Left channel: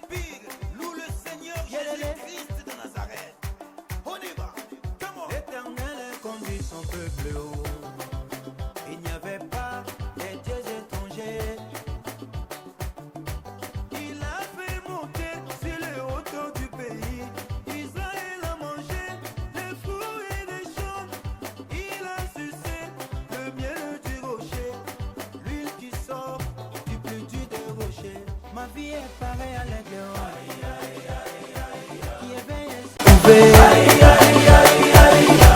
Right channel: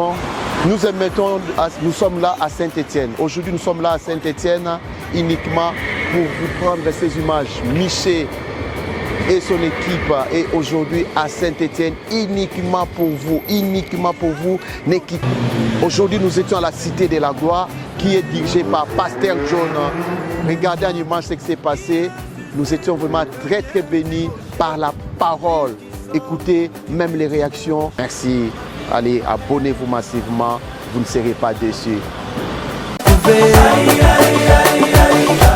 bénédiction. Nous sommes là à Saint-Étienne. Aujourd'hui, nous sommes là à Saint-Étienne uniquement pour vous prendre ces images. Miché et son équipe est aujourd'hui à Saint-Étienne uniquement pour vous, l'équipe. Aujourd'hui, nous étions à la Cité de la Gloire qui est dirigée par Pasteur John. Regardez en image ce qui s'est passé. Nous étions vraiment très bénis par la parole. Écoutez même les réactions. Merci. Allez, abonnez-vous massivement. Vous ne serez pas déçus.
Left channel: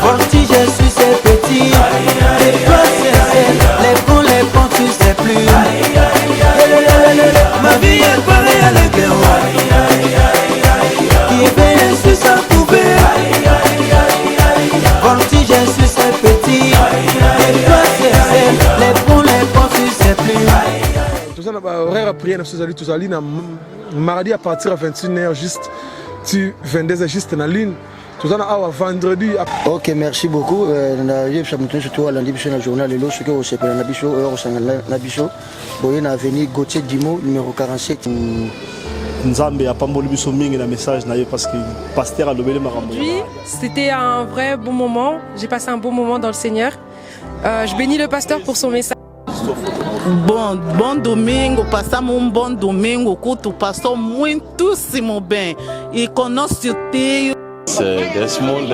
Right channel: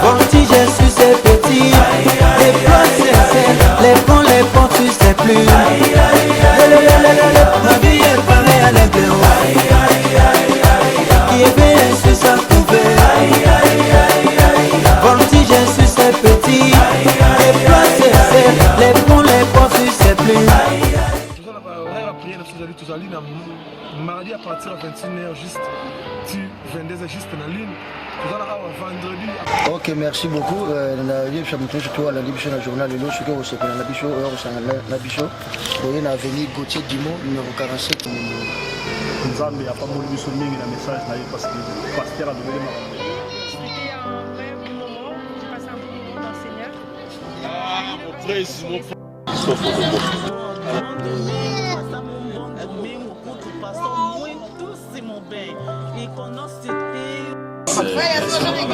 Voltige sur ses petits, les plats sincères, les ponts sur ses plumes. Ma vie est parée à l'église, qui est bien sur sa couverte. Voltige sur ses petits, les plats sincères, les ponts sur ses plumes. Horaire à prière, nous allons mardi à partir à 21h juste, tu 22h juste dans la ligne. Vendredi. Ok, merci beaucoup. Je suis surtout à la Libye sur le journal de l'eau, je suis au Nabicho, on a venu Gauthier Dimo, numéro 47. Nzambe a pas molli biso mingi na message parce que pasteur a lobelé marambo. Oui, c'était un vrai bon moment. J'ai passé un bon moment dans le Seigneur. Je bénis le pasteur pour son message. Bom domingo, passamos bom domingo, culto passou muitíssimo bem. E com nosso tio. Desmond,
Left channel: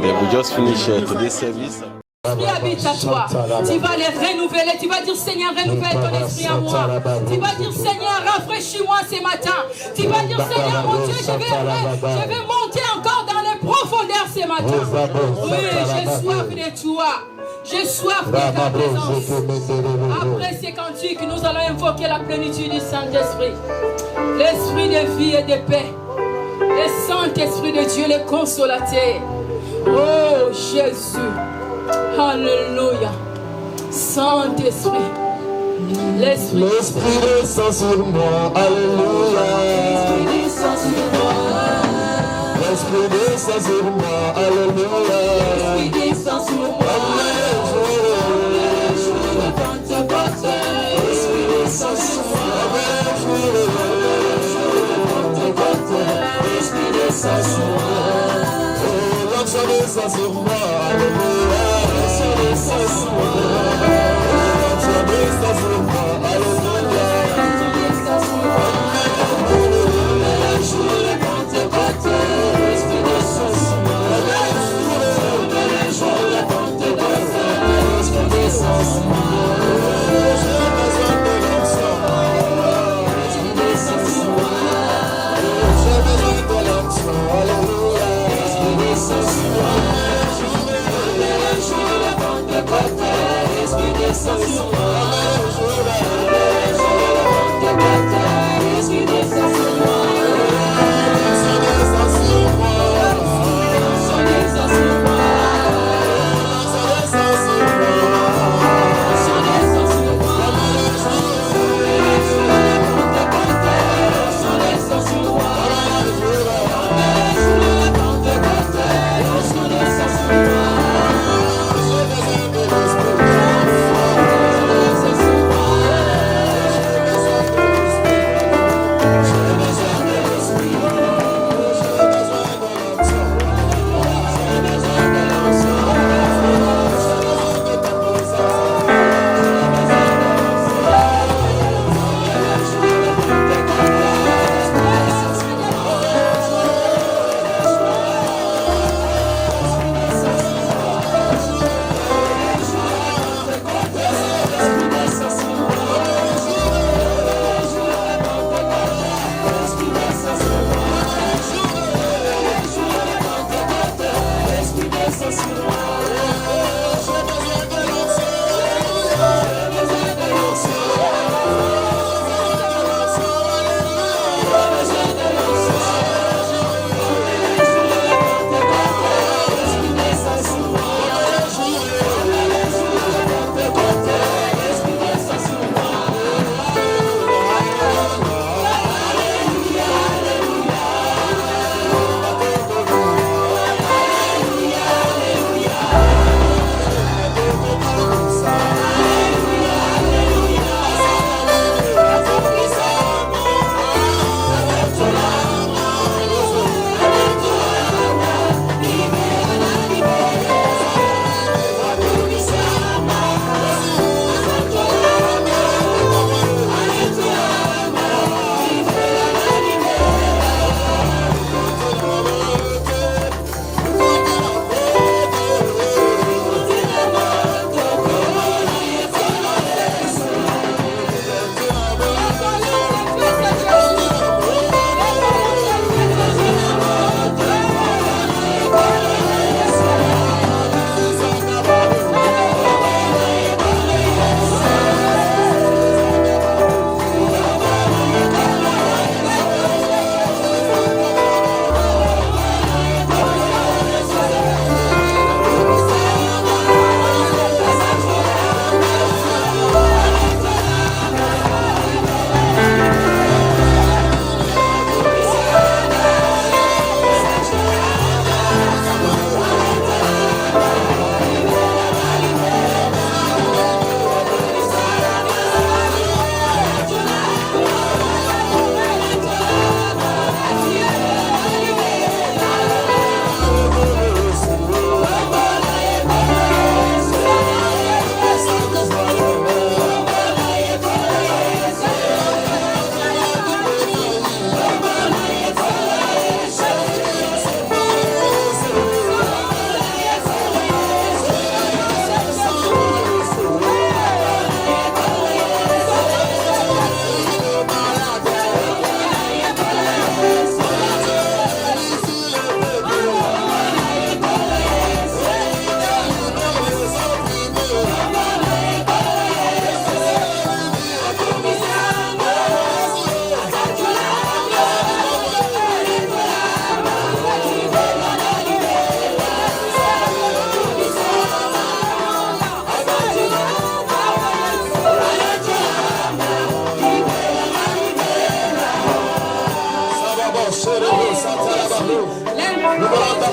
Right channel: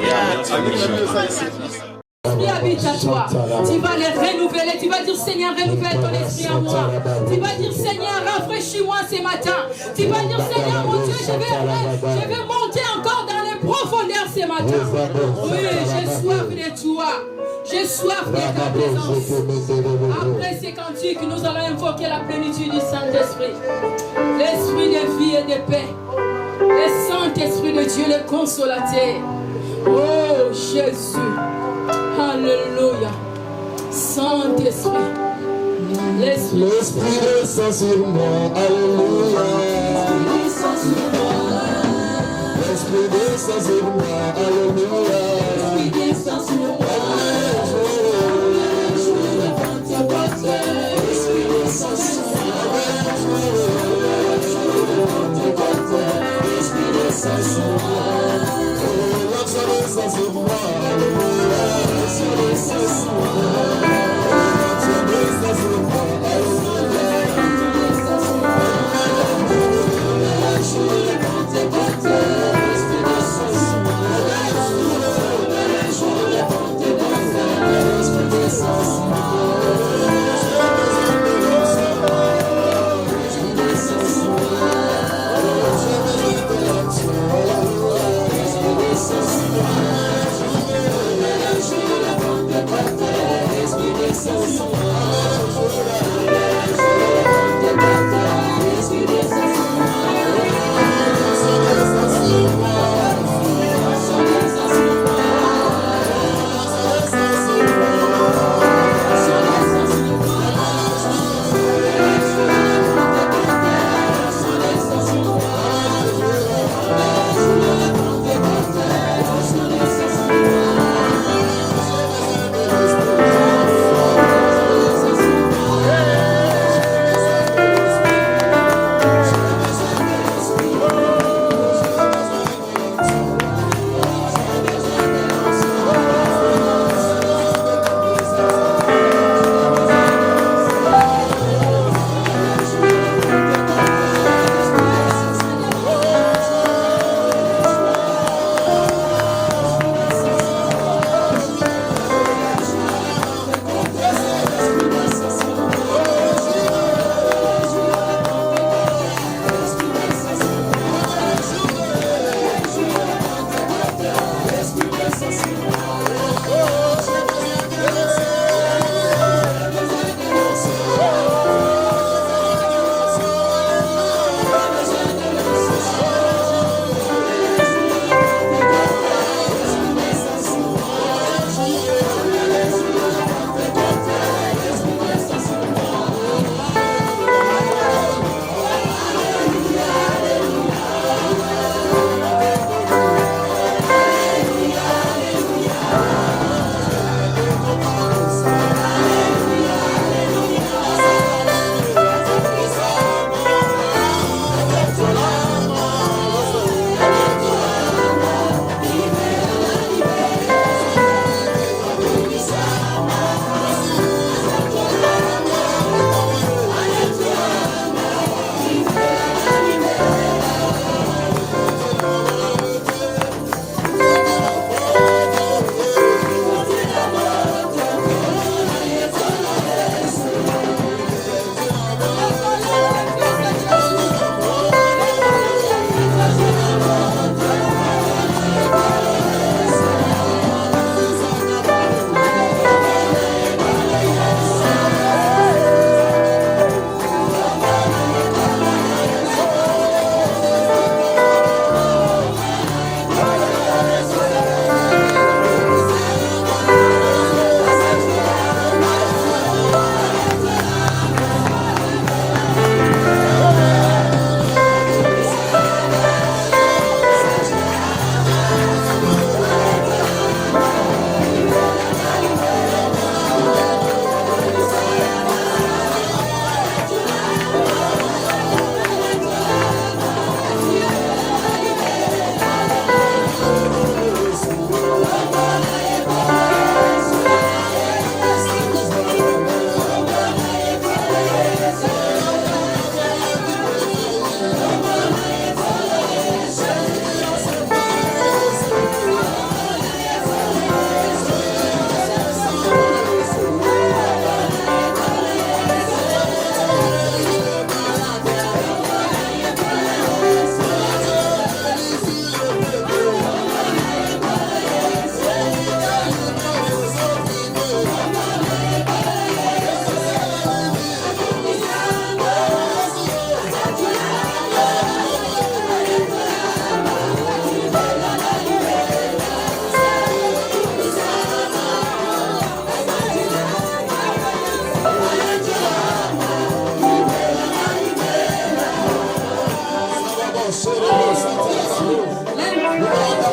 we just finished today's service. L'esprit habite à toi. Tu vas les renouveler. Tu vas dire Seigneur, renouvelle ton esprit en moi. Tu vas dire Seigneur, rafraîchis-moi ce matin. Tu vas dire Seigneur, mon Dieu, je vais monter encore dans les profondeurs ce matin. Oui, j'ai soif de toi. J'ai soif de ta présence. Après ces cantiques, nous allons invoquer la plénitude du Saint-Esprit. L'esprit de vie et de paix. Le Saint-Esprit de Dieu, le consolateur. Oh Jésus. Alléluia. Saint-Esprit. L'Esprit descend sur moi. Alléluia. L'Esprit descend sur moi. L'Esprit descend sur moi. Alléluia. L'Esprit descend sur moi. L'Esprit descend sur moi. L'Esprit descend sur moi. L'Esprit descend sur moi. Alléluia.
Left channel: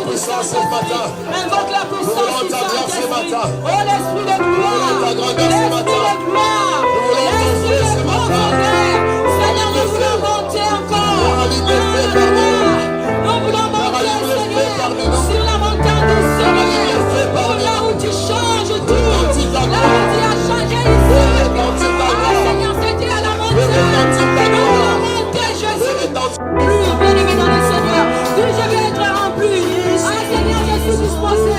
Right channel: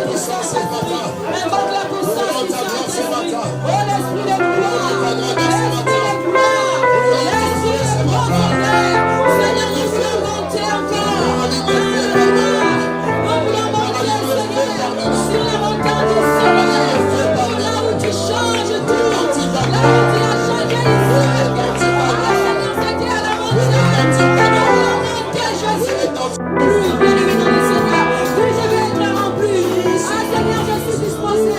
puissance ce matin. Invoque la puissance Nous voulons du ta gloire ce Saint-Esprit. matin. Oh l'Esprit de gloire. L'Esprit de gloire. L'Esprit de profondeur. Seigneur, nous voulons monter encore. Nous voulons monter, Seigneur, sur la montagne du Seigneur. Oh, là où tu changes tout. Là où tu as changé ici. Ah, Seigneur, c'était à la montagne. Nous voulons monter, Jésus. Plus, bien-aimé dans le Seigneur. Plus je vais être rempli. Ah, Seigneur, je suis disposé.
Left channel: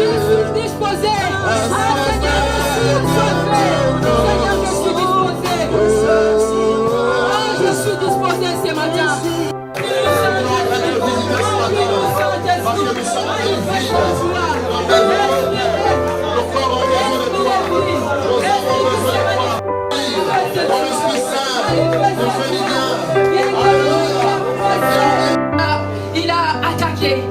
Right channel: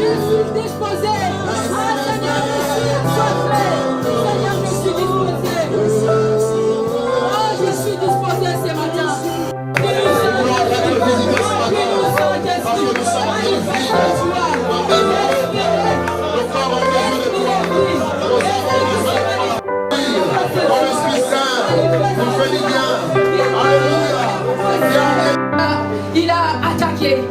Je suis disposé. Ah, Seigneur, je suis disposé. Seigneur, je suis disposé. Ah, je suis disposé ce matin. Il a attaqué.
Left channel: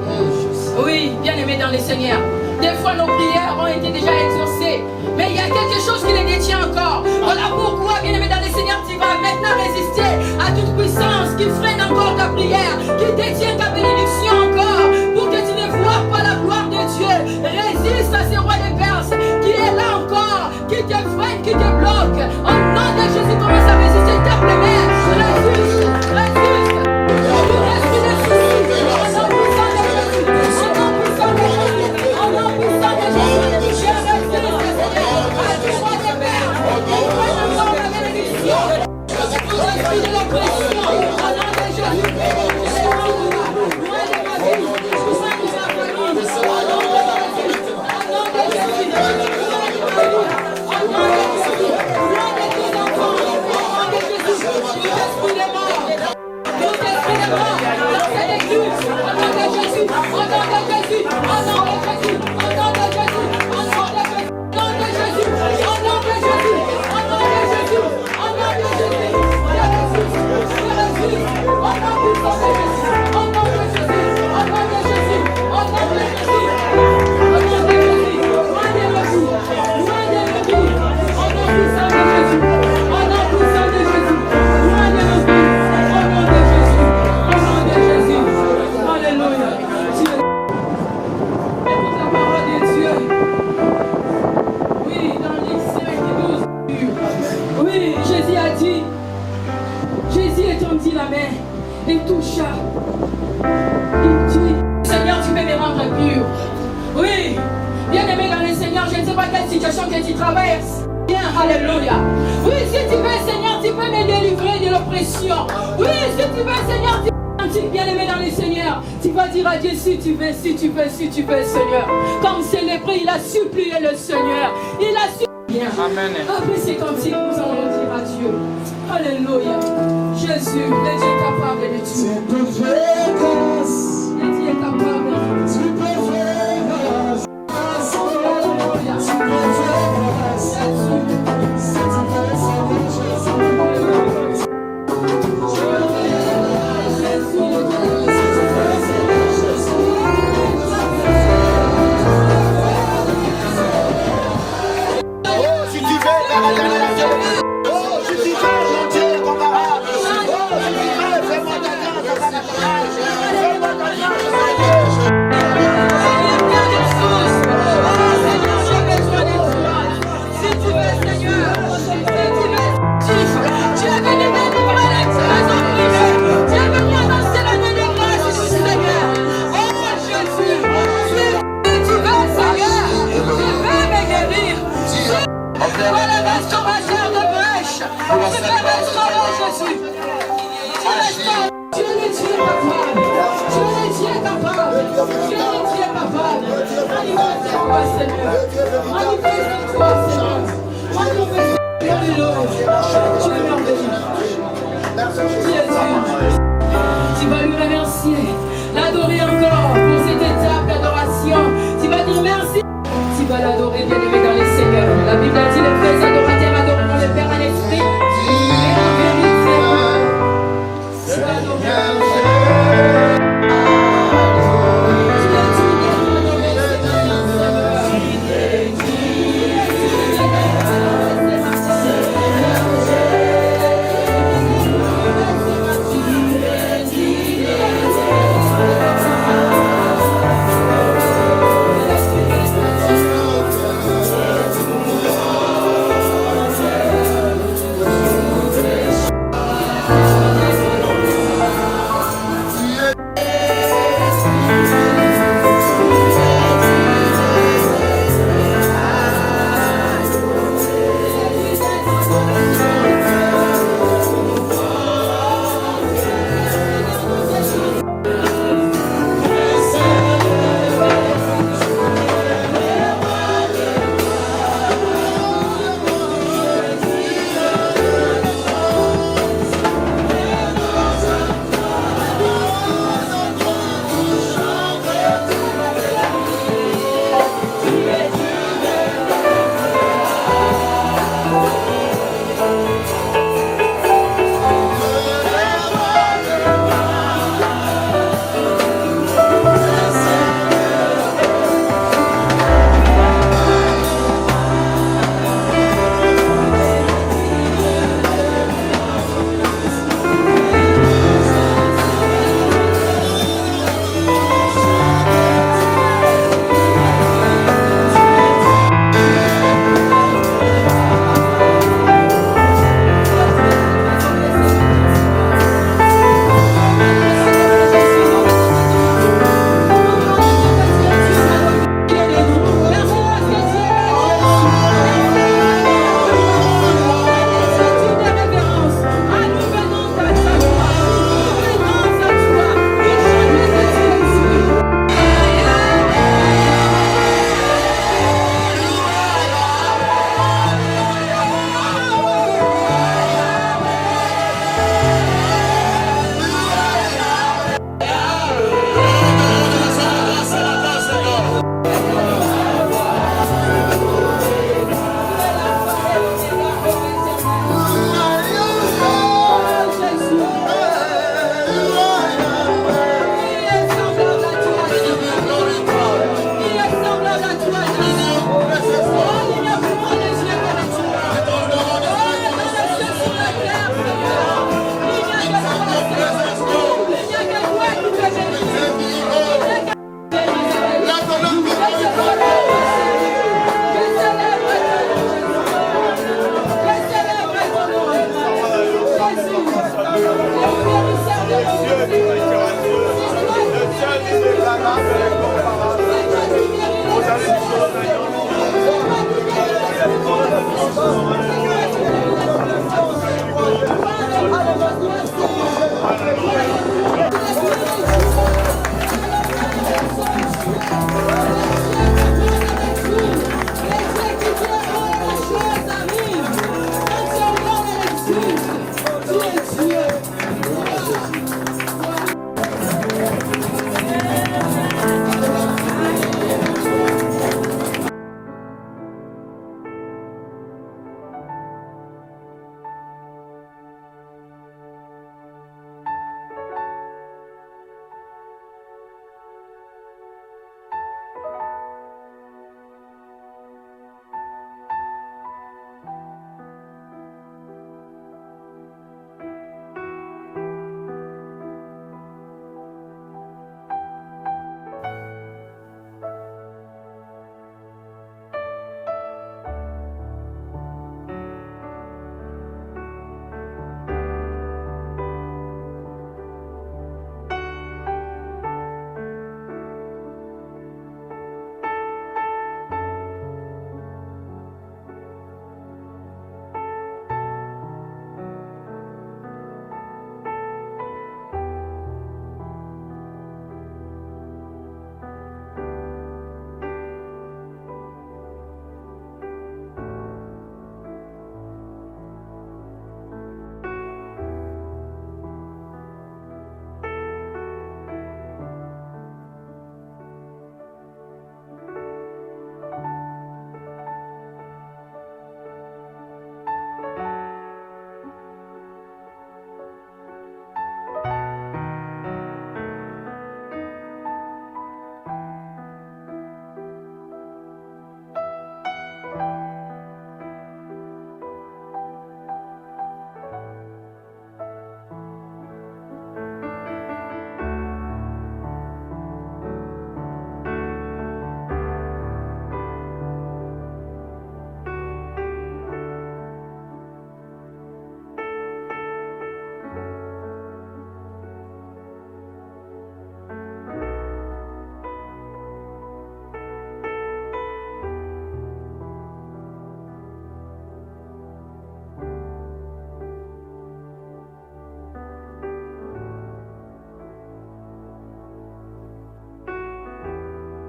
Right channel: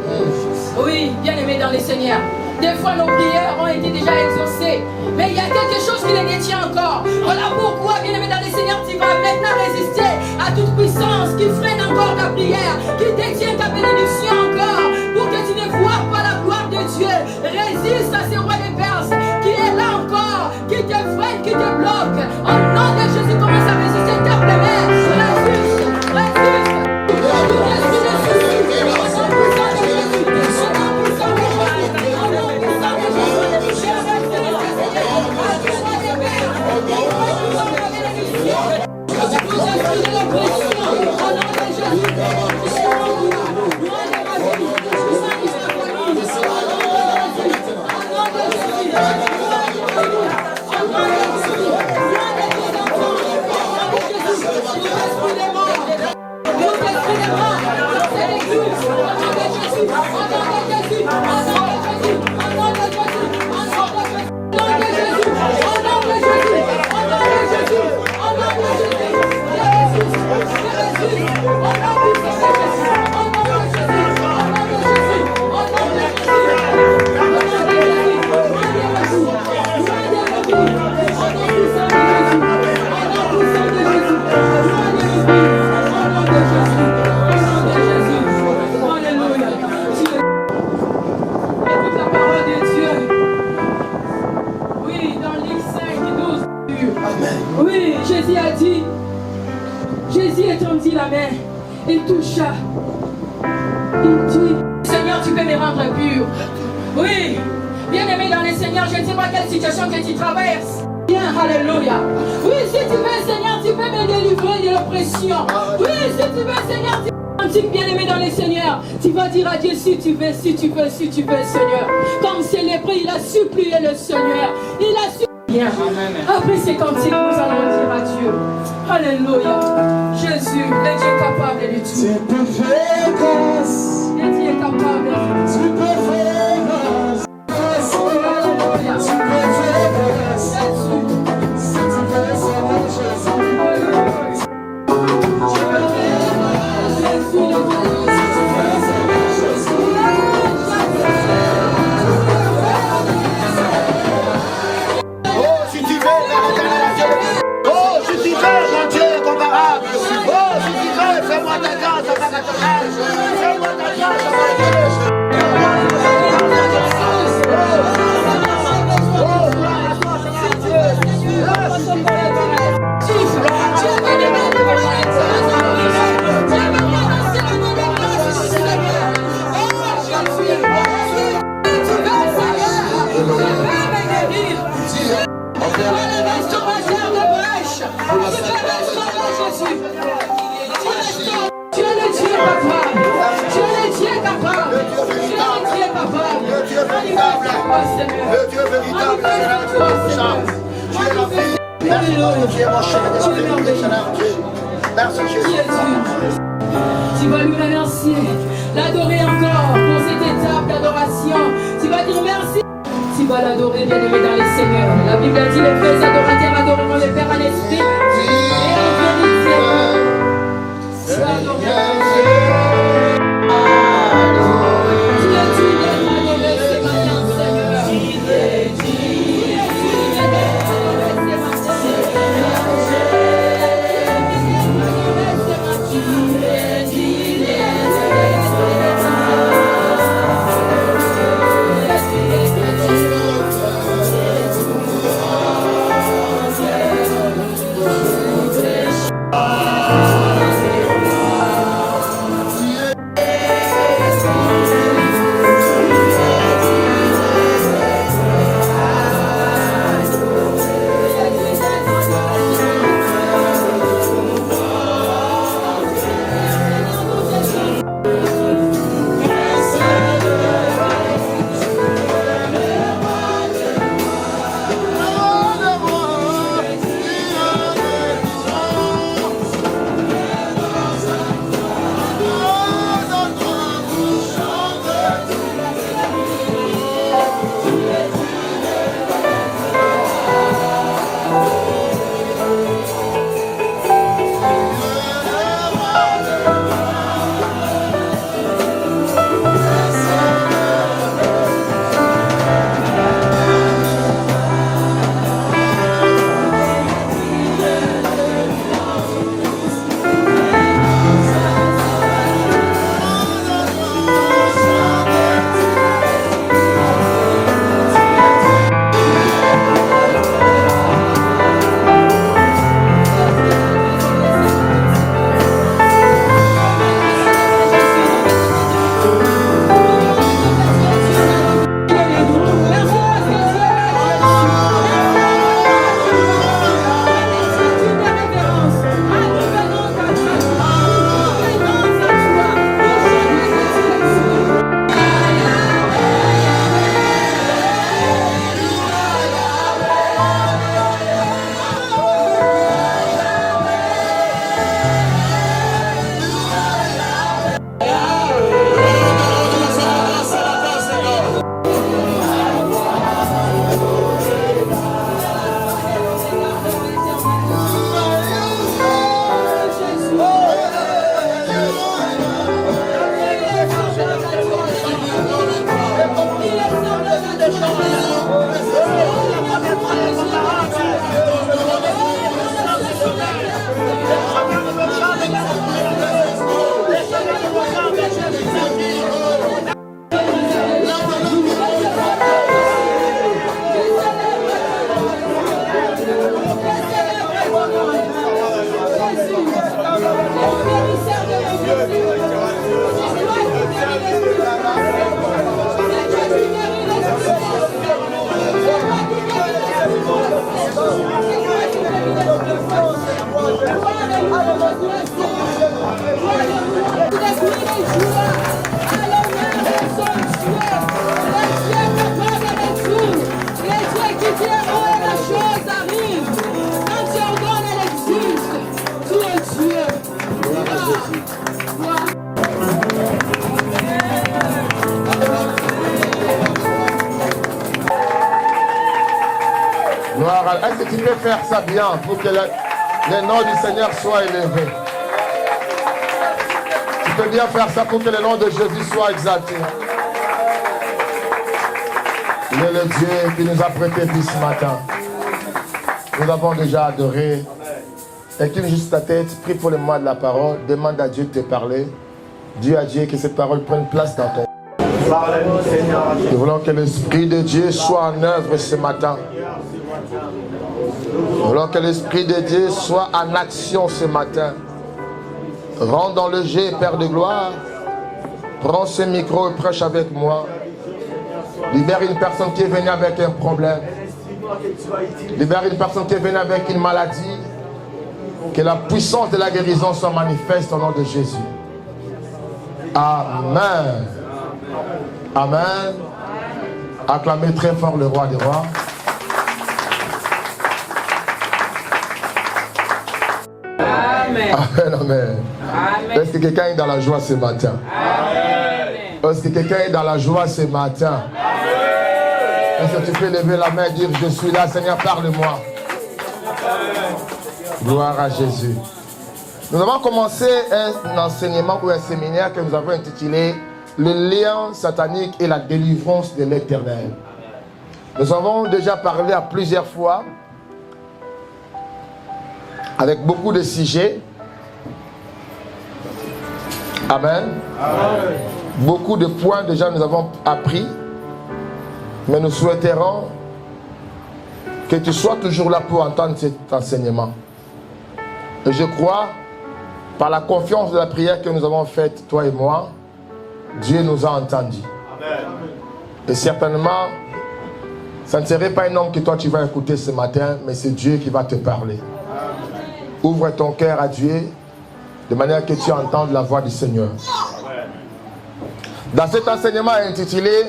Oui, bien aimé dans le Seigneur. Des fois, nos prières ont été déjà exaucées. Mais il y a quelque chose qui les détient encore. Voilà pourquoi, bien aimé dans le Seigneur, tu vas maintenant résister à toute puissance qui freine encore ta prière, qui détient ta bénédiction encore, pour que tu ne vois pas la gloire de Dieu. Résiste à ce roi des Perses qui est là encore, qui te freine, qui te bloque. Au nom de Jésus, commence à résister. Tape les mains. Résiste, résiste. Oui, Jésus a dit, Jésus étendit la main et toucha. Il dit, Seigneur, tu peux me rendre pur. Oui, bien aimé dans le Seigneur, je ne sais pas quelle situation que tu traverses. Bien, alléluia. Oui, si tu veux, Seigneur, tu peux me délivrer de l'oppression. Oui, si tu veux, Seigneur, tu bien aimé dans le Seigneur, tu vas dire à Dieu si tu veux, si tu veux, si tu veux, Seigneur. Comme célébré, il a supplié le Seigneur. Il a supplié. Bien. Amen. Après ces cantiques, nous allons dire à Dieu. Alléluia. Jésus, le Dieu capable de tout. Tu peux faire grâce. Le Dieu est capable de tout. Tu peux faire grâce. Alléluia. Tu peux faire grâce. Jésus. Si tu veux savoir Jésus. Tu vas lui remercier, l'adorer encore pour cette étape d'adoration. Tu vas dire merci. Tu vas l'adorer, bien-aimé dans les seigneurs. La Bible a dit les vrais adorateurs adoreront le Père en esprit et en vérité. Gloire à... Est-ce que tu peux faire ça bien pour que le nom du Seigneur soit élevé? Tu peux bien faire ça pour que le nom de Jésus soit exalté. Il est le Dieu qui nous a prêté vie ce matin. Nous avons déjà adoré. Incline juste ta tête, prie pour le moment de la parole, demande à Dieu de te parler. Dis à Dieu que cette parole prenne place dans ton cœur. Nous voulons que l'Esprit de Dieu soit en œuvre ce matin. Nous voulons que l'Esprit de Dieu soit en action ce matin. Rentre dans le jet, Père de gloire. Prends ce micro et prêche avec moi. Libère une personne qui est venue avec un problème. Libère une personne qui est venue avec une maladie. Que la puissance de la guérison soit manifeste au nom de Jésus. Amen. Amen. Acclamez très fort le roi des rois. Amen. Amen, amen. Est-ce que quelqu'un est dans la joie ce matin? Est-ce que quelqu'un est dans la joie ce matin? Est-ce que tu peux lever la main et dire, je suis là, Seigneur, parle-moi. Gloire à Jésus. Nous avons commencé un enseignement ou un séminaire que nous avons intitulé Le lien satanique et la délivrance de l'Éternel. Nous avons déjà parlé à plusieurs fois avec beaucoup de sujets. Amen. Amen. Beaucoup de points déjà nous avons appris. Mais nous souhaiterons que tu sois toujours là pour entendre cet enseignement. Et je crois, par la confiance de la prière que nous avons faite, toi et moi, Dieu nous a entendus. Amen. Et certainement, ça ne serait pas un homme que toi tu vas écouter ce matin, mais c'est Dieu qui va te parler. Amen. Ouvre ton cœur à Dieu, de manière que tu entendes la voix du Seigneur. Amen. Dans cet enseignement intitulé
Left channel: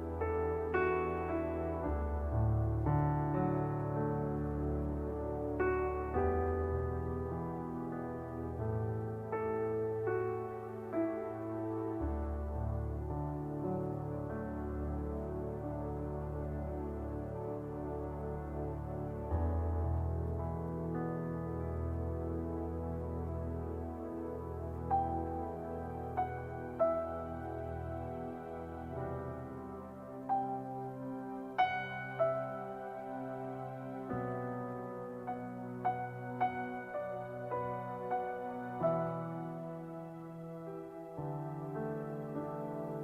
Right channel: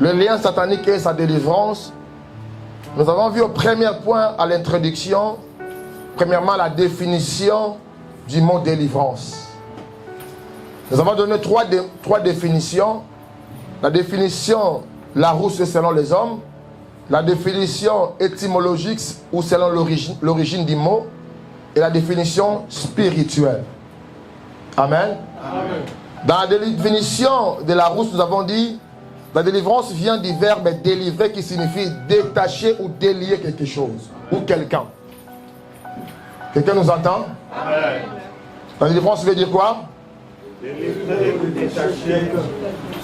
Le lien satanique et sa délivrance, nous avons vu au premier point à l'introduction, premièrement la définition du mot délivrance. Nous avons donné trois définitions. La définition Larousse selon les hommes, la définition étymologique ou selon l'origine du mot, et la définition spirituelle. Amen. Amen. Dans la définition de Larousse, nous avons dit la délivrance vient du verbe délivrer qui signifie détacher ou délier quelque chose ou quelqu'un. Quelqu'un nous entend? Amen. La délivrance veut dire quoi? Délivrer ou détacher.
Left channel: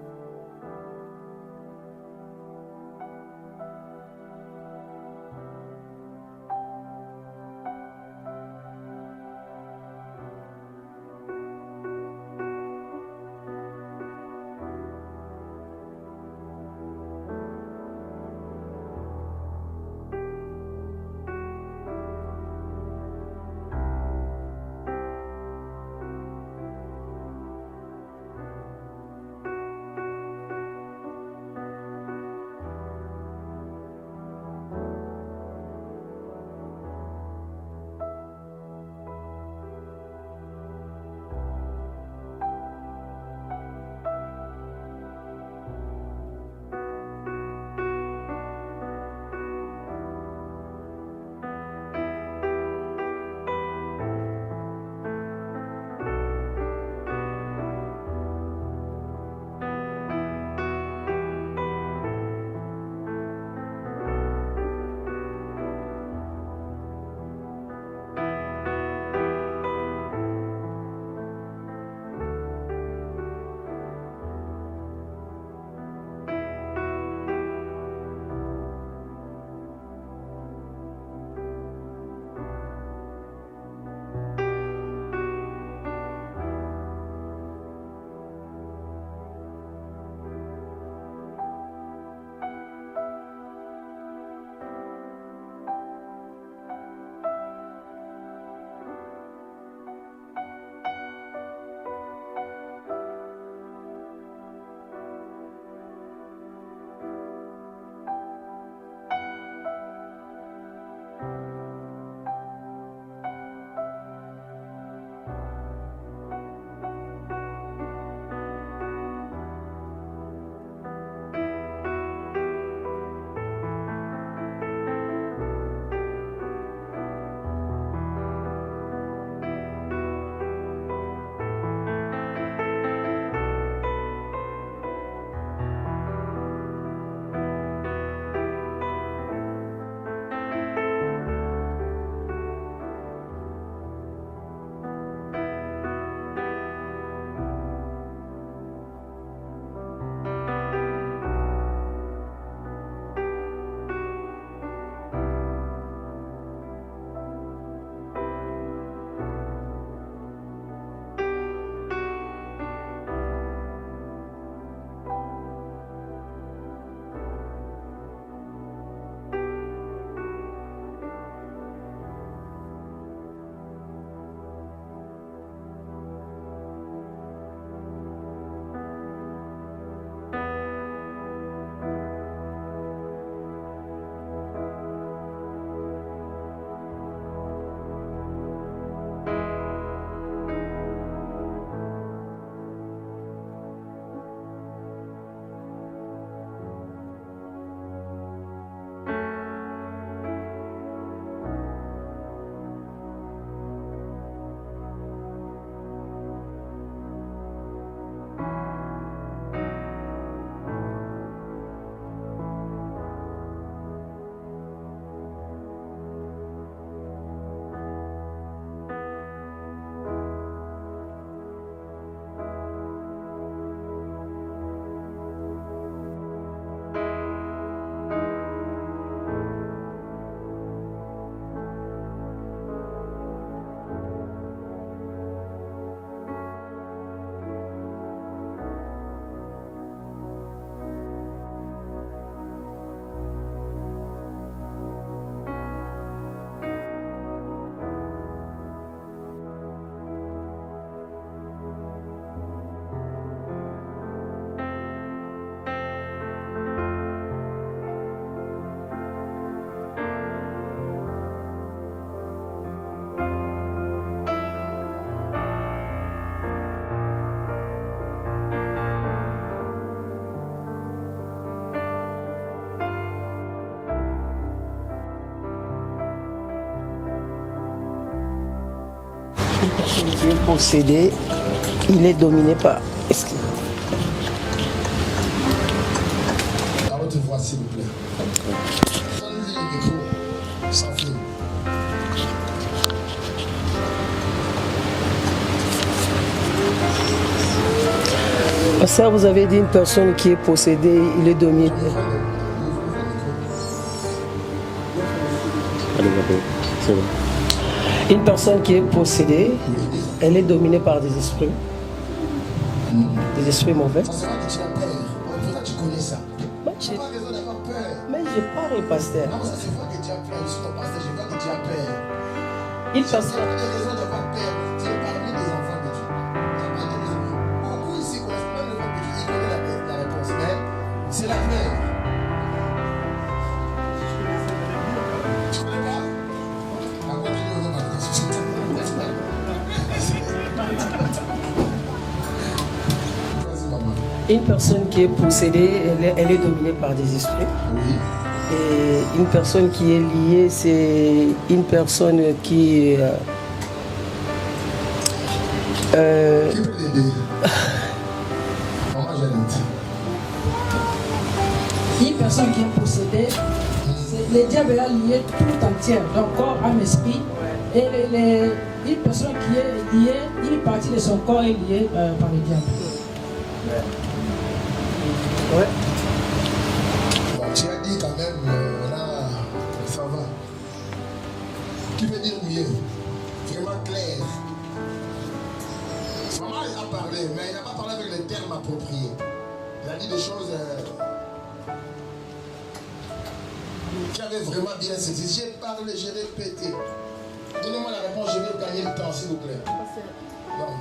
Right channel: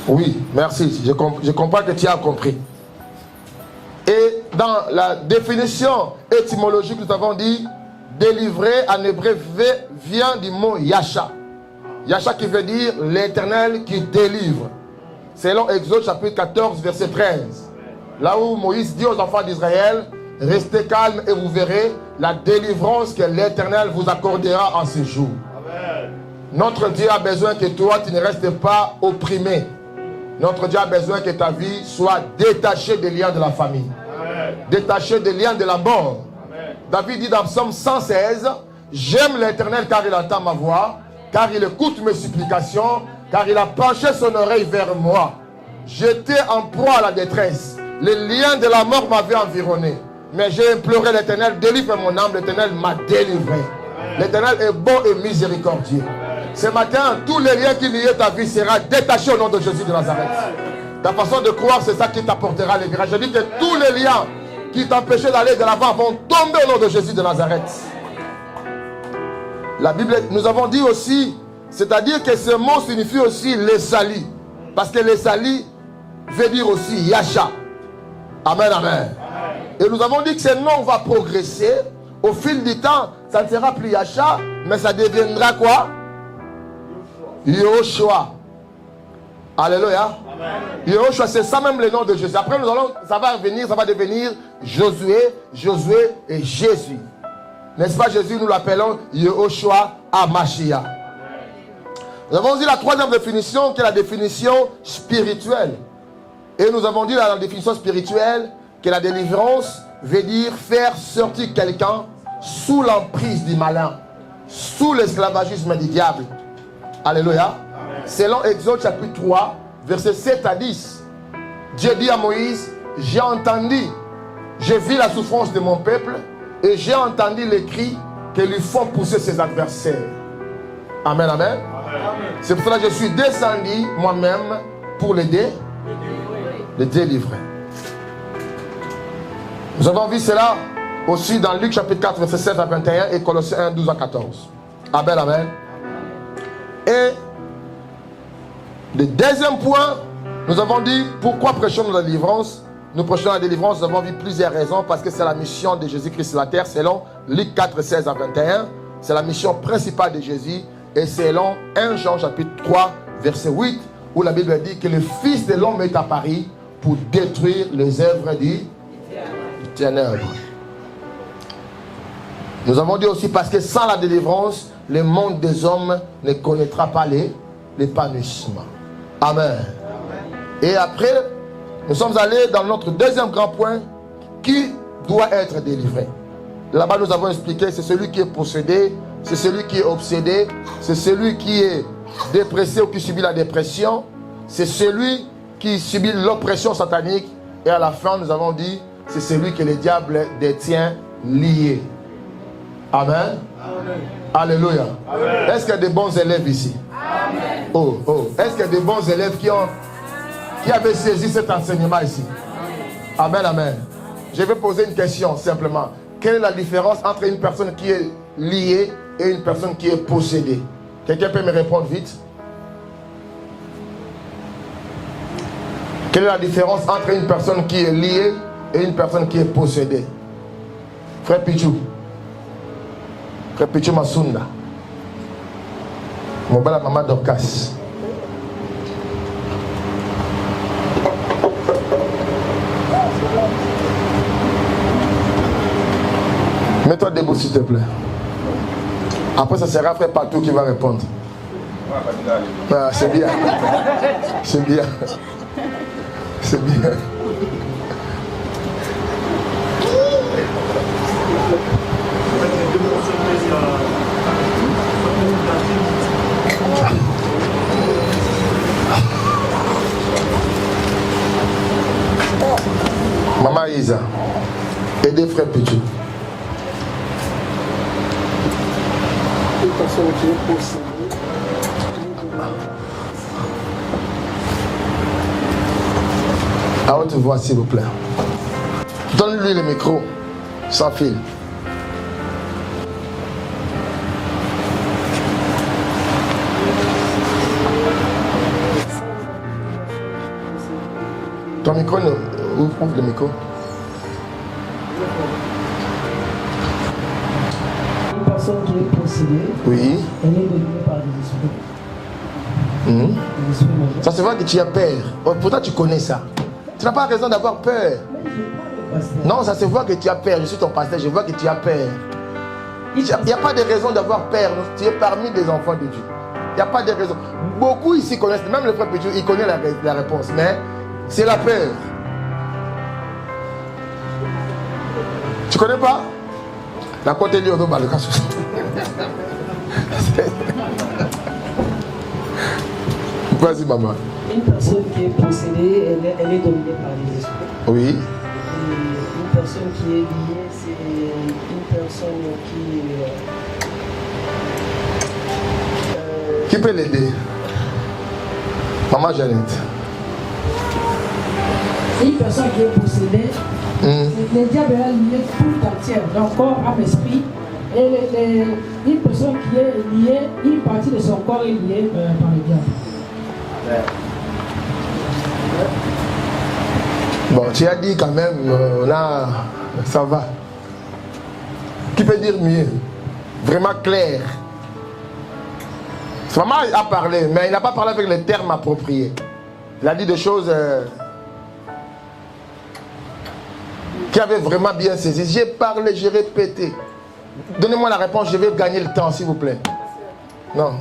Oui, merci. Je comprends que tu as compris. Et dans la définition étymologique, nous avons dit délivrer en hébreu vient du mot Yasha. Yasha qui veut dire l'Éternel qui délivre. Selon Exode chapitre 14 verset 13. Là où Moïse dit aux enfants d'Israël, restez calmes et vous verrez la délivrance que l'Éternel vous accordera en ces jours. Amen. Notre Dieu a besoin que toi tu ne restes pas opprimé. Notre Dieu a besoin que ta vie soit détachée des liens de la famille. Amen. Détachée des liens de la mort. Amen. David dit dans Psaume 116, j'aime l'Éternel car il entend ma voix, car il écoute mes supplications, car il a penché son oreille vers moi. J'étais en proie à la détresse. Les liens de la mort m'avaient environné. Mais j'ai imploré l'Éternel, délivre mon âme. L'Éternel m'a délivré. L'Éternel est bon et miséricordieux. Ce matin, tous les liens qui liaient ta vie seront détachés au nom de Jésus de Nazareth. Ta façon de croire, c'est ça qui t'apportera les grâces. Je dis que tous les liens qui t'empêchaient d'aller de l'avant vont tomber au nom de Jésus de Nazareth. La Bible, nous avons dit aussi, c'est-à-dire que ce mot signifie aussi les salis. Parce que les salis veut dire aussi Yasha. Amen, amen. Et nous avons dit que ce nom va progresser. Au fil du temps, ça ne sera plus Yasha, mais ça deviendra quoi? Yehoshua. Alléluia. Yehoshua, c'est ça même le nom de Jésus. Après, ça va devenir Josué et Jésus. N'est-ce pas, Jésus, nous l'appelons Yehoshua Hamashiach. Nous avons dit la troisième définition, qui est la définition spirituelle. Et nous avons dit dans la définition spirituelle que la délivrance veut dire faire sortir quelqu'un sous l'emprise du malin, sous l'esclavagisme du diable. Alléluia. Selon Exode chapitre 3, versets 7 à 10, Dieu dit à Moïse, j'ai entendu J'ai vu la souffrance de mon peuple et j'ai entendu les cris que lui font pousser ses adversaires. Amen, amen. C'est pour cela que je suis descendu moi-même pour le délivrer. Nous avons vu cela aussi dans Luc chapitre 4, verset 7 à 21 et Colossiens 1, 12 à 14. Amen, amen. Et le deuxième point, nous avons dit pourquoi prêchons-nous la délivrance. Nous prêchons la délivrance, nous avons vu plusieurs raisons, parce que c'est la mission de Jésus-Christ sur la terre, selon Luc 4, 16 à 21. C'est la mission principale de Jésus, et selon 1 Jean chapitre 3, verset 8, où la Bible dit que le Fils de l'homme est apparu pour détruire les œuvres du ténèbres. Nous avons dit aussi parce que sans la délivrance, le monde des hommes ne connaîtra pas l'épanouissement. Amen. Et après, nous sommes allés dans notre deuxième grand point, qui doit être délivré. Là-bas, nous avons expliqué, c'est celui qui est possédé, c'est celui qui est obsédé, c'est celui qui est dépressé ou qui subit la dépression, c'est celui qui subit l'oppression satanique. Et à la fin, nous avons dit, c'est celui que le diable détient lié. Amen. Alléluia. Est-ce qu'il y a des bons élèves ici? Amen. Oh. Est-ce qu'il y a des bons élèves qui avaient saisi cet enseignement ici? Amen, amen. Je vais poser une question simplement. Quelle est la différence entre une personne qui est liée et une personne qui est possédée? Quelqu'un peut me répondre vite? Quelle est la différence entre une personne qui est liée et une personne qui est possédée? Frère Pichou. Frère Pichou Masunda. Mon bel maman Dorcas. Mets-toi debout s'il te plaît. Après ça sera frère Patou qui va répondre. Ah, c'est bien. C'est bien. C'est bien. Maman Isa, aidez frère Pichou. Une personne qui est possédée, il est dominé par... À haute voix s'il vous plaît. Donne-lui le micro, sans fil. Ça, vous avez dit une personne qui est possédée, il est dominé. Ton micro, ouvre le micro. Une personne qui est possédée, oui, elle est dominée par des esprits. Des esprits mauvais. Ça se voit que tu as peur. Pourtant tu connais ça. Tu n'as pas raison d'avoir peur. Mais je parle, pasteur. Non, ça se voit que tu as peur. Je suis ton pasteur, je vois que tu as peur. Il n'y a pas de raison d'avoir peur. Tu es parmi des enfants de Dieu. Il n'y a pas de raison. Beaucoup ici connaissent, même le frère Pédieu, il connaît la réponse, mais c'est la peur. Tu connais pas? La côté de l'eau, le cas. Vas-y, maman. Une personne qui est possédée, elle est dominée par des esprits. Oui. Et une personne qui est liée, c'est une personne qui... Qui peut l'aider? Maman Jeannette. Une personne qui est possédée, le diable est lié tout entier, donc corps, âme, esprit. Et une personne qui est liée, une partie de son corps est liée par le diable. Bon, tu as dit quand même, là, ça va. Qui peut dire mieux? Vraiment clair. Maman a parlé, mais il n'a pas parlé avec les termes appropriés. Il a dit des choses qui avaient vraiment bien saisi. J'ai parlé, j'ai répété. Donnez-moi la réponse, je vais gagner le temps, s'il vous plaît. Non.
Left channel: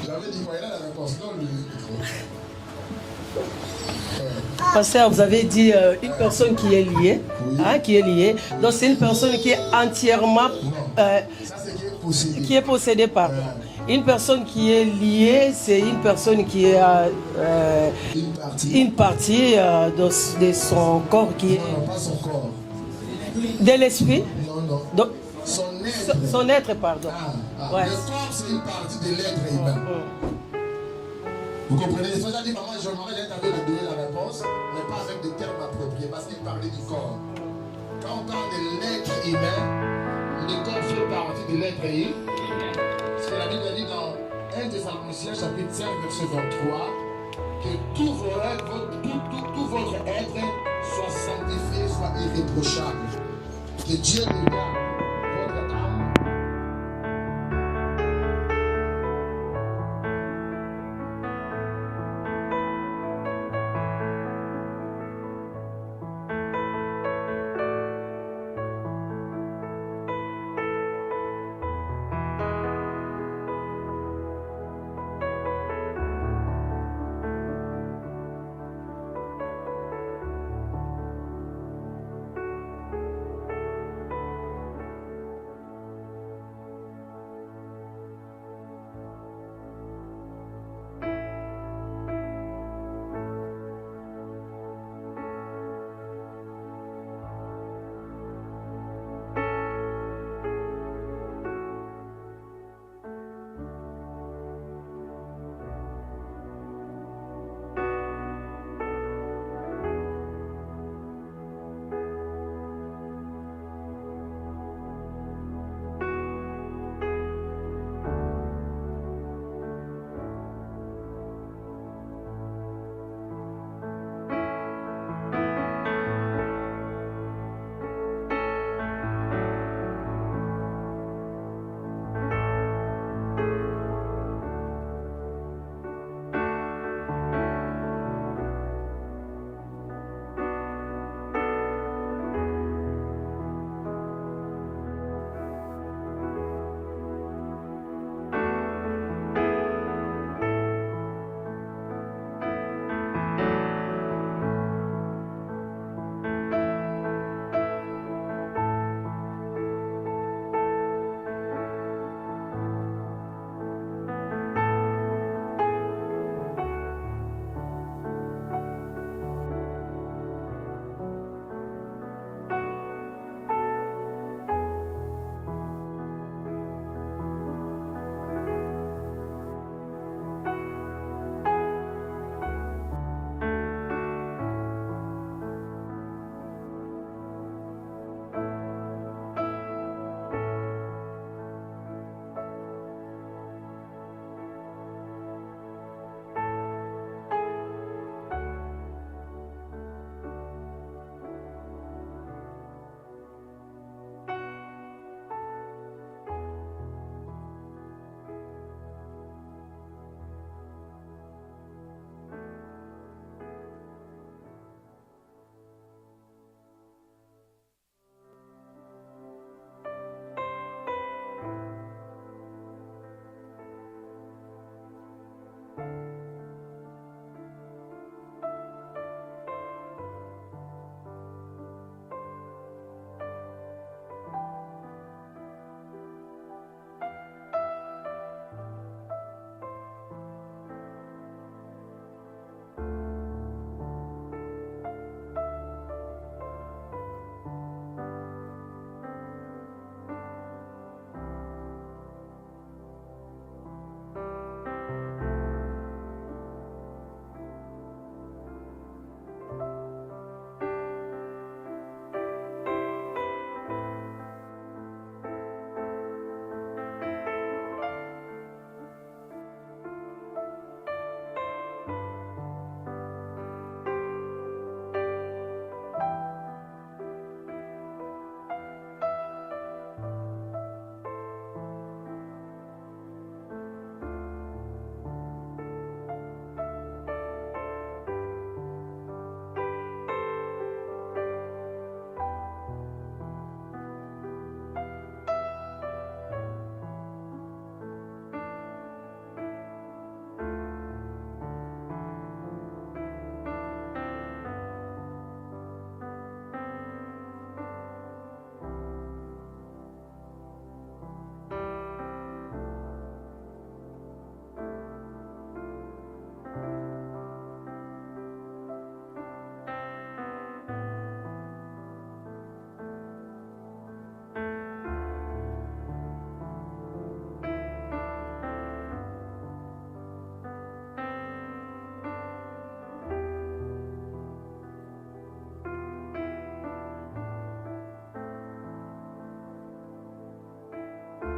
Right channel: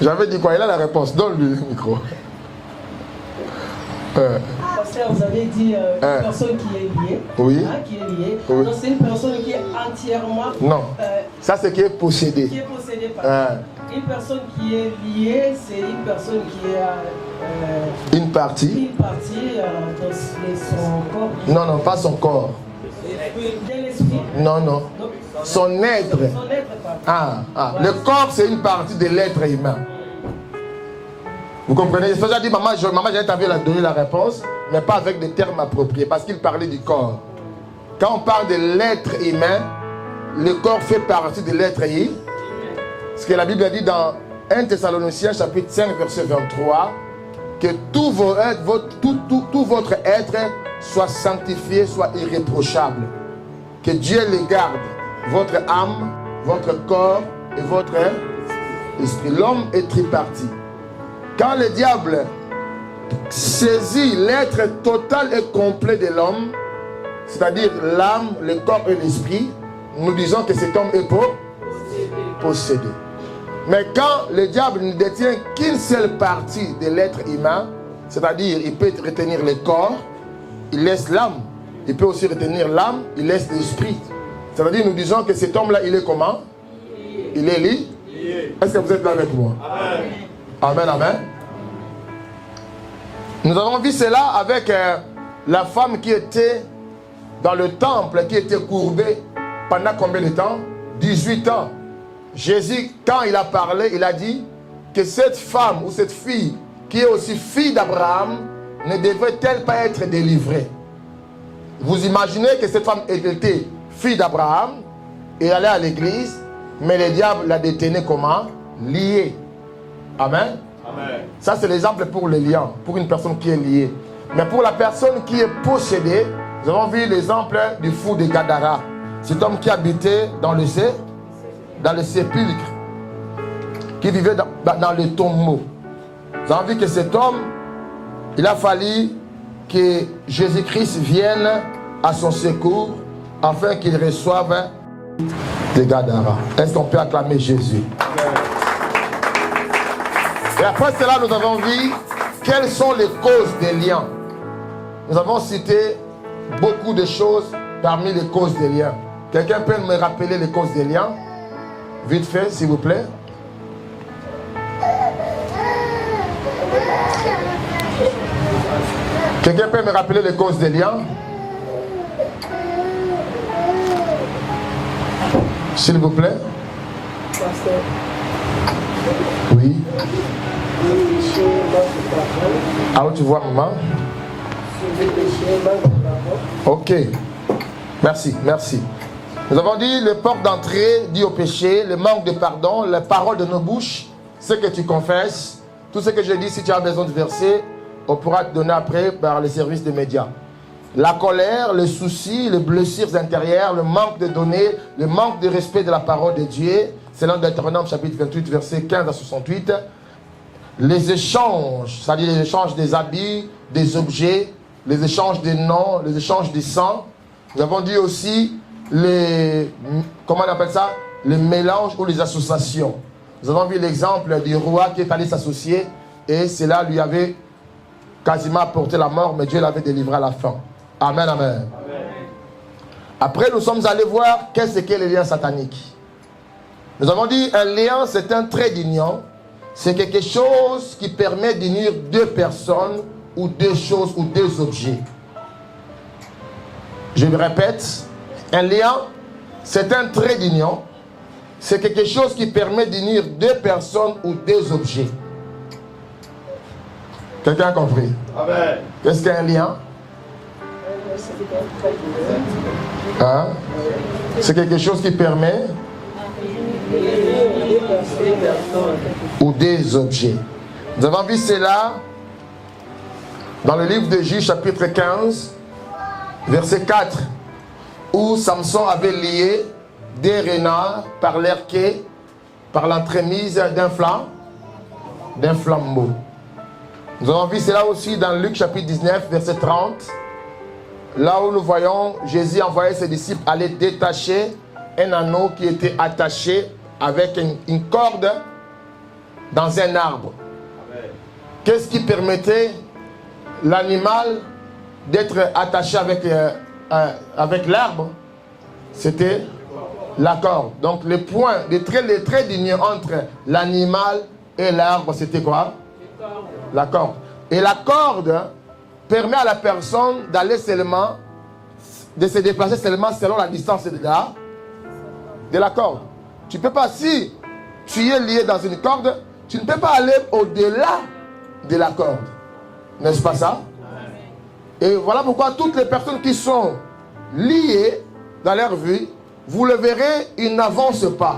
J'avais dit quoi? Il a la réponse. Donne-lui le micro. Pasteur, vous avez dit une personne qui est liée. Oui. Hein, qui est liée. Oui. Donc c'est une personne qui est entièrement... Non. Ça, c'est qui est possédé. Qui est possédée par... Une personne qui est liée, c'est une personne qui est... une partie. Une partie de son corps qui... Non, non, pas son corps. De l'esprit. Non, non. Donc, son être. Son être, pardon. Voilà. Le corps, c'est une partie de l'être humain. Vous comprenez? C'est pour ça que j'ai dit, maman, j'ai envie de donner la réponse, mais pas avec des termes appropriés, parce qu'il parlait du corps. Quand on parle de l'être humain, le corps fait partie de l'être humain. Ce que la Bible dit dans 1 Thessaloniciens chapitre 5, verset 23, que tout votre être soit sanctifié, soit irréprochable. Que Dieu les garde, votre âme, votre corps et votre esprit. L'homme est tripartite. Quand le diable saisit l'être total et complet de l'homme, c'est-à-dire l'âme, le corps et l'esprit, nous disons que cet homme est possédé. Mais quand le diable ne détient qu'une seule partie de l'être humain, c'est-à-dire il peut retenir le corps, il laisse l'âme. Il peut aussi retenir l'âme, il laisse l'esprit. C'est-à-dire nous disons que cet homme-là, il est comment? Il est lié. Est-ce que vous êtes là avec moi? Amen, amen. Nous avons vu cela avec la femme qui était dans le temple, qui était courbée pendant combien de temps? 18 ans. Jésus, quand il a parlé, il a dit que cette femme ou cette fille, qui est aussi fille d'Abraham, ne devrait-elle pas être délivrée? Vous imaginez que cette femme était fille d'Abraham et elle allait à l'église, mais le diable la détenait comment? Liée. Amen. Amen. Ça, c'est l'exemple pour les liens, pour une personne qui est liée. Mais pour la personne qui est possédée, nous avons vu l'exemple du fou de Gadara. Cet homme qui habitait dans le sépulcre, qui vivait dans les tombeaux. Nous avons vu que cet homme, il a fallu que Jésus-Christ vienne à son secours afin qu'il reçoive les Gadara. Est-ce qu'on peut acclamer Jésus? Et après cela, nous avons vu quelles sont les causes des liens. Nous avons cité beaucoup de choses parmi les causes des liens. Quelqu'un peut me rappeler les causes des liens? Vite fait, s'il vous plaît. Quelqu'un peut me rappeler les causes des liens? S'il vous plaît. Oui. Ah, tu vois, maman? Ok. Merci, merci. Nous avons dit le porte d'entrée dit au péché, le manque de pardon, la parole de nos bouches, ce que tu confesses, tout ce que je dis, si tu as besoin de verser, on pourra te donner après par les services des médias. La colère, les soucis, les blessures intérieures, le manque de données, le manque de respect de la parole de Dieu, c'est dans Deutéronome chapitre 28, versets 15 à 68. Les échanges, c'est-à-dire les échanges des habits, des objets, les échanges des noms, les échanges des sangs. Nous avons dit aussi les, comment on appelle ça? Les mélanges ou les associations. Nous avons vu l'exemple du roi qui est allé s'associer et cela lui avait quasiment apporté la mort, mais Dieu l'avait délivré à la fin. Amen, amen. Amen. Après, nous sommes allés voir qu'est-ce qu'est les liens sataniques. Nous avons dit un lien, c'est un trait d'union. C'est quelque chose qui permet d'unir deux personnes ou deux choses ou deux objets. Je me répète, un lien, c'est un trait d'union. C'est quelque chose qui permet d'unir deux personnes ou deux objets. Quelqu'un a compris? Amen. Qu'est-ce qu'un lien? Hein? C'est quelque chose qui permet ou des objets. Nous avons vu cela dans le livre de Juge chapitre 15 verset 4 où Samson avait lié des renards par leur quai, par l'entremise d'un flambeau. Nous avons vu cela aussi dans Luc chapitre 19 verset 30, là où nous voyons Jésus envoyer ses disciples aller détacher un anneau qui était attaché avec une corde dans un arbre. Qu'est-ce qui permettait l'animal d'être attaché avec l'arbre, c'était la corde. Donc les traits d'union entre l'animal et l'arbre, c'était quoi? La corde. Et la corde permet à la personne d'aller seulement, de se déplacer seulement selon la distance de la corde. Tu ne peux pas, si tu es lié dans une corde, tu ne peux pas aller au-delà de la corde. N'est-ce pas ça? Et voilà pourquoi toutes les personnes qui sont liées dans leur vie, vous le verrez, ils n'avancent pas.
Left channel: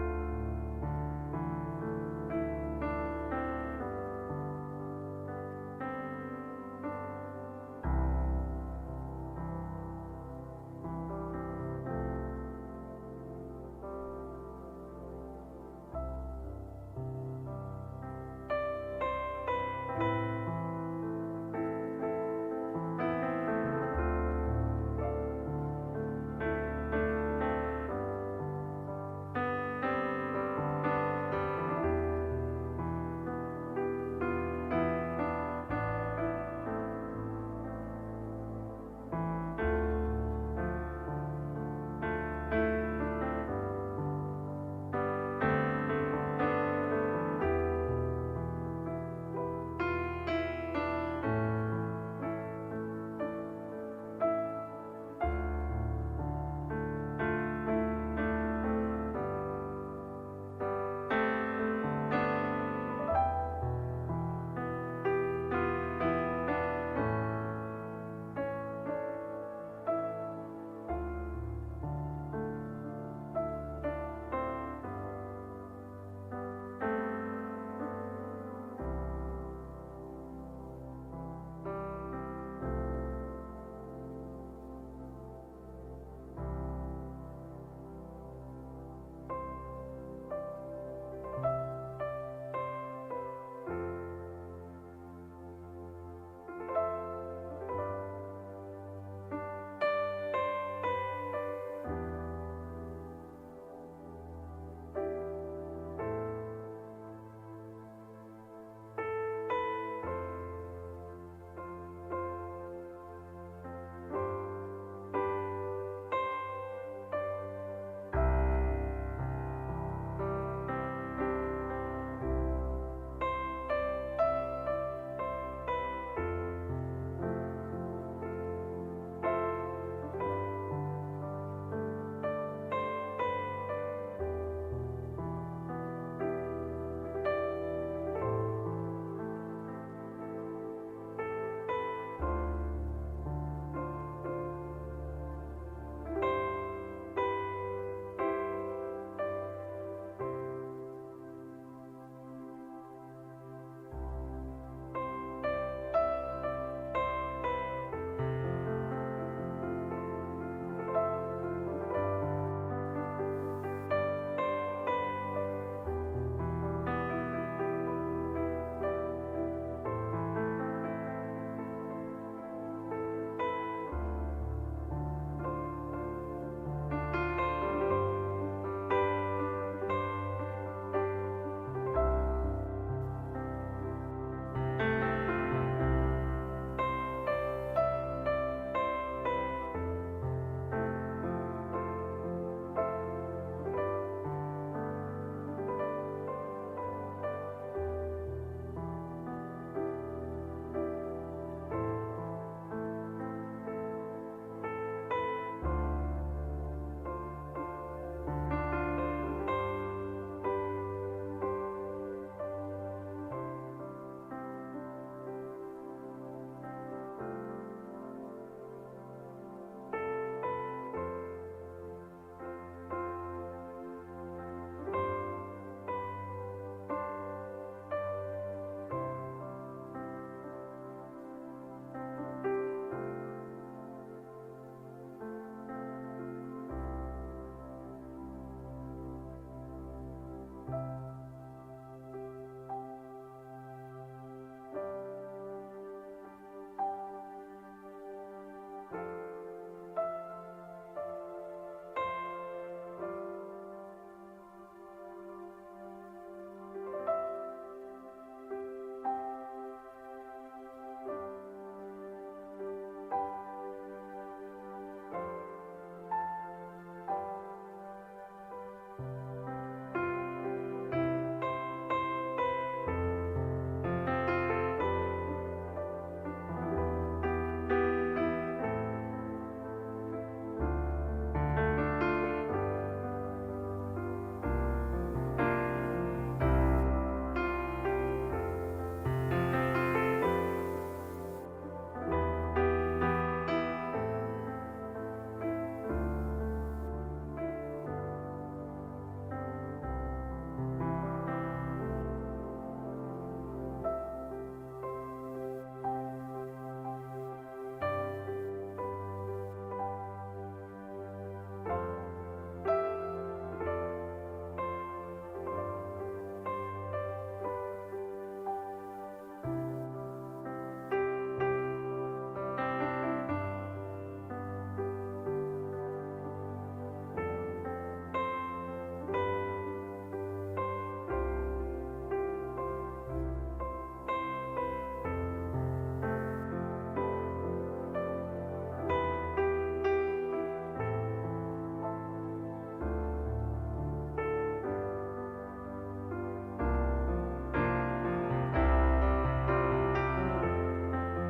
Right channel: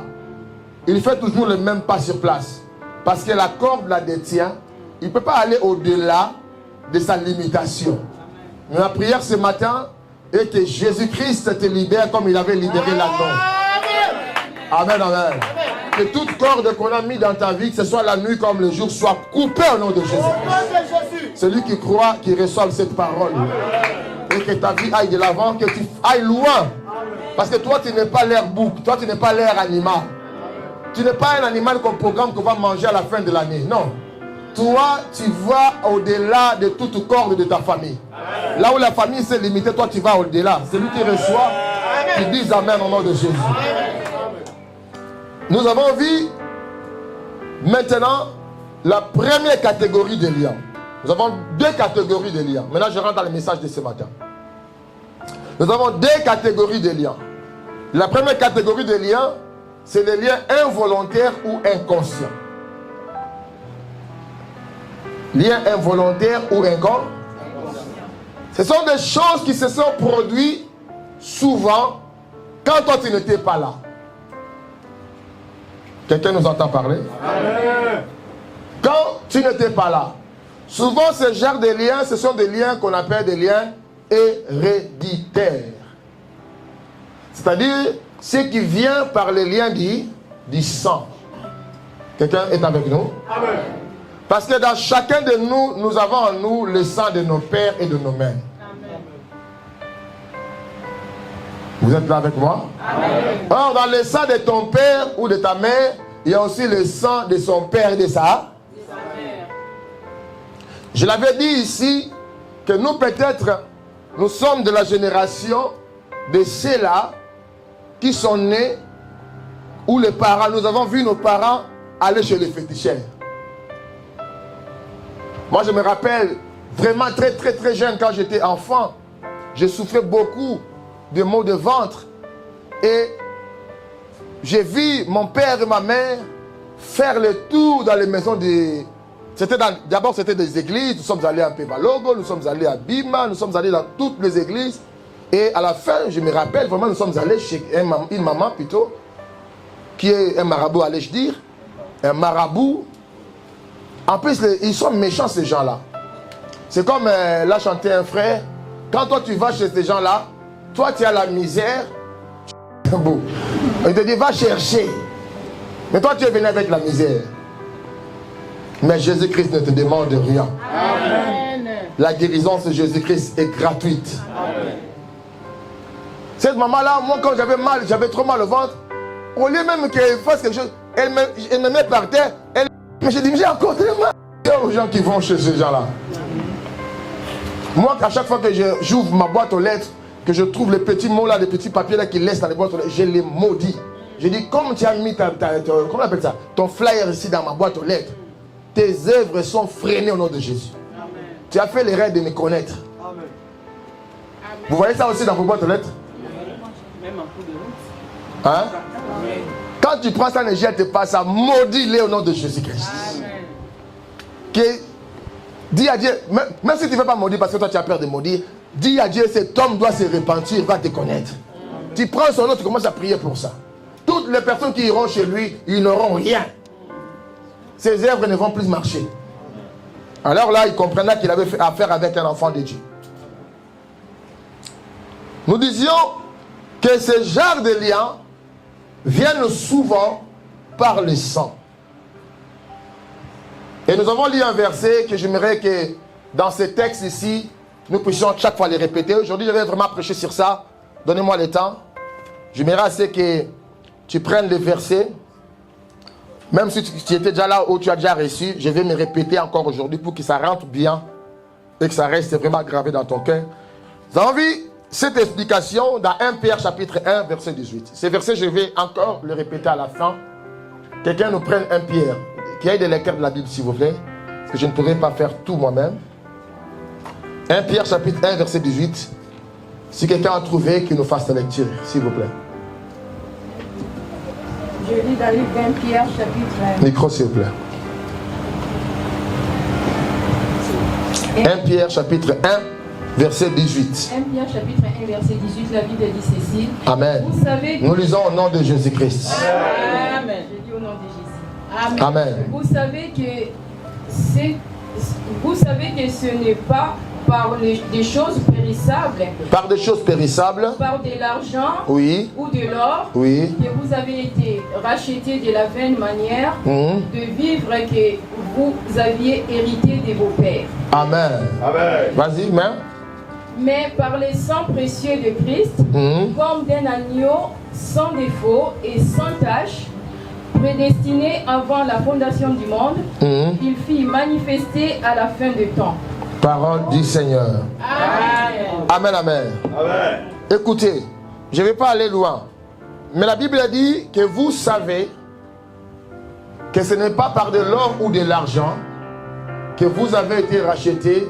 Ils font toujours le même pas sur place. Parce que la corde la détient. Il ne peut pas aller au-delà de sa limitation. Mais la prière ce matin est que Jésus-Christ te libère comme il avait libéré l'Adam. Amen, amen. Que toute corde qu'on a mis dans ta vie, que ce soit la nuit comme le jour, soit coupée au nom de Jésus. Celui qui croit, qui reçoit cette parole. Et que ta vie aille de l'avant, que tu ailles loin. Parce que toi, tu n'es pas l'air bouc, toi, tu n'es pas l'air animal. Tu n'es pas un animal qu'on programme qu'on va manger à la fin de l'année. Non. Toi, tu vas au-delà de toute corde de ta famille. Là où la famille s'est limitée, toi, tu vas au-delà. Celui qui reçoit, qui dit Amen au nom de Jésus. Nous avons vu maintenant la première catégorie de liens. Nous avons deux catégories de liens. Maintenant, je rentre dans le message de ce matin. Nous avons deux catégories de liens. La première catégorie de liens, c'est les liens involontaires ou inconscients. Liens involontaires ou inconscients. Ce sont des choses qui se sont produites souvent quand toi tu n'étais pas là. Quelqu'un nous entend parler? Amen. Quand tu n'étais pas là. Souvent ce genre de liens, ce sont des liens qu'on appelle des liens héréditaires. C'est-à-dire ce qui vient par les liens du sang. Quelqu'un est avec nous? Amen. Parce que dans chacun de nous, nous avons en nous le sang de nos pères et de nos mères. Vous êtes là avec moi? Amen. Or, dans le sang de ton père ou de ta mère, il y a aussi le sang de son père et de sa mère. Je l'avais dit ici que nous peut-être, nous sommes de la génération de ceux-là qui sont nés où les parents, nous avons vu nos parents aller chez les féticheurs. Moi, je me rappelle vraiment très jeune quand j'étais enfant, je souffrais beaucoup de maux de ventre et j'ai vu mon père et ma mère faire le tour dans les maisons des... D'abord c'était des églises, nous sommes allés à Pevalogo, nous sommes allés à Bima, nous sommes allés dans toutes les églises et à la fin, je me rappelle vraiment, nous sommes allés chez une maman plutôt, qui est un marabout, allais-je dire, un marabout. En plus, ils sont méchants ces gens-là. C'est comme l'a chanté un frère, quand toi tu vas chez ces gens-là, toi tu as la misère, il te dit va chercher, mais toi tu es venu avec la misère. Mais Jésus-Christ ne te demande rien. Amen. La guérison de Jésus-Christ est gratuite. Amen. Cette maman-là, moi quand j'avais mal, j'avais trop mal au ventre, au lieu même qu'elle fasse quelque chose, elle me met par terre, mais j'ai dit, j'ai encore tellement aux gens qui vont chez ces gens-là. Moi, à chaque fois que j'ouvre ma boîte aux lettres, que je trouve les petits mots là, les petits papiers là qui laissent dans les boîtes aux lettres, je les maudis. Je dis, comme tu as mis comment on appelle ça, ton flyer ici dans ma boîte aux lettres, tes œuvres sont freinées au nom de Jésus. Amen. Tu as fait l'erreur de me connaître. Amen. Vous voyez ça aussi dans vos boîtes aux lettres? Même en coup de route. Hein? Quand tu prends ça, ne jette pas ça, maudis-les au nom de Jésus-Christ. Dis à Dieu, même si tu ne veux pas maudire parce que toi tu as peur de maudire, dis à Dieu, cet homme doit se repentir, il va te connaître. Tu prends son nom, tu commences à prier pour ça. Toutes les personnes qui iront chez lui, ils n'auront rien. Ses œuvres ne vont plus marcher. Alors là, il comprendra qu'il avait fait affaire avec un enfant de Dieu. Nous disions que ce genre de liens viennent souvent par le sang. Et nous avons lu un verset que j'aimerais que dans ce texte ici, nous puissions chaque fois les répéter. Aujourd'hui, je vais vraiment prêcher sur ça. Donnez-moi le temps. J'aimerais assez que tu prennes les versets. Même si tu étais déjà là ou tu as déjà reçu, je vais me répéter encore aujourd'hui pour que ça rentre bien et que ça reste vraiment gravé dans ton cœur. Vous avez envie cette explication dans 1 Pierre chapitre 1 verset 18. Ces versets, je vais encore le répéter à la fin. Quelqu'un nous prenne 1 Pierre, qui ait des lecteurs de la Bible s'il vous plaît, parce que je ne pourrai pas faire tout moi-même. 1 Pierre chapitre 1 verset 18. Si quelqu'un a trouvé, qu'il nous fasse la lecture, s'il vous plaît. Je lis dans le 20 Pierre chapitre 1. Micro s'il vous plaît. 1 Pierre chapitre 1 verset 18. 1 Pierre chapitre 1 verset 18, la Bible dit ceci. Amen. Vous savez que... Nous lisons au nom de Jésus-Christ. Amen. Je dis au nom de Jésus. Amen. Vous savez que ce n'est pas par des choses périssables. Par des choses périssables. Par de l'argent. Oui. Ou de l'or. Oui. Que vous avez été rachetés de la vaine manière de vivre que vous aviez hérité de vos pères. Amen. Amen. Vas-y, même. Mais par les sang précieux de Christ, comme d'un agneau sans défaut et sans tache, prédestiné avant la fondation du monde, il fit manifester à la fin du temps. Parole du Seigneur. Amen. Amen, amen. Amen. Écoutez, je ne vais pas aller loin, mais la Bible dit que vous savez que ce n'est pas par de l'or ou de l'argent que vous avez été rachetés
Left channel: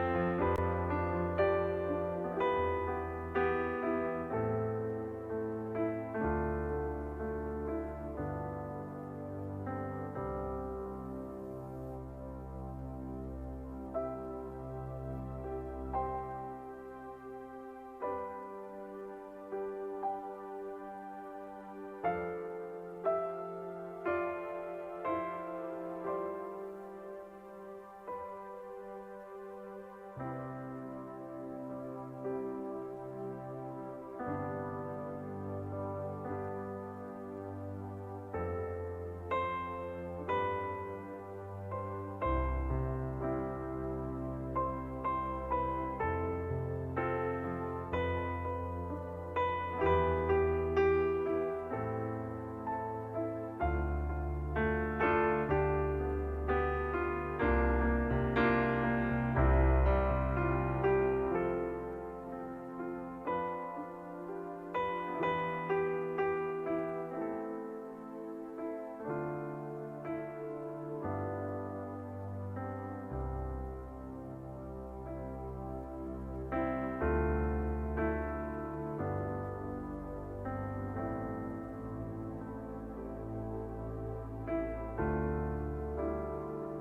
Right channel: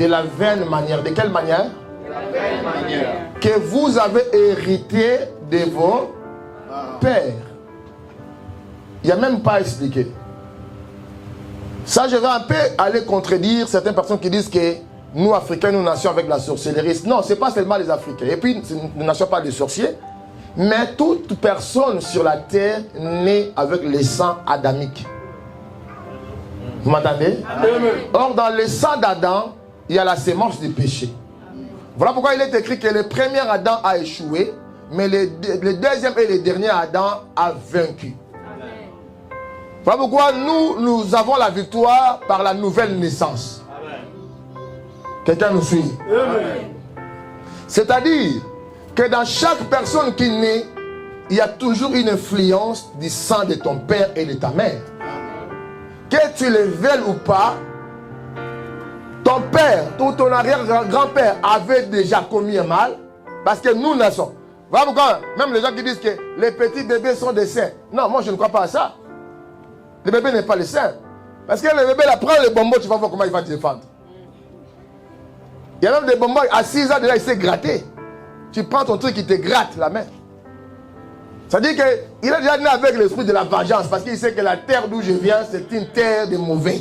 de la vaine manière. De quelle manière? De la vaine manière. Que vous avez hérité de vos pères. Il n'y a même pas à expliquer. Ça, je vais un peu aller contredire certaines personnes qui disent que nous, Africains, nous nations avec la sorcellerie. Non, ce n'est pas seulement les Africains. Et puis, nous ne nations pas des sorciers. Mais toute personne sur la terre naît avec le sang adamique. Vous m'entendez? Or, dans le sang d'Adam, il y a la sémence du péché. Voilà pourquoi il est écrit que le premier Adam a échoué, mais le deuxième et le dernier Adam a vaincu. Voilà pourquoi nous avons la victoire par la nouvelle naissance. Quelqu'un nous suit? C'est-à-dire que dans chaque personne qui naît, il y a toujours une influence du sang de ton père et de ta mère. Que tu le veuilles ou pas, ton père ou ton arrière-grand-père avait déjà commis un mal, parce que nous naissons. Voilà pourquoi même les gens qui disent que les petits bébés sont des saints. Non, moi je ne crois pas à ça. Le bébé n'est pas le saint. Parce que le bébé, là, prend le bonbon, tu vas voir comment il va te défendre. Il y a même des bonbons, à 6 ans déjà, il s'est gratté. Tu prends ton truc, il te gratte la main. Ça veut dire qu'il est déjà né avec l'esprit de la vengeance, parce qu'il sait que la terre d'où je viens, c'est une terre de mauvais.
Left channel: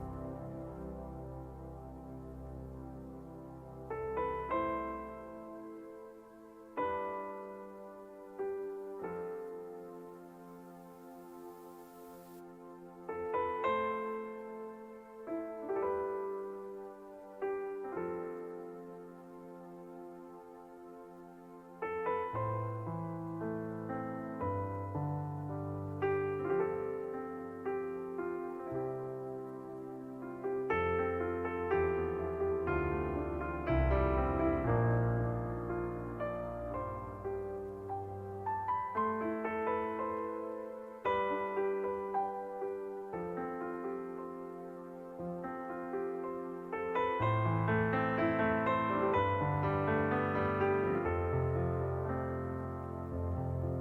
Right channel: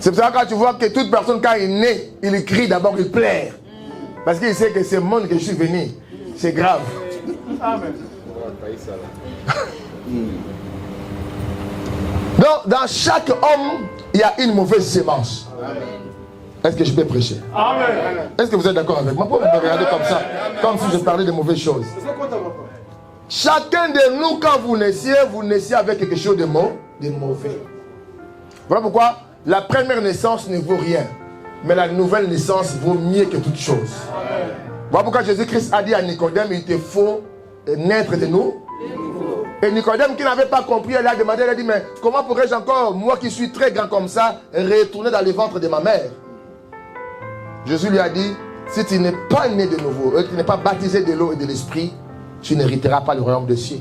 C'est pour ça que quand tu vois que toute personne, quand il naît, il crie d'abord, il pleure. Parce qu'il sait que ce monde que je suis venu, c'est grave. Amen. Donc, dans chaque homme, il y a une mauvaise sémence. Est-ce que je peux prêcher? Est-ce que vous êtes d'accord avec moi? Pourquoi vous me regardez comme ça? Comme si je parlais de mauvaises choses. Chacun de nous, quand vous naissiez avec quelque chose de mauvais. Voilà pourquoi la première naissance ne vaut rien. Mais la nouvelle naissance vaut mieux que toute chose. Voilà pourquoi Jésus-Christ a dit à Nicodème, il te faut naître de nous. Et Nicodème qui n'avait pas compris, elle a demandé, elle a dit, mais comment pourrais-je encore, moi qui suis très grand comme ça, retourner dans le ventre de ma mère? Jésus lui a dit, si tu n'es pas né de nouveau, tu n'es pas baptisé de l'eau et de l'esprit, tu n'hériteras pas le royaume des cieux.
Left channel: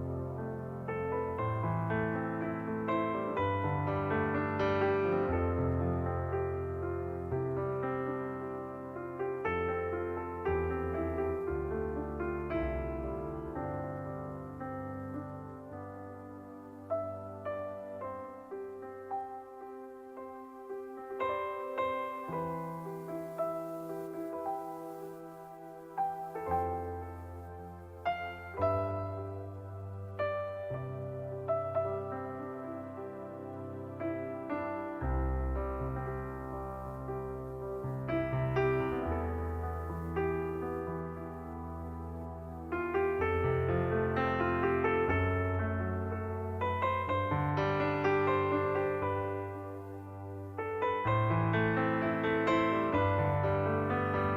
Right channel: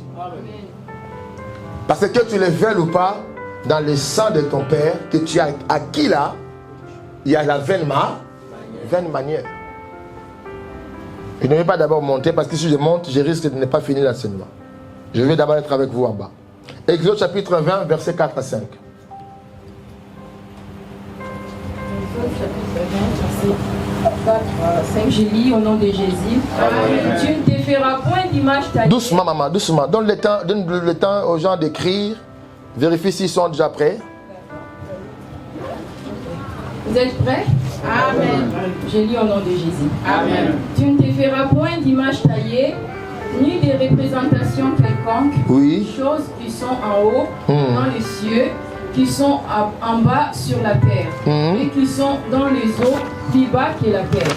Parce que tu le veuilles ou pas, dans le sang de ton père, que tu as acquis là, il y a la vaine manière. Je ne vais pas d'abord monter, parce que si je monte, je risque de ne pas finir l'enseignement. Je vais d'abord être avec vous en bas. Exode chapitre 20, versets 4 à 5. Exode chapitre 20, verset 4 à 5. Je lis au nom de Jésus. Amen. Tu ne te feras point d'image taillée. Doucement, maman, doucement. Donne le temps aux gens d'écrire. Vérifie s'ils sont déjà prêts. Vous êtes prêts? Amen. Je lis au nom de Jésus. Amen. Tu ne te feras point d'image taillée, ni de représentation quelconque, choses qui sont en haut, dans les cieux, qui sont en bas sur la terre, et qui sont dans les eaux plus bas que la terre.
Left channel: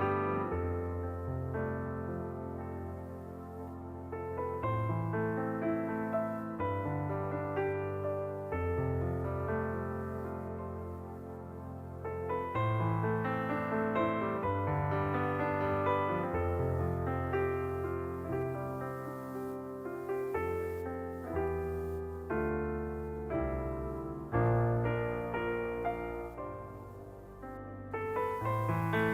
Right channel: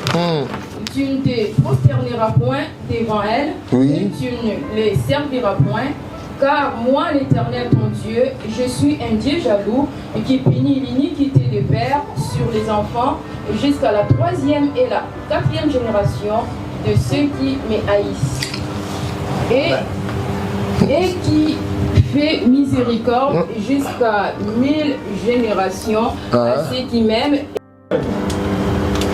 Tu ne te prosterneras point devant elles, et tu ne les serviras point, Car moi, l'Éternel, ton Dieu, je suis un Dieu jaloux et qui punit l'iniquité des pères sur les enfants jusqu'à la 3e et la 4e génération de ceux qui me haïssent. Et qui fait miséricorde jusqu'à 1000 générations à ceux qui m'aiment.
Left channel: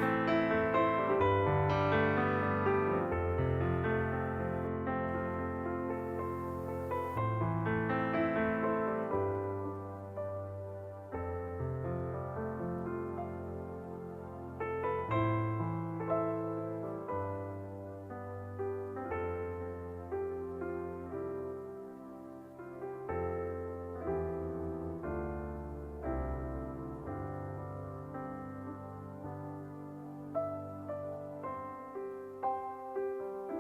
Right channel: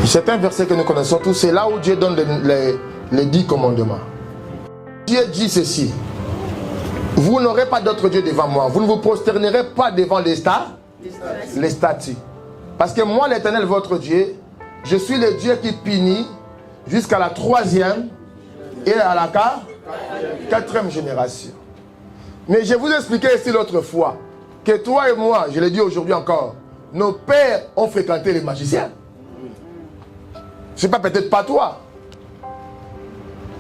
C'est un verset que nous connaissons tous, c'est là où Dieu donne les 10 commandements. Dieu dit ceci: vous n'aurez pas d'autre Dieu devant moi, vous ne vous prosternerez pas devant les statues. Parce que moi, l'Éternel, votre Dieu, je suis le Dieu qui punit jusqu'à la 3e et à la 4e génération. Mais je vous ai expliqué ici l'autre fois que toi et moi, je l'ai dit aujourd'hui encore, nos pères ont fréquenté les magiciens. Ce n'est pas peut-être pas toi.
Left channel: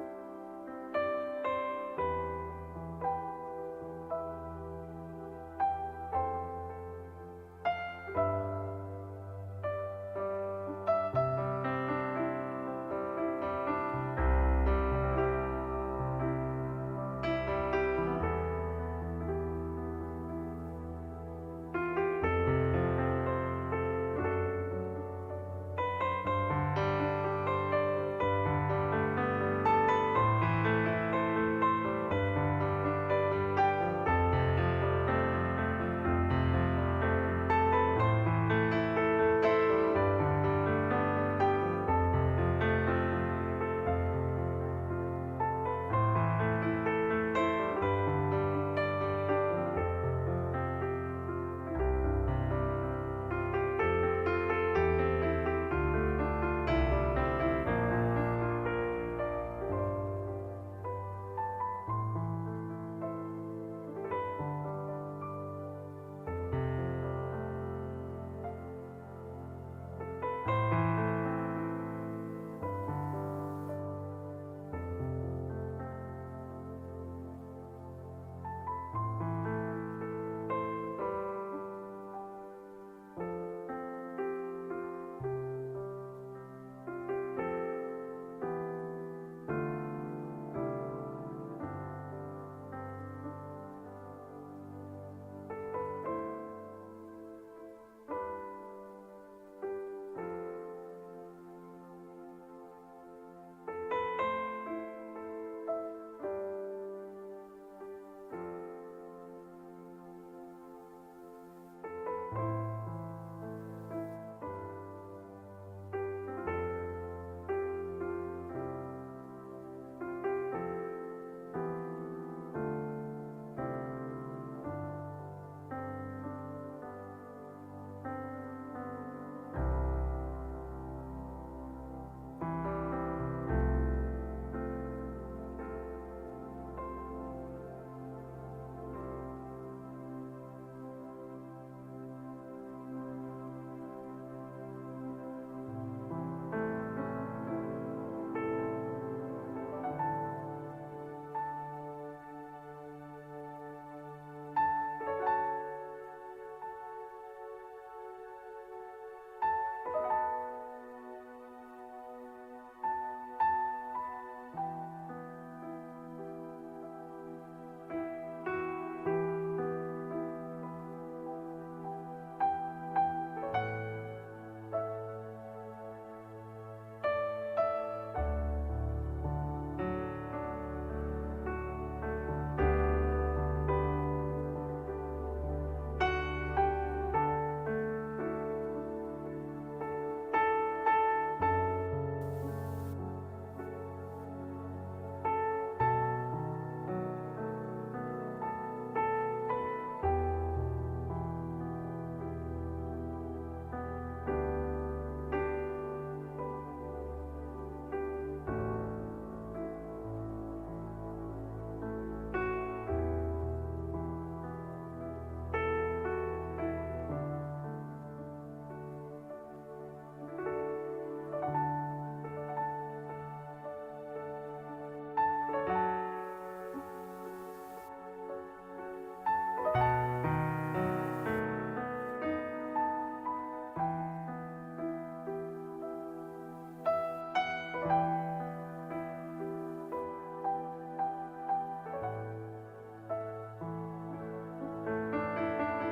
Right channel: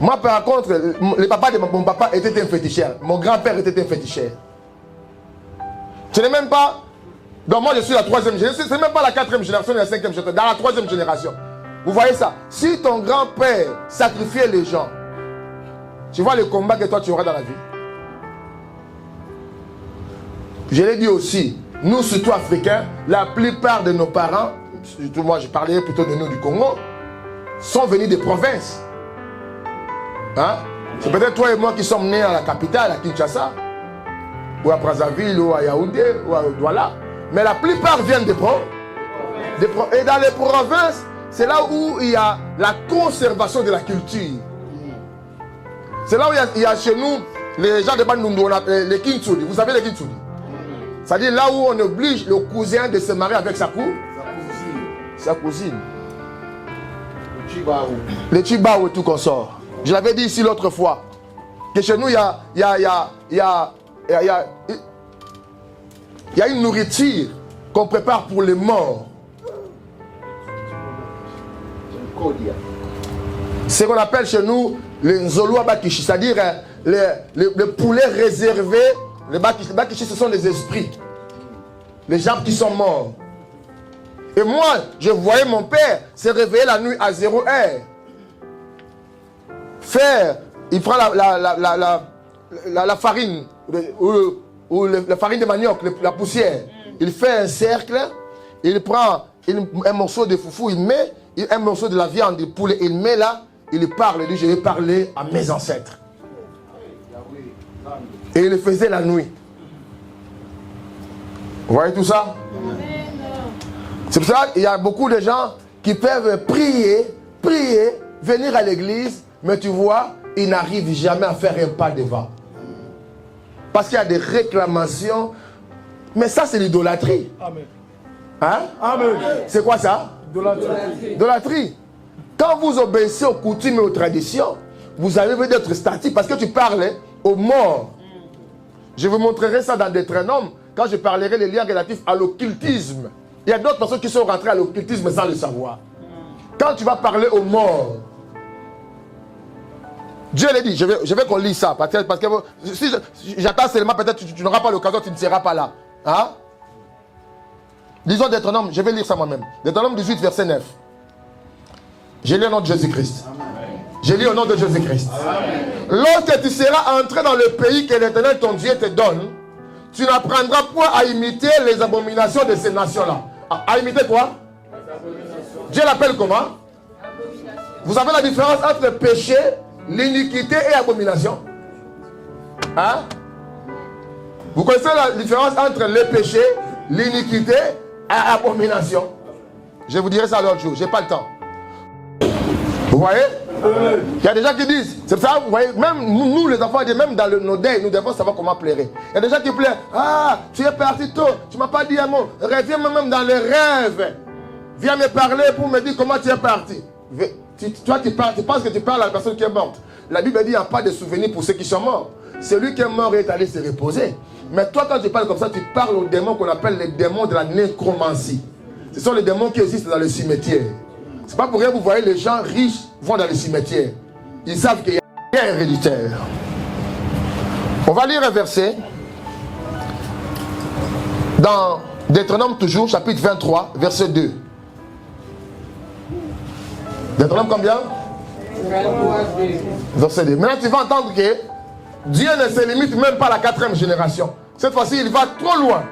Moi, par contre, le papa de mon papa était un féticheur. Mon grand-père était un féticheur. Ce n'est même pas... Donc moi, je suis la 3e génération. Ce n'est même pas la 4e génération ni la 5e génération. Dans la 3e génération. Vous voyez ça? Si ton grand-père sacrifiait les gens, tu vois le combat que toi tu auras dans la vie. Je l'ai dit aussi, nous, surtout Africains, la plupart de nos parents, surtout moi, je parlais plutôt de nous du Congo, sont venus des provinces. Hein? C'est peut-être toi et moi qui sommes nés à la capitale, à Kinshasa, ou à Brazzaville, ou à Yaoundé, ou à Douala. Mais la plupart viennent des provinces. Et dans les provinces, c'est là où il y a la conservation de la culture. C'est là où il y a chez nous les gens de Bandundu, on appelle les Kintsuli. Vous savez les Kintsuli? C'est-à-dire là où on oblige le cousin de se marier avec sa cousine. Les Chibaou et tout qu'on sort. Je l'avais dit ici l'autre fois, que chez nous, il y a une nourriture qu'on prépare pour les morts. C'est ce qu'on appelle chez nous les Nzolua Bakishi, c'est-à-dire les poulets réservés. Les Bakishi, ce sont les esprits, les gens qui sont morts. Et moi, je voyais mon père se réveiller la nuit à 0 heure. Il prend la farine, ou la farine de manioc, la poussière. Il fait un cercle, il prend un morceau de foufou, il met un morceau de la viande de poulet, il met là, il parle, il dit: je vais parler à mes ancêtres. Et il le faisait la nuit. Vous voyez tout ça? C'est pour ça qu'il y a beaucoup de gens qui peuvent prier, venir à l'église, mais tu vois, ils n'arrivent jamais à faire un pas devant. Parce qu'il y a des réclamations. Mais ça, c'est l'idolâtrie. Amen. Hein? Amen. C'est quoi ça? Idolâtrie. Quand vous obéissez aux coutumes et aux traditions, vous avez d'être statique parce que tu parles aux morts. Je vous montrerai ça dans Deutéronome quand je parlerai des liens relatifs à l'occultisme. Il y a d'autres personnes qui sont rentrées à l'occultisme sans le savoir. Quand tu vas parler aux morts, Dieu l'a dit, je vais qu'on lise ça. Parce que si j'attends seulement, peut-être tu n'auras pas l'occasion, tu ne seras pas là. Hein? Lisons Deutéronome, je vais lire ça moi-même. Deutéronome 18, verset 9. J'ai lu au nom de Jésus-Christ. J'ai lu au nom de Jésus-Christ. Lorsque tu seras entré dans le pays que l'Éternel ton Dieu te donne, tu n'apprendras point à imiter les abominations de ces nations-là. À imiter quoi? Dieu l'appelle comment? Vous savez la différence entre le péché, l'iniquité et l'abomination? Hein? Vous connaissez la différence entre le péché, l'iniquité et l'abomination? Je vous dirai ça l'autre jour, je n'ai pas le temps. Vous voyez? Il y a des gens qui disent, c'est ça, vous voyez, même nous les enfants, même dans nos deuils, nous devons savoir comment pleurer. Il y a des gens qui pleurent: ah, tu es parti tôt, tu ne m'as pas dit un mot, reviens même dans les rêves, viens me parler pour me dire comment tu es parti. Toi, tu penses que tu parles à la personne qui est morte. La Bible dit: il n'y a pas de souvenir pour ceux qui sont morts. Celui qui est mort est allé se reposer. Mais toi, quand tu parles comme ça, tu parles aux démons qu'on appelle les démons de la nécromancie. Ce sont les démons qui existent dans le cimetière. C'est pas pour rien que vous voyez les gens riches vont dans les cimetières. Ils savent qu'il y a un héréditaire. On va lire un verset dans Deutéronome toujours, chapitre 23, verset 2. Deutéronome combien? Verset 2. Maintenant tu vas entendre que Dieu ne se limite même pas à la 4e génération. Cette fois-ci, il va trop loin.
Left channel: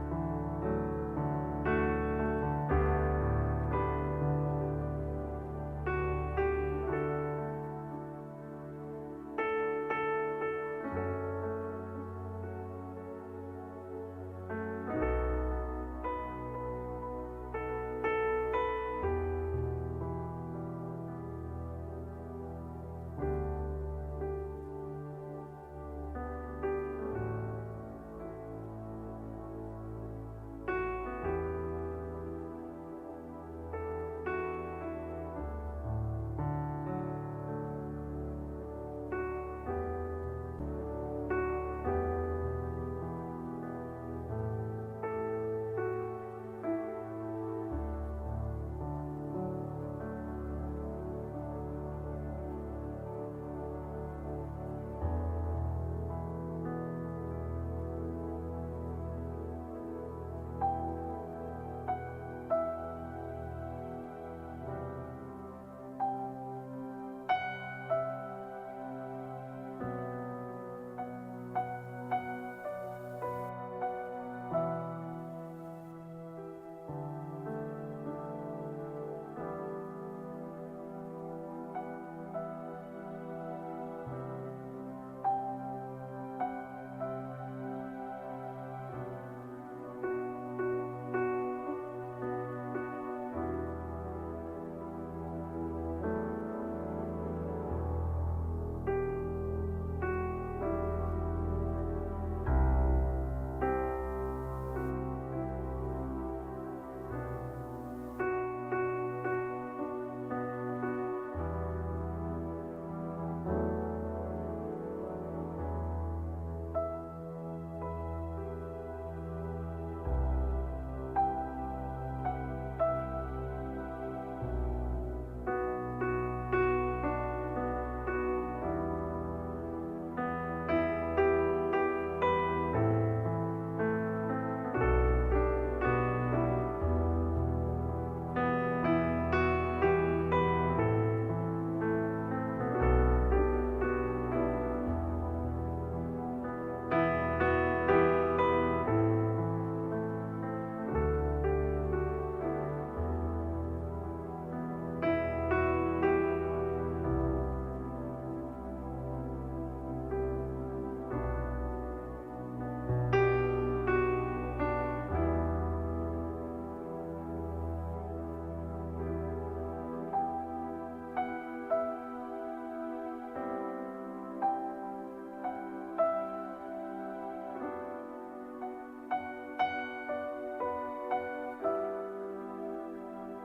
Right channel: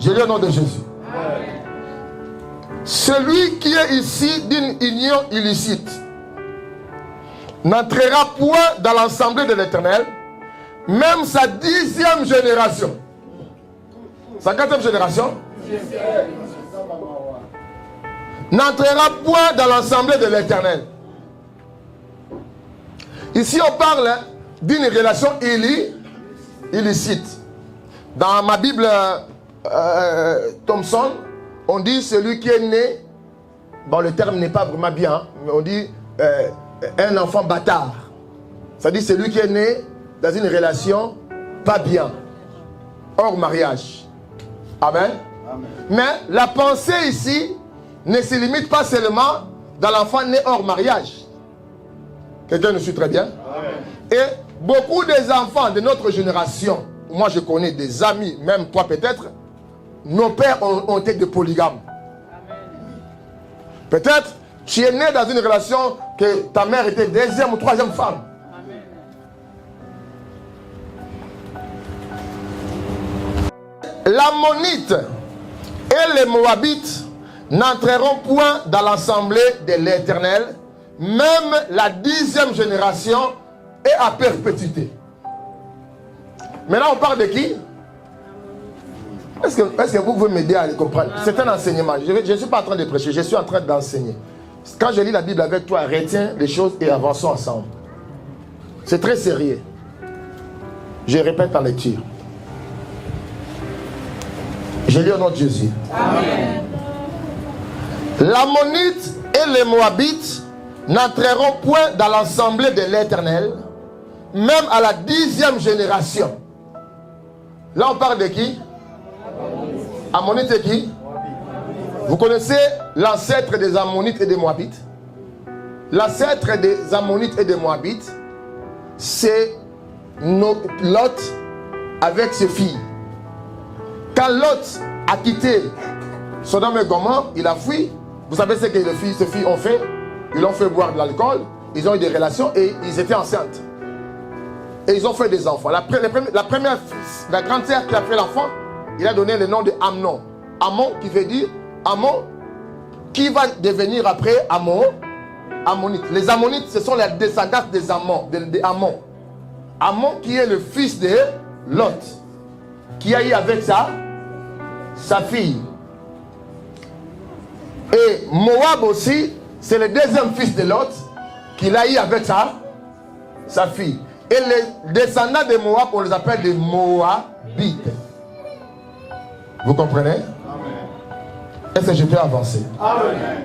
Je lis au nom de Jésus. Celui qui est ici d'une union illicite n'entrera point dans l'assemblée de l'Éternel, même sa 10e génération. Sa 4e génération n'entrera point dans l'assemblée de l'Éternel. Ici, on parle d'une relation illicite. Dans ma Bible Thompson, on dit celui qui est né, bon le terme n'est pas vraiment bien, mais on dit un enfant bâtard. Ça dit celui qui est né dans une relation pas bien, hors mariage. Amen. Amen. Mais la pensée ici ne se limite pas seulement dans l'enfant né hors mariage. Quelqu'un nous suit très bien? Amen. Et beaucoup des enfants de notre génération, moi je connais des amis, même toi peut-être, nos pères ont été des polygames. Peut-être tu es né dans une relation que ta mère était 2e ou 3e femme. L'Ammonite et les Moabites n'entreront point dans l'assemblée de l'Éternel, même la 10e génération est à perpétuité. Maintenant on parle de qui? Est-ce que vous pouvez m'aider à le comprendre? C'est un enseignement. Je ne suis pas en train de prêcher, je suis en train d'enseigner. Quand je lis la Bible avec toi, retiens les choses et avançons ensemble. C'est très sérieux. Je répète en lecture. Je lis au nom de Jésus. Amen. L'Ammonite et les Moabites n'entreront point dans l'assemblée de l'Éternel, même à la 10e génération. Là on parle de qui? Ammonite et qui? Vous connaissez l'ancêtre des Ammonites et des Moabites? L'ancêtre des Ammonites et des Moabites, c'est Lot avec ses filles. Quand Lot a quitté Sodome et Gomorrhe, il a fui. Vous savez ce que ses filles ont fait? Ils l'ont fait boire de l'alcool, ils ont eu des relations et ils étaient enceintes. Et ils ont fait des enfants. La grande sœur qui a fait l'enfant, il a donné le nom de Amnon. Ammon qui veut dire Ammon, qui va devenir après Ammonite. Les Ammonites, ce sont les descendants des Ammon. Ammon qui est le fils de Lot, qui a eu avec sa fille. Et Moab aussi, c'est le 2e fils de Lot, qu'il a eu avec sa fille. Et les descendants de Moab, on les appelle des Moabites. Vous comprenez? Est-ce que je peux avancer? Amen.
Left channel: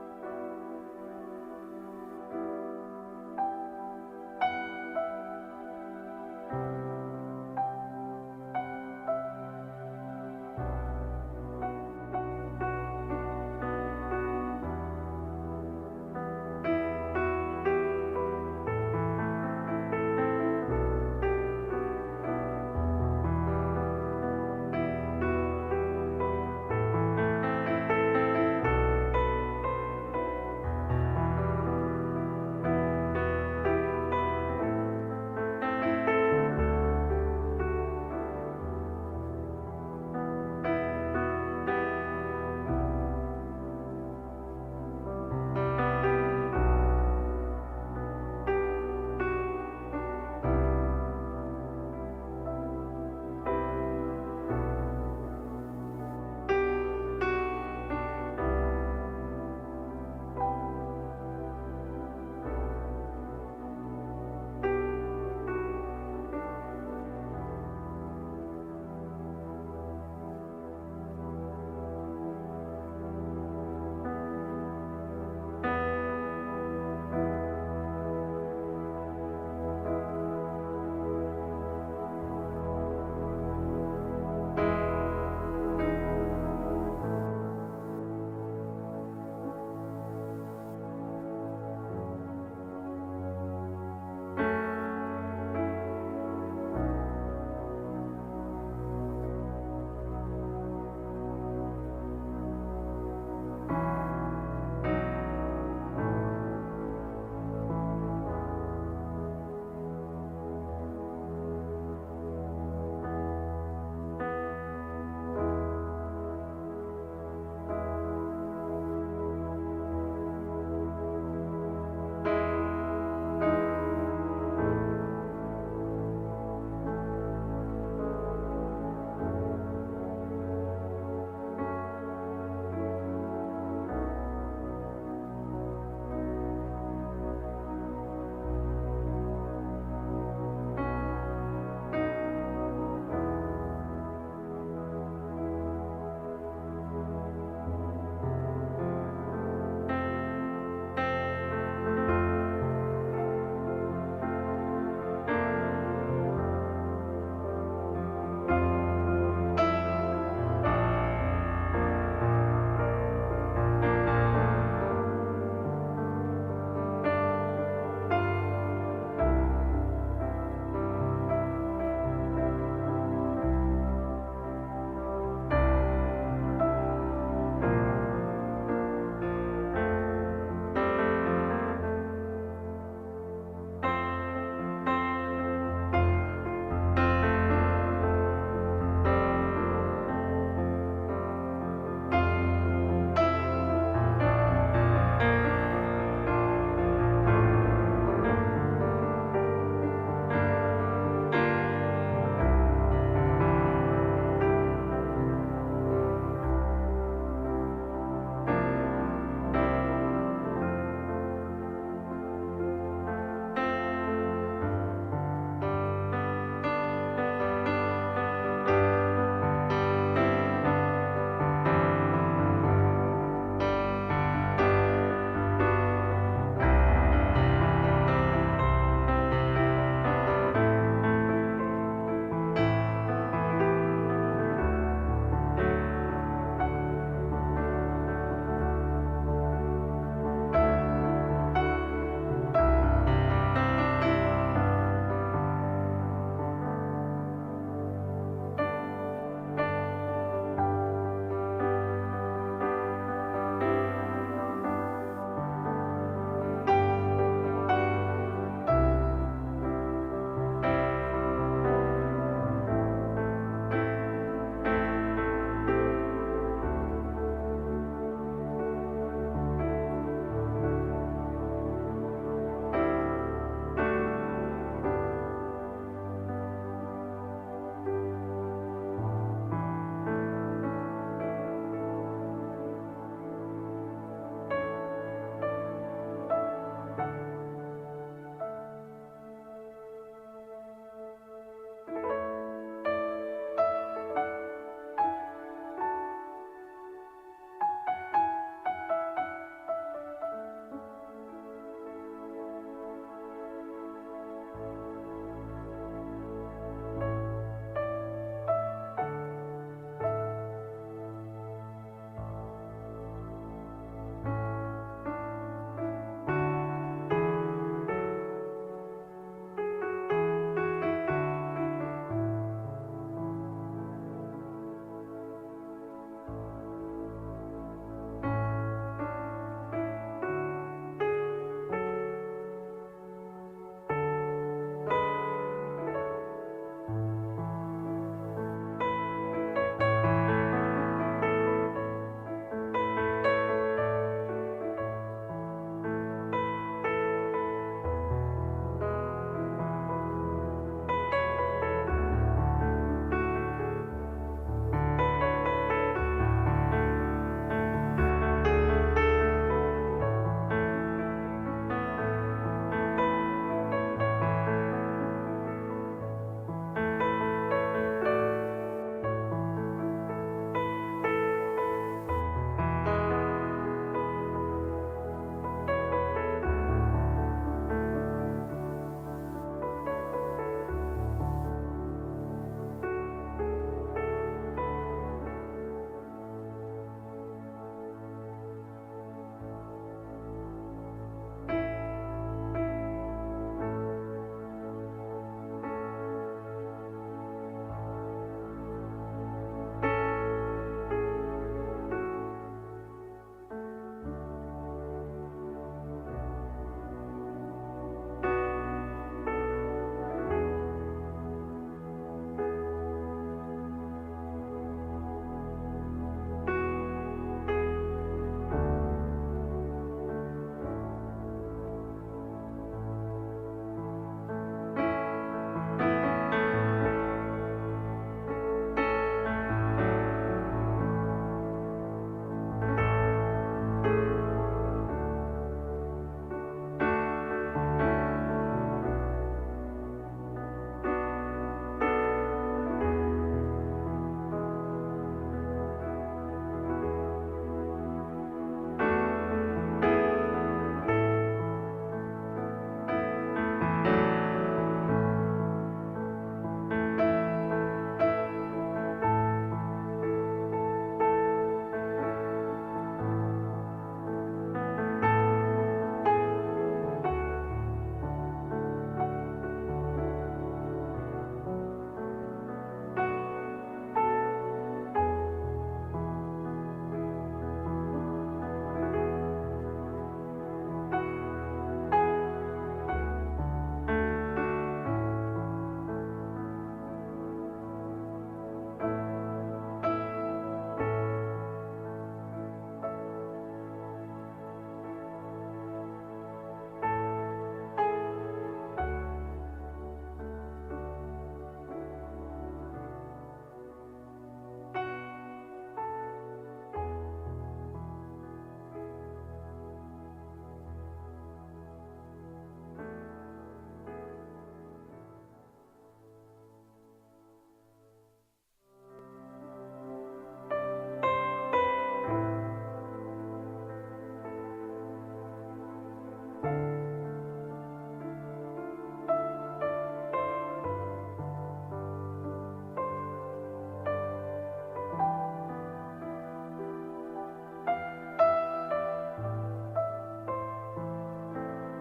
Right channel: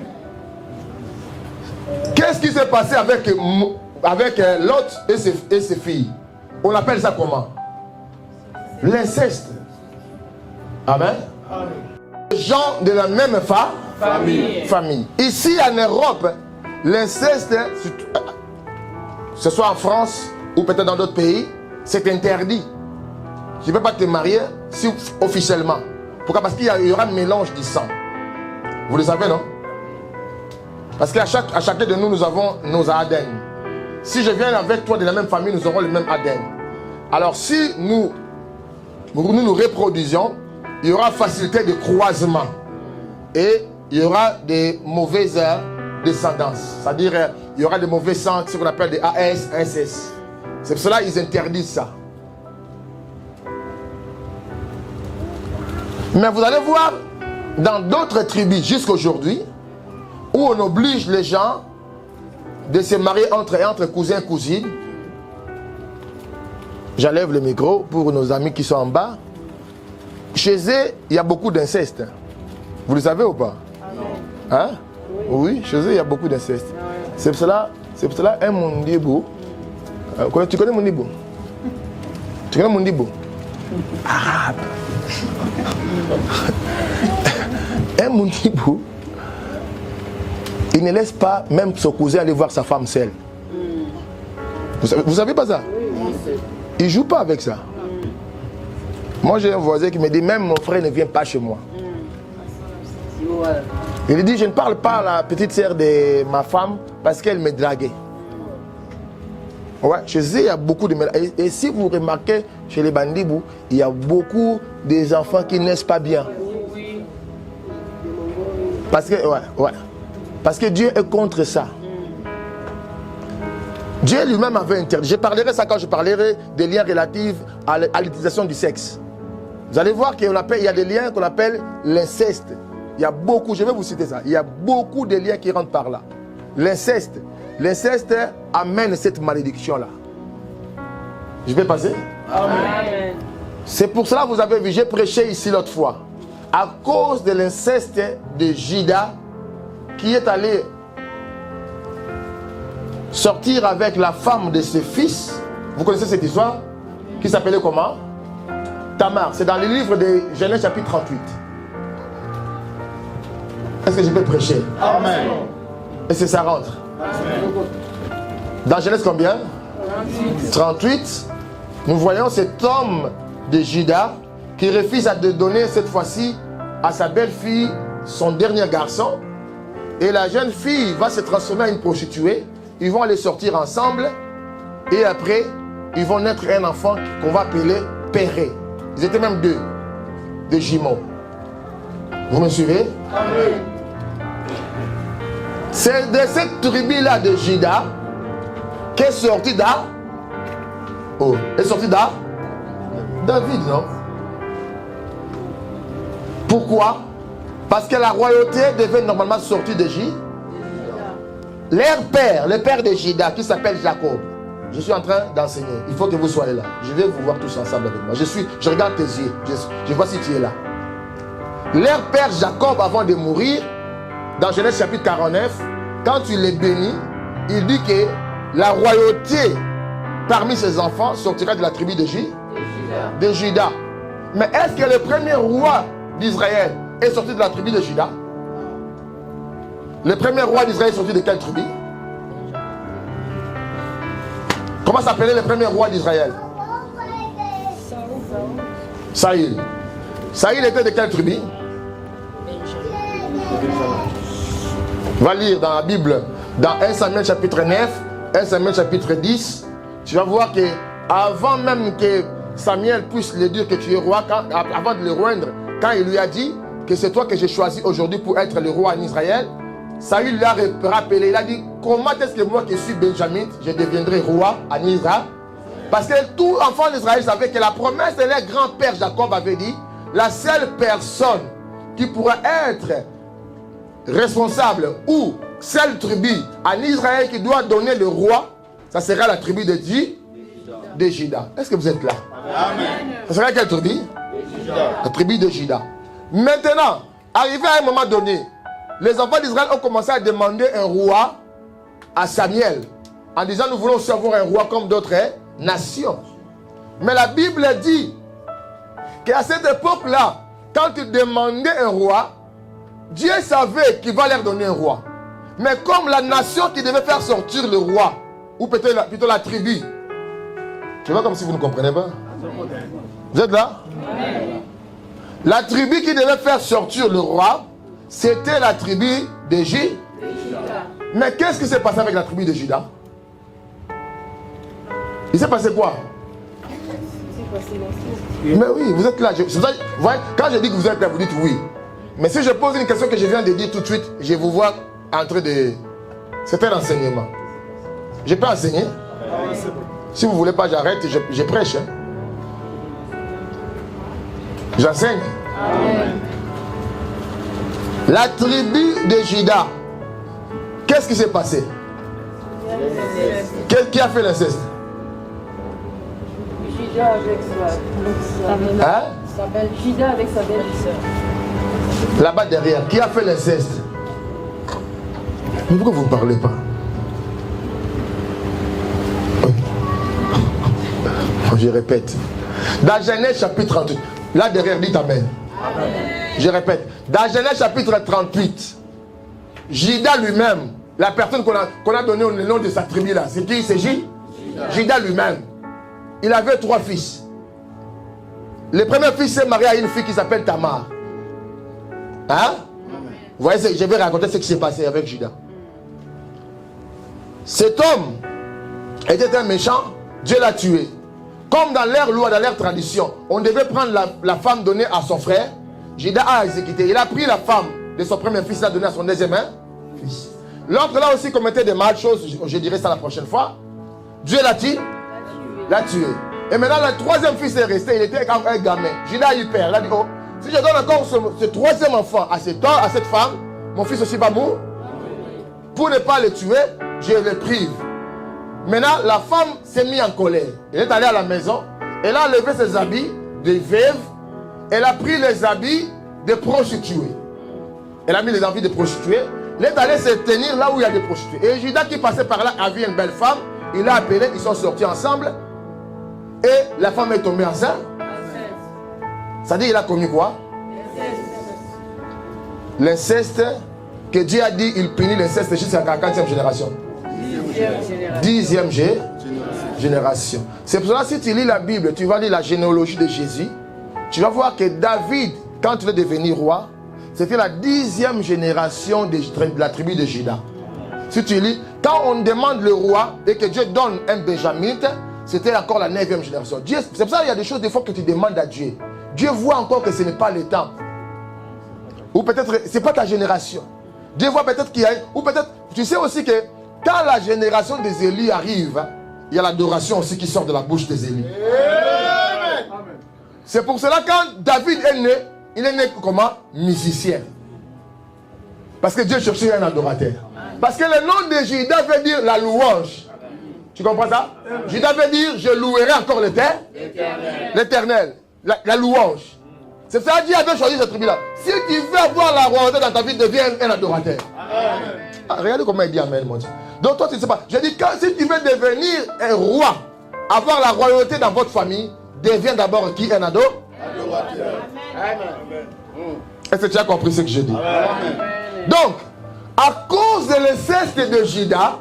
Qu'est-ce qui s'est passé avec Lot et ses filles? On appelle ça comment? L'inceste. Amen. Amen. Les gens de la même famille. Ici en Europe, l'inceste, que ce soit en France ou peut-être dans d'autres pays, c'est interdit. Tu ne peux pas te marier si officiellement. Pourquoi? Parce qu'il y aura un mélange du sang. Vous le savez, non? Parce qu'à chacun de nous, nous avons nos ADN. Si je viens avec toi de la même famille, nous aurons le même ADN. Alors si nous reproduisons, il y aura facilité de croisement. Et il y aura des mauvaises descendances. C'est-à-dire, il y aura des mauvais sangs, ce qu'on appelle des AS, SS. C'est pour cela qu'ils interdisent ça. Mais vous allez voir, dans d'autres tribus jusqu'à aujourd'hui, où on oblige les gens de se marier entre cousins et cousines. J'enlève le micro pour nos amis qui sont en bas. Chez eux, il y a beaucoup d'inceste. Vous le savez ou pas? Hein? Oui, chez eux, il y a beaucoup d'inceste. C'est pour cela un Mondibo. Tu connais Mondibo? Tu connais Mondibo? Arabe. Un Mondibo, il ne laisse pas même son cousin aller voir sa femme seule. Vous savez pas ça? Il ne joue pas avec ça. Moi j'ai un voisin qui me dit même mon frère ne vient pas chez moi. Il dit je ne parle pas à la petite sœur de ma femme parce qu'elle me draguait. Ouais, chez eux, il y a beaucoup de mélange. Et si vous remarquez, chez les Bandibou, il y a beaucoup des enfants qui naissent pas bien. Parce que, Parce que Dieu est contre ça. Dieu lui-même avait interdit. Je parlerai ça quand je parlerai des liens relatifs à l'utilisation du sexe. Vous allez voir qu'il y a des liens qu'on appelle l'inceste. Il y a beaucoup, je vais vous citer ça, il y a beaucoup de liens qui rentrent par là. L'inceste. L'inceste amène cette malédiction-là. Je vais passer. Amen. C'est pour cela que vous avez vu, j'ai prêché ici l'autre fois. À cause de l'inceste de Judas, qui est allé sortir avec la femme de ses fils. Vous connaissez cette histoire? Qui s'appelait comment? Tamar. C'est dans le livre de Genèse chapitre 38. Est-ce que je peux prêcher? Amen. Est-ce que ça rentre? Amen. Dans Genèse combien? 38. Nous voyons cet homme de Judas qui refuse de donner cette fois-ci à sa belle-fille son dernier garçon. Et la jeune fille va se transformer en une prostituée. Ils vont aller sortir ensemble. Et après, ils vont naître un enfant qu'on va appeler Péré. Ils étaient même deux, des jumeaux. Vous me suivez? Amen. C'est de cette tribu-là de Judas qu'est sorti David, non? Pourquoi? Parce que la royauté devait normalement sortir de Judas. Leur père, le père de Judas, qui s'appelle Jacob. Je suis en train d'enseigner. Il faut que vous soyez là. Je vais vous voir tous ensemble avec moi. Je regarde tes yeux. Je vois si tu es là. Leur père Jacob, avant de mourir, dans Genèse chapitre 49, quand il est béni, il dit que la royauté parmi ses enfants sortira de la tribu de Judas. Mais est-ce que le premier roi d'Israël est sorti de la tribu de Judas? Le premier roi d'Israël est sorti de quelle tribu? Comment s'appelait le premier roi d'Israël? Saül. Saül était de quelle tribu? Va lire dans la Bible, dans 1 Samuel chapitre 9, 1 Samuel chapitre 10, tu vas voir que avant même que Samuel puisse lui dire que tu es roi, avant de le rendre, quand il lui a dit que c'est toi que j'ai choisi aujourd'hui pour être le roi en Israël, Saül lui a rappelé, il a dit, comment est-ce que moi qui suis Benjamin, je deviendrai roi en Israël? Parce que tout enfant d'Israël savait que la promesse de leur grand-père Jacob avait dit, la seule personne qui pourra être responsable ou seule tribu en Israël qui doit donner le roi, ça sera la tribu de Judas. Est-ce que vous êtes là? Amen. Ça sera quelle tribu? La tribu de Judas. Maintenant, arrivé à un moment donné, les enfants d'Israël ont commencé à demander un roi à Samuel, en disant nous voulons aussi avoir un roi comme d'autres nations. Mais la Bible dit qu'à cette époque-là, quand ils demandaient un roi, Dieu savait qu'il va leur donner un roi. Mais comme la nation qui devait faire sortir le roi, ou peut-être plutôt la tribu, je vois comme si vous ne comprenez pas. Vous êtes là? La tribu qui devait faire sortir le roi, c'était la tribu de Judas. Mais qu'est-ce qui s'est passé avec la tribu de Judas? Il s'est passé quoi? Mais oui, vous êtes là. Quand je dis que vous êtes là, vous dites oui. Mais si je pose une question que je viens de dire tout de suite, je vous vois en train de... C'est un enseignement. Je peux enseigner? Si vous ne voulez pas, j'arrête, je prêche. J'enseigne. La tribu de Judas, qu'est-ce qui s'est passé? Qui a fait l'inceste? Judas avec sa belle Judas avec sa belle-sœur. Là-bas derrière, qui a fait l'inceste? Mais pourquoi vous ne parlez pas? Je répète. Dans Genèse chapitre 38, là derrière, dites Amen. Amen. Je répète. Dans Genèse chapitre 38, Judas lui-même, la personne qu'on a donné le nom de sa tribu là, c'est qui? C'est Judas lui-même. Il avait 3 fils. Le premier fils s'est marié à une fille qui s'appelle Tamar. Hein? Vous voyez, je vais raconter ce qui s'est passé avec Judas. Cet homme était un méchant, Dieu l'a tué. Comme dans leur loi, dans leur tradition, on devait prendre la femme donnée à son frère. Judas a exécuté. Il a pris la femme de son premier fils, l'a donnée à son deuxième fils. L'autre là aussi commettait des mal choses, je dirai ça la prochaine fois. Dieu l'a tué. Et maintenant le troisième fils est resté, il était un gamin. Judas a eu peur. Il a dit, oh, si je donne encore ce troisième enfant à cette femme, mon fils aussi va mourir. Pour ne pas le tuer, je le prive. Maintenant, la femme s'est mise en colère. Elle est allée à la maison. Elle a enlevé ses habits de veuve. Elle a pris les habits de prostituées. Elle a mis les habits de prostituées. Elle est allée se tenir là où il y a des prostituées. Et Judas qui passait par là a vu une belle femme. Il l'a appelée. Ils sont sortis ensemble. Et la femme est tombée enceinte. Ça dit, il a commis quoi? L'inceste. Que Dieu a dit, il punit l'inceste jusqu'à la 40e génération. 10e génération. C'est pour cela, si tu lis la Bible, tu vas lire la généalogie de Jésus, tu vas voir que David, quand il est devenu roi, c'était la 10e génération de la tribu de Juda. Si tu lis, quand on demande le roi et que Dieu donne un benjamite, c'était encore la 9e génération. C'est pour ça qu'il y a des choses des fois que tu demandes à Dieu. Dieu voit encore que ce n'est pas le temps. Ou peut-être, ce n'est pas ta génération. Dieu voit peut-être qu'il y a... Ou peut-être, tu sais aussi que quand la génération des Élis arrive, il y a l'adoration aussi qui sort de la bouche des Élis. C'est pour cela quand David est né, il est né comment? Musicien. Parce que Dieu cherchait un adorateur. Parce que le nom de Judas veut dire la louange. Tu comprends ça? Judas veut dire je louerai encore l'Éternel. La louange. C'est ça que Dieu avait choisi cette tribu-là. Si tu veux avoir la royauté dans ta vie, deviens un adorateur. Regardez comment il dit Amen, mon Dieu. Donc toi, tu ne sais pas. Je dis, si tu veux devenir un roi, avoir la royauté dans votre famille, deviens d'abord qui? Un adorateur. Est-ce que tu as compris ce que je dis? Donc, à cause de l'inceste de Judas,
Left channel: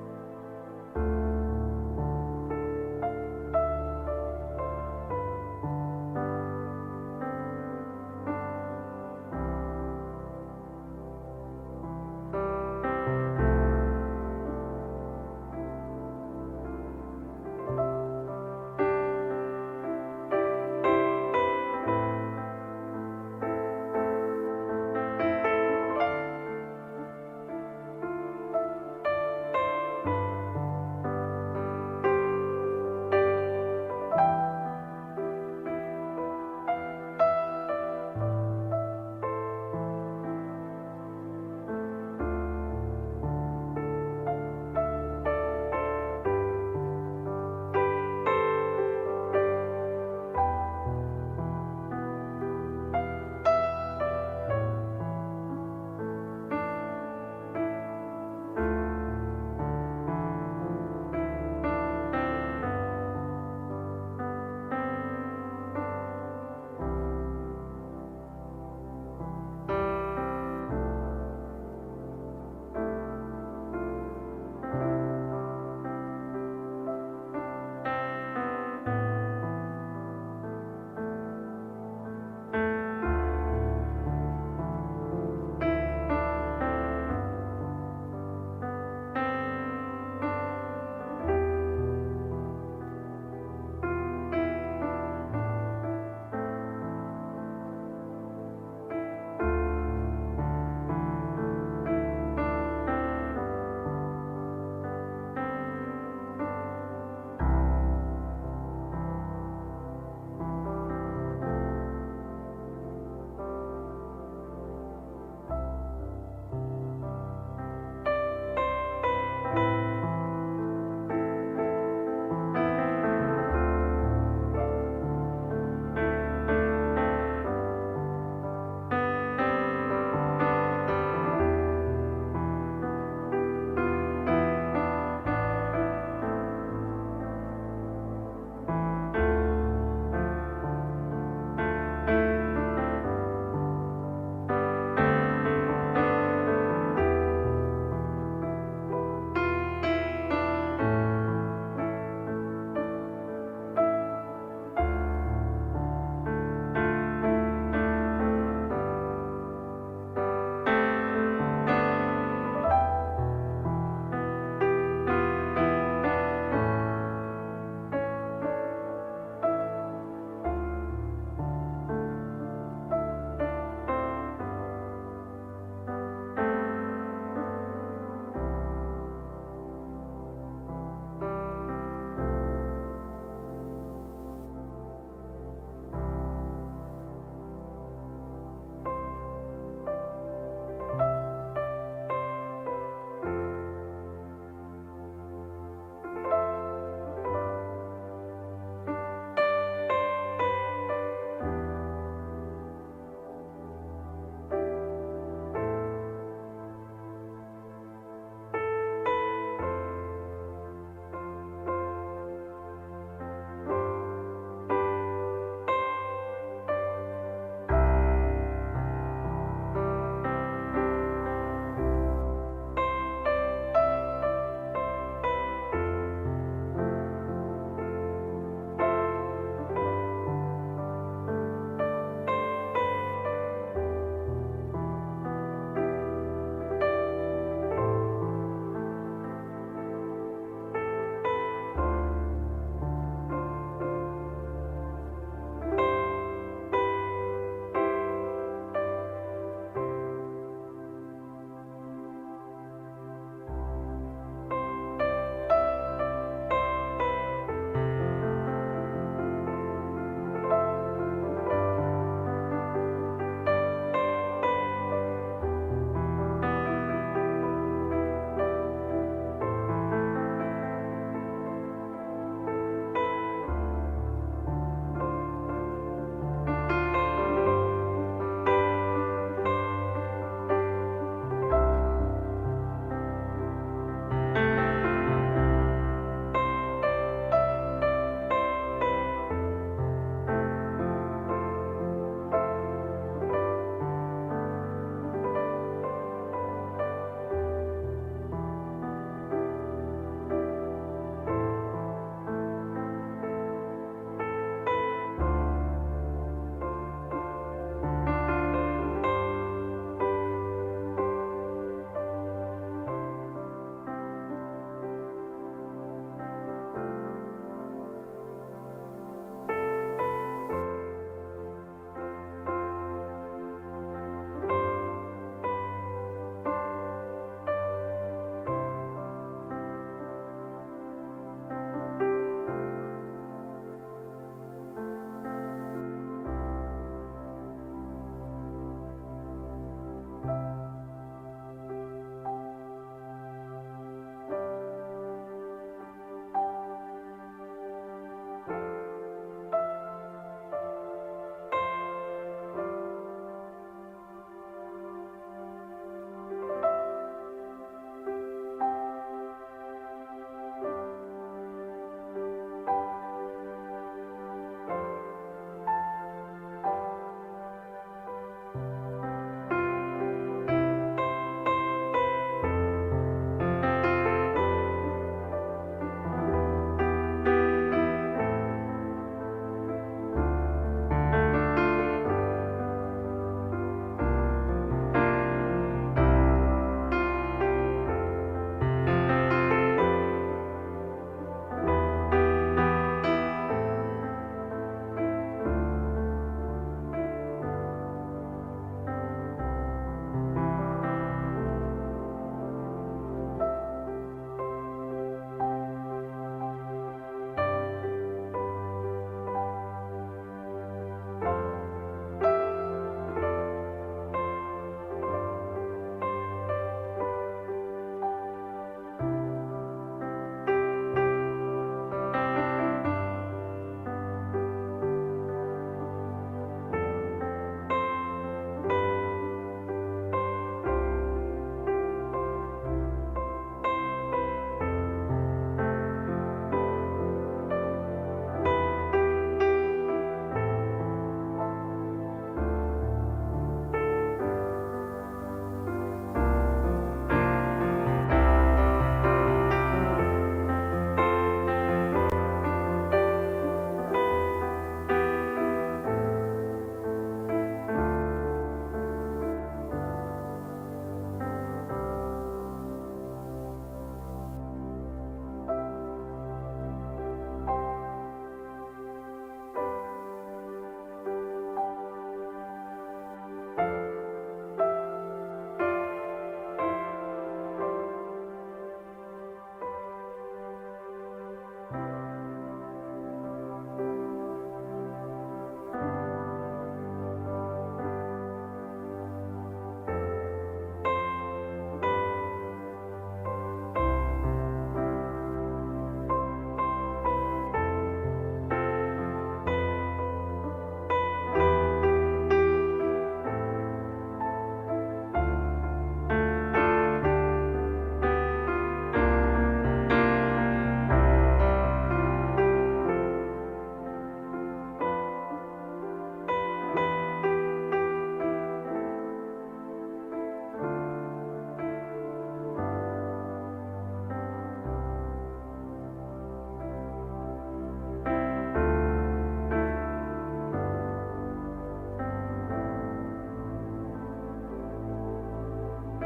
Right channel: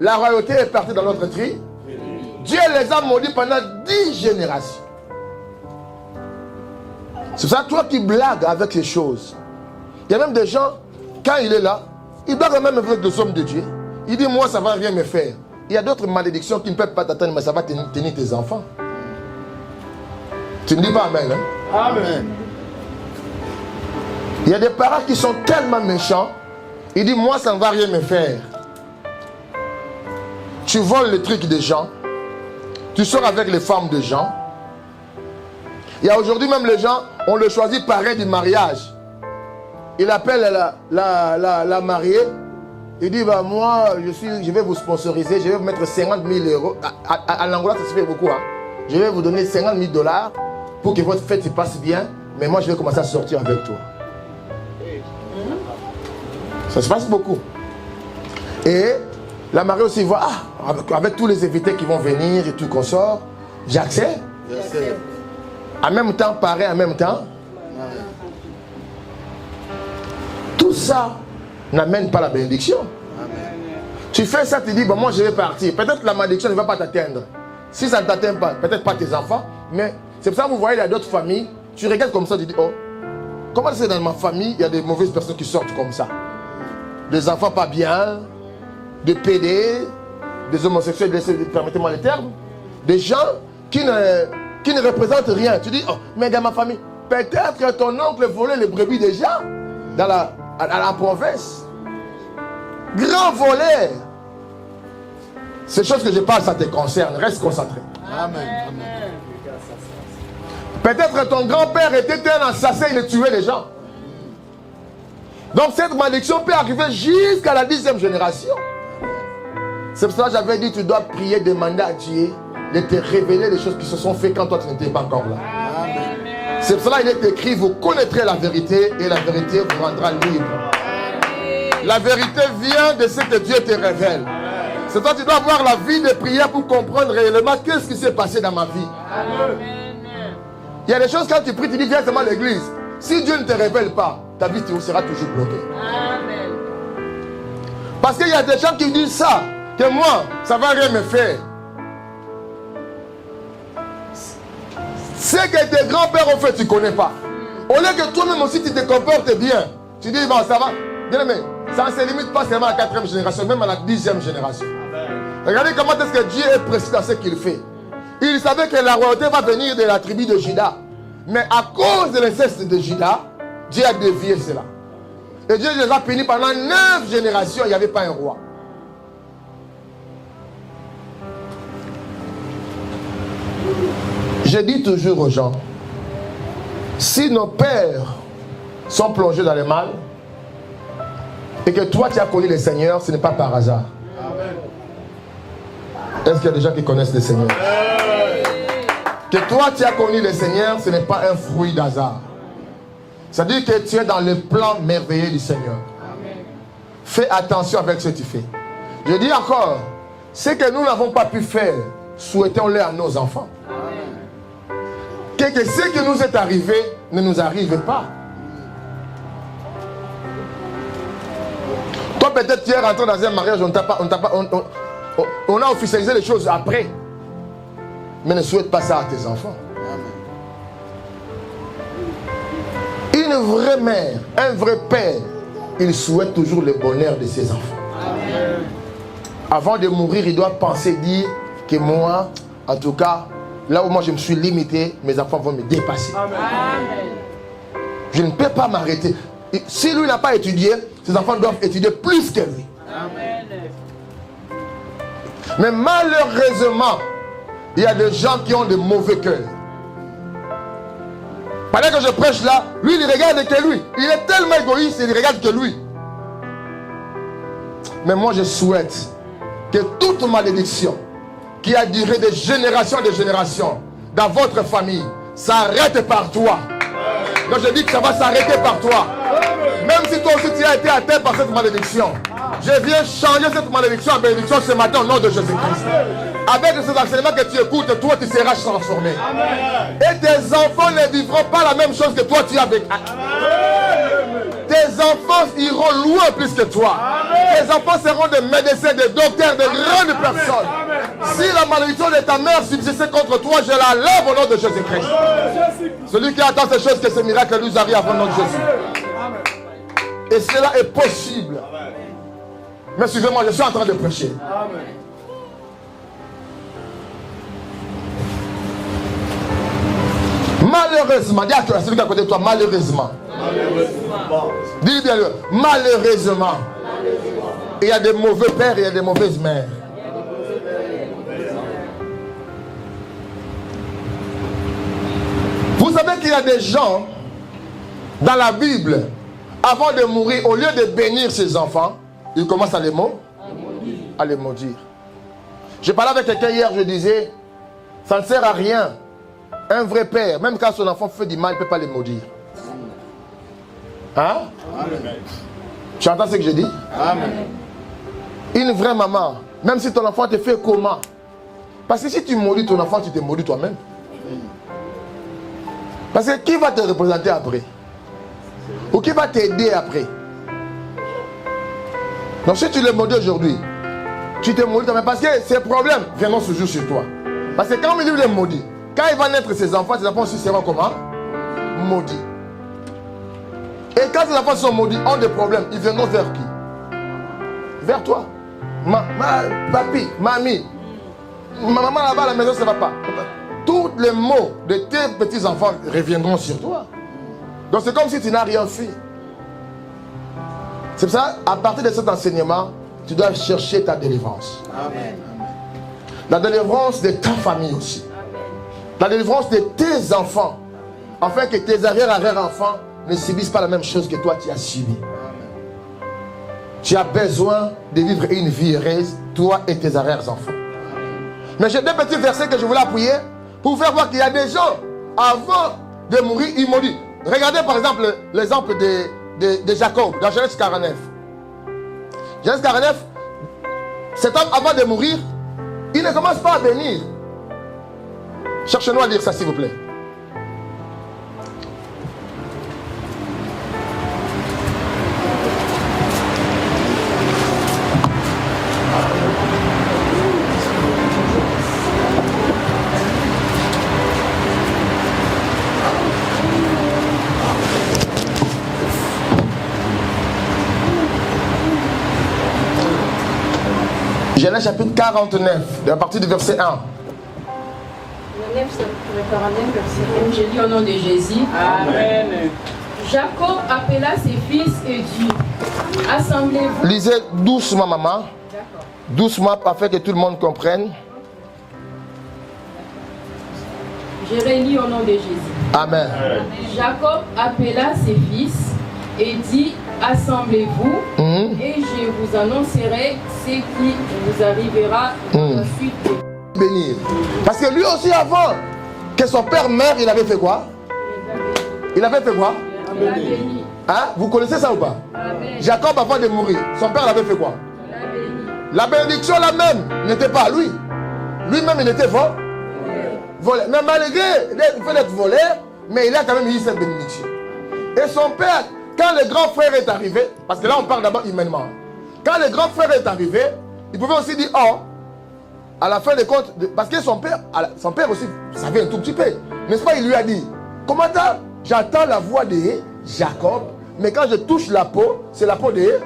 la royauté est partie dans notre tri. Dieu les a maudits pendant 10 générations. C'est ça, toi qui blagues avec ces choses. Il y a même des gens, quand il est là, il blague même avec des hommes de Dieu. Il dit, moi, ça ne va rien me faire. Il y a d'autres malédictions qui ne peuvent pas t'atteindre, mais ça va tenir tes enfants. Tu ne dis pas Amen, hein? Amen. Il y a des parents qui sont tellement méchants. Il dit, moi, ça ne va rien me faire. Tu voles les trucs des gens. Tu sors avec les femmes des gens. Il y a aujourd'hui même les gens, on le choisit parrain du mariage. Il appelle la mariée. Il dit, bah, moi, je vais vous sponsoriser, je vais vous mettre 50 000 euros. À l'Angola, ça se fait beaucoup. Hein. Je vais vous donner 50 000 $ pour que votre fête se passe bien. Mais moi, je vais commencer à sortir avec toi. Ça se passe beaucoup. Et la mariée aussi voit, avec tous les invités qui vont venir et tout qu'on sort, j'accepte. En même temps, pareil, en même temps. Tout ça n'amène pas la bénédiction. Tu fais ça, tu dis, bon, moi je vais partir. Peut-être la malédiction ne va pas t'atteindre. Si ça ne t'atteint pas, peut-être pas tes enfants, mais c'est pour ça que vous voyez, il y a d'autres familles, tu regardes comme ça, tu dis, oh, comment c'est dans ma famille, il y a des mauvaises personnes qui sortent comme ça. Des enfants pas bien, des PD, des homosexuels, permettez-moi les termes, des gens qui ne représentent rien. Tu dis, oh, mais dans ma famille, peut-être que ton oncle volait les brebis des gens à la province. Grand voleur. Ces choses que je parle, ça te concerne. Reste concentré. Amen. Peut-être ton grand-père était un assassin, il tuait les gens. Donc cette malédiction peut arriver jusqu'à la 10e génération. C'est pour ça que j'avais dit, tu dois prier, demander à Dieu de te révéler les choses qui se sont faites quand toi tu n'étais pas encore là. C'est pour cela qu'il est écrit, vous connaîtrez la vérité et la vérité vous rendra libre. La vérité vient de ce que Dieu te révèle. C'est toi tu dois avoir la vie de prière pour comprendre réellement qu'est-ce qui s'est passé dans ma vie. Il y a des choses quand tu pries, tu dis directement à l'église. Si Dieu ne te révèle pas, ta vie sera toujours bloquée. Parce qu'il y a des gens qui disent ça, que moi, ça ne va rien me faire. Ce que tes grands-pères ont fait, tu ne connais pas. Au lieu que toi-même aussi tu te comportes bien, tu dis, bon, ça va. Bien aimé, ça ne se limite pas seulement à la 4e génération, même à la 10e génération. Regardez comment est-ce que Dieu est précis dans ce qu'il fait. Il savait que la royauté va venir de la tribu de Juda. Mais à cause de l'inceste de Juda, Dieu a dévié cela. Et Dieu les a punis pendant 9 générations, il n'y avait pas un roi. Je dis toujours aux gens, si nos pères sont plongés dans le mal, et que toi tu as connu le Seigneur, ce n'est pas par hasard. Est-ce qu'il y a des gens qui connaissent le Seigneur? Que toi tu as connu le Seigneur, ce n'est pas un fruit d'hasard. C'est-à-dire que tu es dans le plan merveilleux du Seigneur. Fais attention avec ce que tu fais. Je dis encore, ce que nous n'avons pas pu faire, souhaitons-le à nos enfants. Que ce qui nous est arrivé ne nous arrive pas. Toi peut-être tu es rentré dans un mariage, on a officialisé les choses après. Mais ne souhaite pas ça à tes enfants. Une vraie mère, un vrai père, il souhaite toujours le bonheur de ses enfants. Avant de mourir, il doit penser, dire que moi, en tout cas, là où moi je me suis limité, mes enfants vont me dépasser. Je ne peux pas m'arrêter. Si lui n'a pas étudié, ses enfants doivent étudier plus que lui. Mais malheureusement, il y a des gens qui ont de mauvais cœurs. Pendant que je prêche là, lui il regarde que lui. Il est tellement égoïste, il ne regarde que lui. Mais moi je souhaite que toute malédiction qui a duré de génération en génération dans votre famille s'arrête par toi. Donc je dis que ça va s'arrêter par toi. Même si toi aussi tu as été atteint par cette malédiction, je viens changer cette malédiction en bénédiction ce matin au nom de Jésus-Christ. Avec ces enseignements que tu écoutes, toi tu seras transformé. Et tes enfants ne vivront pas la même chose que toi tu as vécu. Tes enfants iront loin plus que toi. Tes enfants seront des médecins, des docteurs, des grandes personnes. Si la malédiction de ta mère subsistait contre toi, je la lève au nom de Jésus-Christ. Celui qui attend ces choses, que ce miracle nous arrive au nom de Jésus. Et cela est possible. Mais suivez-moi, je suis en train de prêcher. Malheureusement, dis à celui qui est à côté de toi, malheureusement. Dis bien le malheureusement. Il y a des mauvais pères et il y a des mauvaises mères. Vous savez qu'il y a des gens dans la Bible, avant de mourir, au lieu de bénir ses enfants, ils commencent à les maudire. Je parlais avec quelqu'un hier, je disais, ça ne sert à rien. Un vrai père, même quand son enfant fait du mal, il ne peut pas les maudire. Hein? Amen. Tu entends ce que je dis? Amen. Une vraie maman, même si ton enfant te fait comment? Parce que si tu maudis ton enfant, tu te maudis toi-même. Parce que qui va te représenter après? Ou qui va t'aider après? Donc si tu le maudis aujourd'hui, tu te maudis toi-même. Parce que ces problèmes viendront toujours sur toi. Parce que quand il les maudit, quand il va naître ses enfants aussi seront comment? Maudits. Et quand ces enfants sont maudits, ont des problèmes, ils viendront vers qui? Vers toi. Papi, mamie. Ma maman là-bas à la maison, ça ne va pas. Tous les maux de tes petits-enfants reviendront sur toi. Donc c'est comme si tu n'as rien fait. C'est pour ça, à partir de cet enseignement, tu dois chercher ta délivrance. Amen. La délivrance de ta famille aussi. La délivrance de tes enfants. Afin que tes arrière-enfants ne subissent pas la même chose que toi tu as subi. Tu as besoin de vivre une vie heureuse, toi et tes arrière-enfants. Mais j'ai deux petits versets que je voulais appuyer pour vous faire voir qu'il y a des gens, avant de mourir, ils m'ont dit. Regardez par exemple l'exemple de Jacob dans Genèse 49. Genèse 49, cet homme avant de mourir, il ne commence pas à bénir. Cherchez-nous à lire ça s'il vous plaît. Genèse chapitre 49, à partir du verset 1. Genèse 49, verset 1. Je lis au nom de Jésus. Amen. Jacob appela ses fils et dit, assemblez-vous. Lisez doucement, maman. Doucement, afin que tout le monde comprenne. Je relis au nom de Jésus. Amen. Jacob appela ses fils et dit, assemblez-vous et je vous annoncerai ce qui vous arrivera ensuite. Bénir. Parce que lui aussi, avant que son père meure, il avait fait quoi? Il avait fait quoi? Hein? Vous connaissez ça ou pas? Jacob, avant de mourir, son père l'avait fait quoi? La bénédiction là-même n'était pas à lui. Lui-même, il était volé. Mais malgré le fait d'être volé, mais il a quand même eu cette bénédiction. Et son père, quand le grand frère est arrivé, parce que là on parle d'abord humainement, quand le grand frère est arrivé, il pouvait aussi dire, oh, à la fin des comptes, parce que son père aussi savait un tout petit peu. N'est-ce pas, il lui a dit, comment ça, j'entends la voix de Jacob, mais quand je touche la peau, c'est la peau de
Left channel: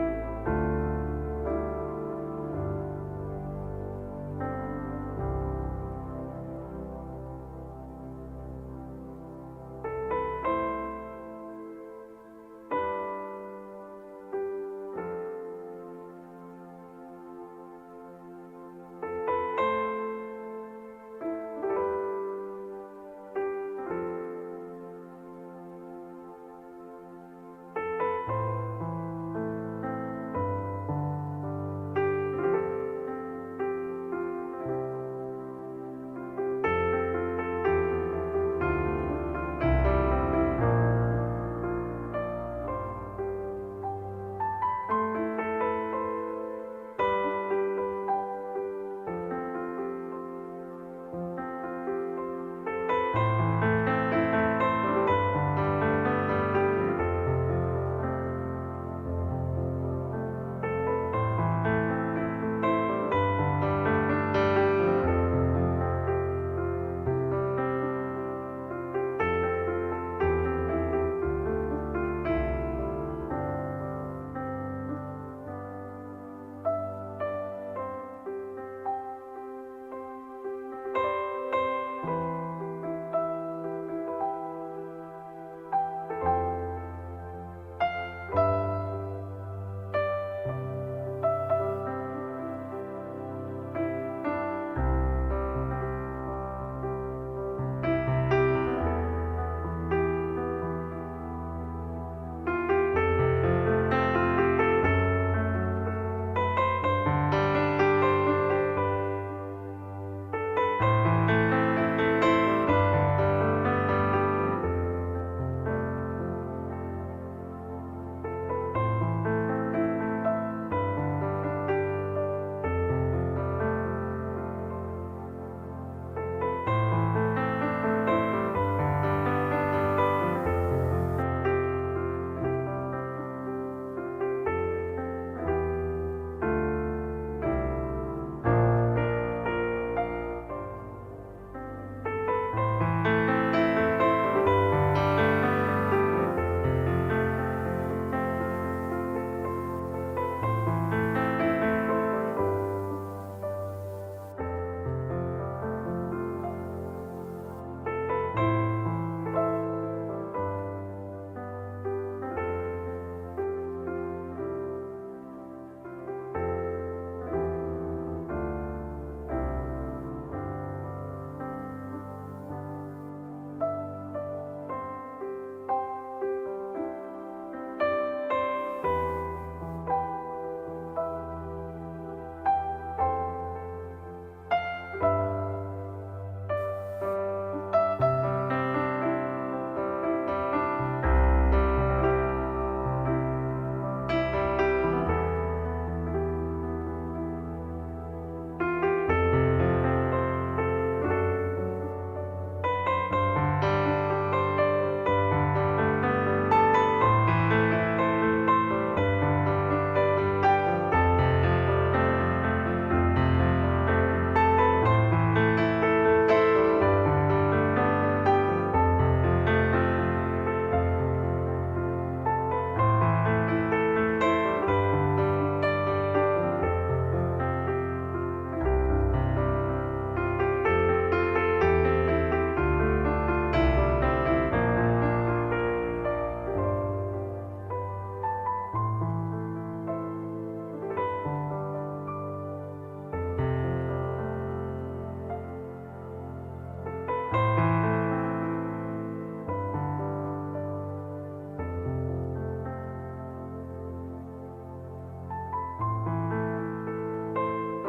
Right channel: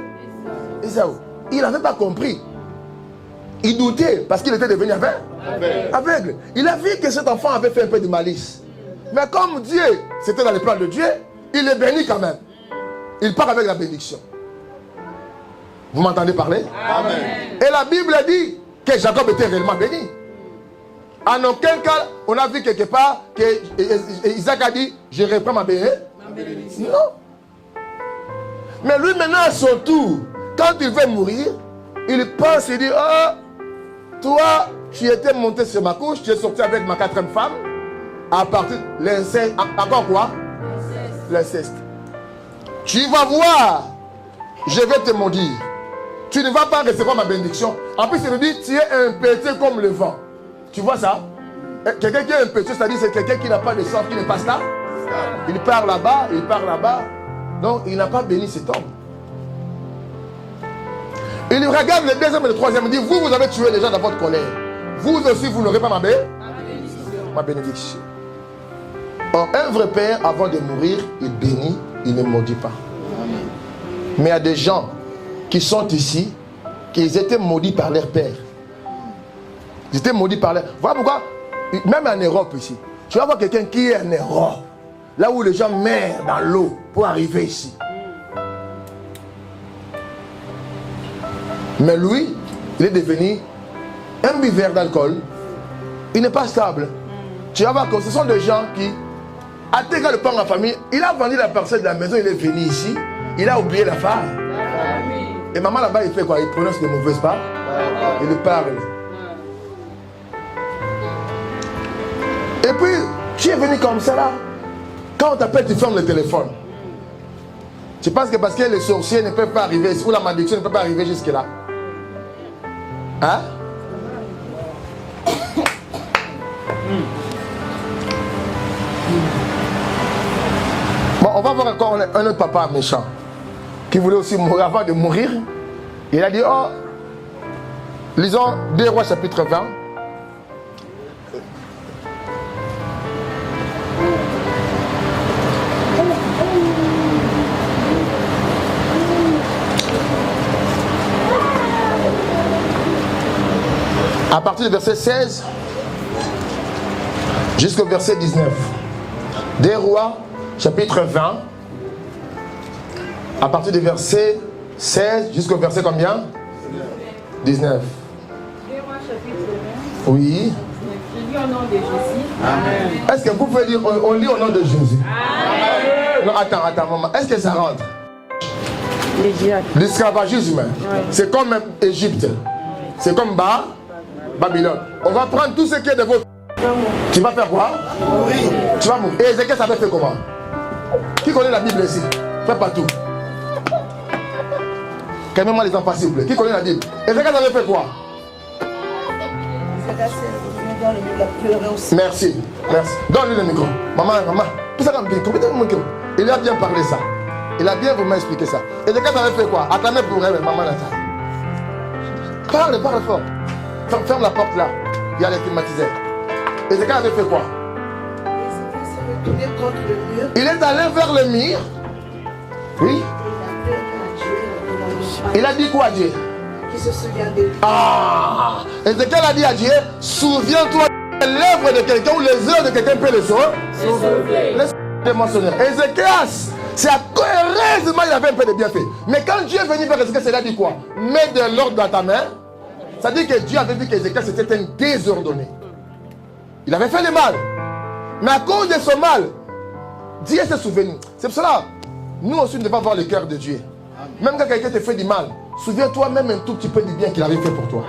Ésaü. Il n'avait pas compris. Il doutait parce qu'il était devenu aveugle. Il a vu que cet enfant avait fait un peu de malice. Mais comme Dieu, c'était dans les plans de Dieu, il est béni quand même. Il part avec la bénédiction. Vous m'entendez parler? Amen. Et la Bible dit que Jacob était réellement béni. En aucun cas, on a vu quelque part que Isaac a dit, je reprends ma bénédiction. Non. Mais lui maintenant à son tour, quand il veut mourir, il pense, il dit, oh, toi, tu étais monté sur ma couche, tu es sorti avec ma 4e femme, à partir de l'inceste, encore quoi? L'inceste. Tu vas voir, je vais te maudire. Tu ne vas pas recevoir ma bénédiction. En plus, il me dit, tu es impétueux comme le vent. Tu vois ça? Quelqu'un qui est impétueux, c'est-à-dire c'est quelqu'un qui n'a pas de sang, qui ne passe là. Il part là-bas, il part là-bas. Donc, il n'a pas béni cet homme. Il regarde le deuxième et le troisième, il dit, vous avez tué les gens dans votre colère. Vous aussi, vous n'aurez pas ma bénédiction. Or, un vrai père, avant de mourir, il bénit, il ne maudit pas. Mais il y a des gens qui sont ici, qui étaient maudits par leur père. Ils étaient maudits par leur... Voilà pourquoi, même en Europe ici, tu vas voir quelqu'un qui est en Europe, là où les gens meurent dans l'eau pour arriver ici. Mais lui, il est devenu un buveur d'alcool. Il n'est pas stable. Tu vas voir que ce sont des gens qui, à dégager le pain en famille, il a vendu la parcelle de la maison, il est venu ici, il a oublié la femme. Et maman là-bas, il fait quoi? Il prononce de mauvaises paroles. Il parle. Et puis, tu es venu comme ça là. Quand on t'appelle, tu fermes le téléphone. Tu penses que parce que les sorciers ne peuvent pas arriver, ou la malédiction ne peut pas arriver jusque là. Hein? Bon, on va voir encore un autre papa méchant qui voulait aussi mourir avant de mourir. Il a dit, oh, lisons 2 Rois chapitre 20. À partir du verset 16 jusqu'au verset 19. 2 Rois, chapitre 20. À partir du verset 16 jusqu'au verset combien? 19. 2 Rois, chapitre 20. Oui. Je lis au nom de Jésus. Amen. Est-ce que vous pouvez dire, on lit au nom de Jésus? Amen. Non, attends, maman. Est-ce que ça rentre? L'esclavagisme, c'est comme Égypte. C'est comme Babylone. On va prendre tout ce qui est de votre... Tu vas faire quoi? Mourir. Tu vas mourir. Et Ézéchiel avait fait comment? Qui connaît la Bible ici? Fais pas tout. Calmez-moi les enfants s'il vous plaît. Qui connaît la Bible? Ézéchiel avait fait quoi? Merci. Merci. Donne-lui le micro. Maman. Tout ça dans le micro. Il a bien parlé ça. Il a bien vraiment expliqué ça. Ézéchiel avait fait quoi? Attendez pour elle, maman là. Parle fort. Ferme la porte là. Il y a les climatiseurs. Ézéchiel avait fait quoi? Il est allé vers le mur. Oui. Il a dit quoi à Dieu? il se souvient de toi. Ah, Ézéchiel a dit à Dieu, souviens-toi de l'œuvre de quelqu'un ou les œuvres de quelqu'un peut les sauver. Laisse-moi mentionner. Ézéchias, c'est à heureusement il avait un peu de bienfait. Mais quand Dieu est venu vers Ézéchias, il a dit quoi? Mets de l'ordre dans ta main. Ça dit que Dieu avait dit qu'Ézéchias était un désordonné. Il avait fait le mal. Mais à cause de ce mal, Dieu s'est souvenu. C'est pour cela, nous aussi, nous devons avoir le cœur de Dieu. Même quand quelqu'un te fait du mal, souviens-toi même un tout petit peu du bien qu'il avait fait pour toi.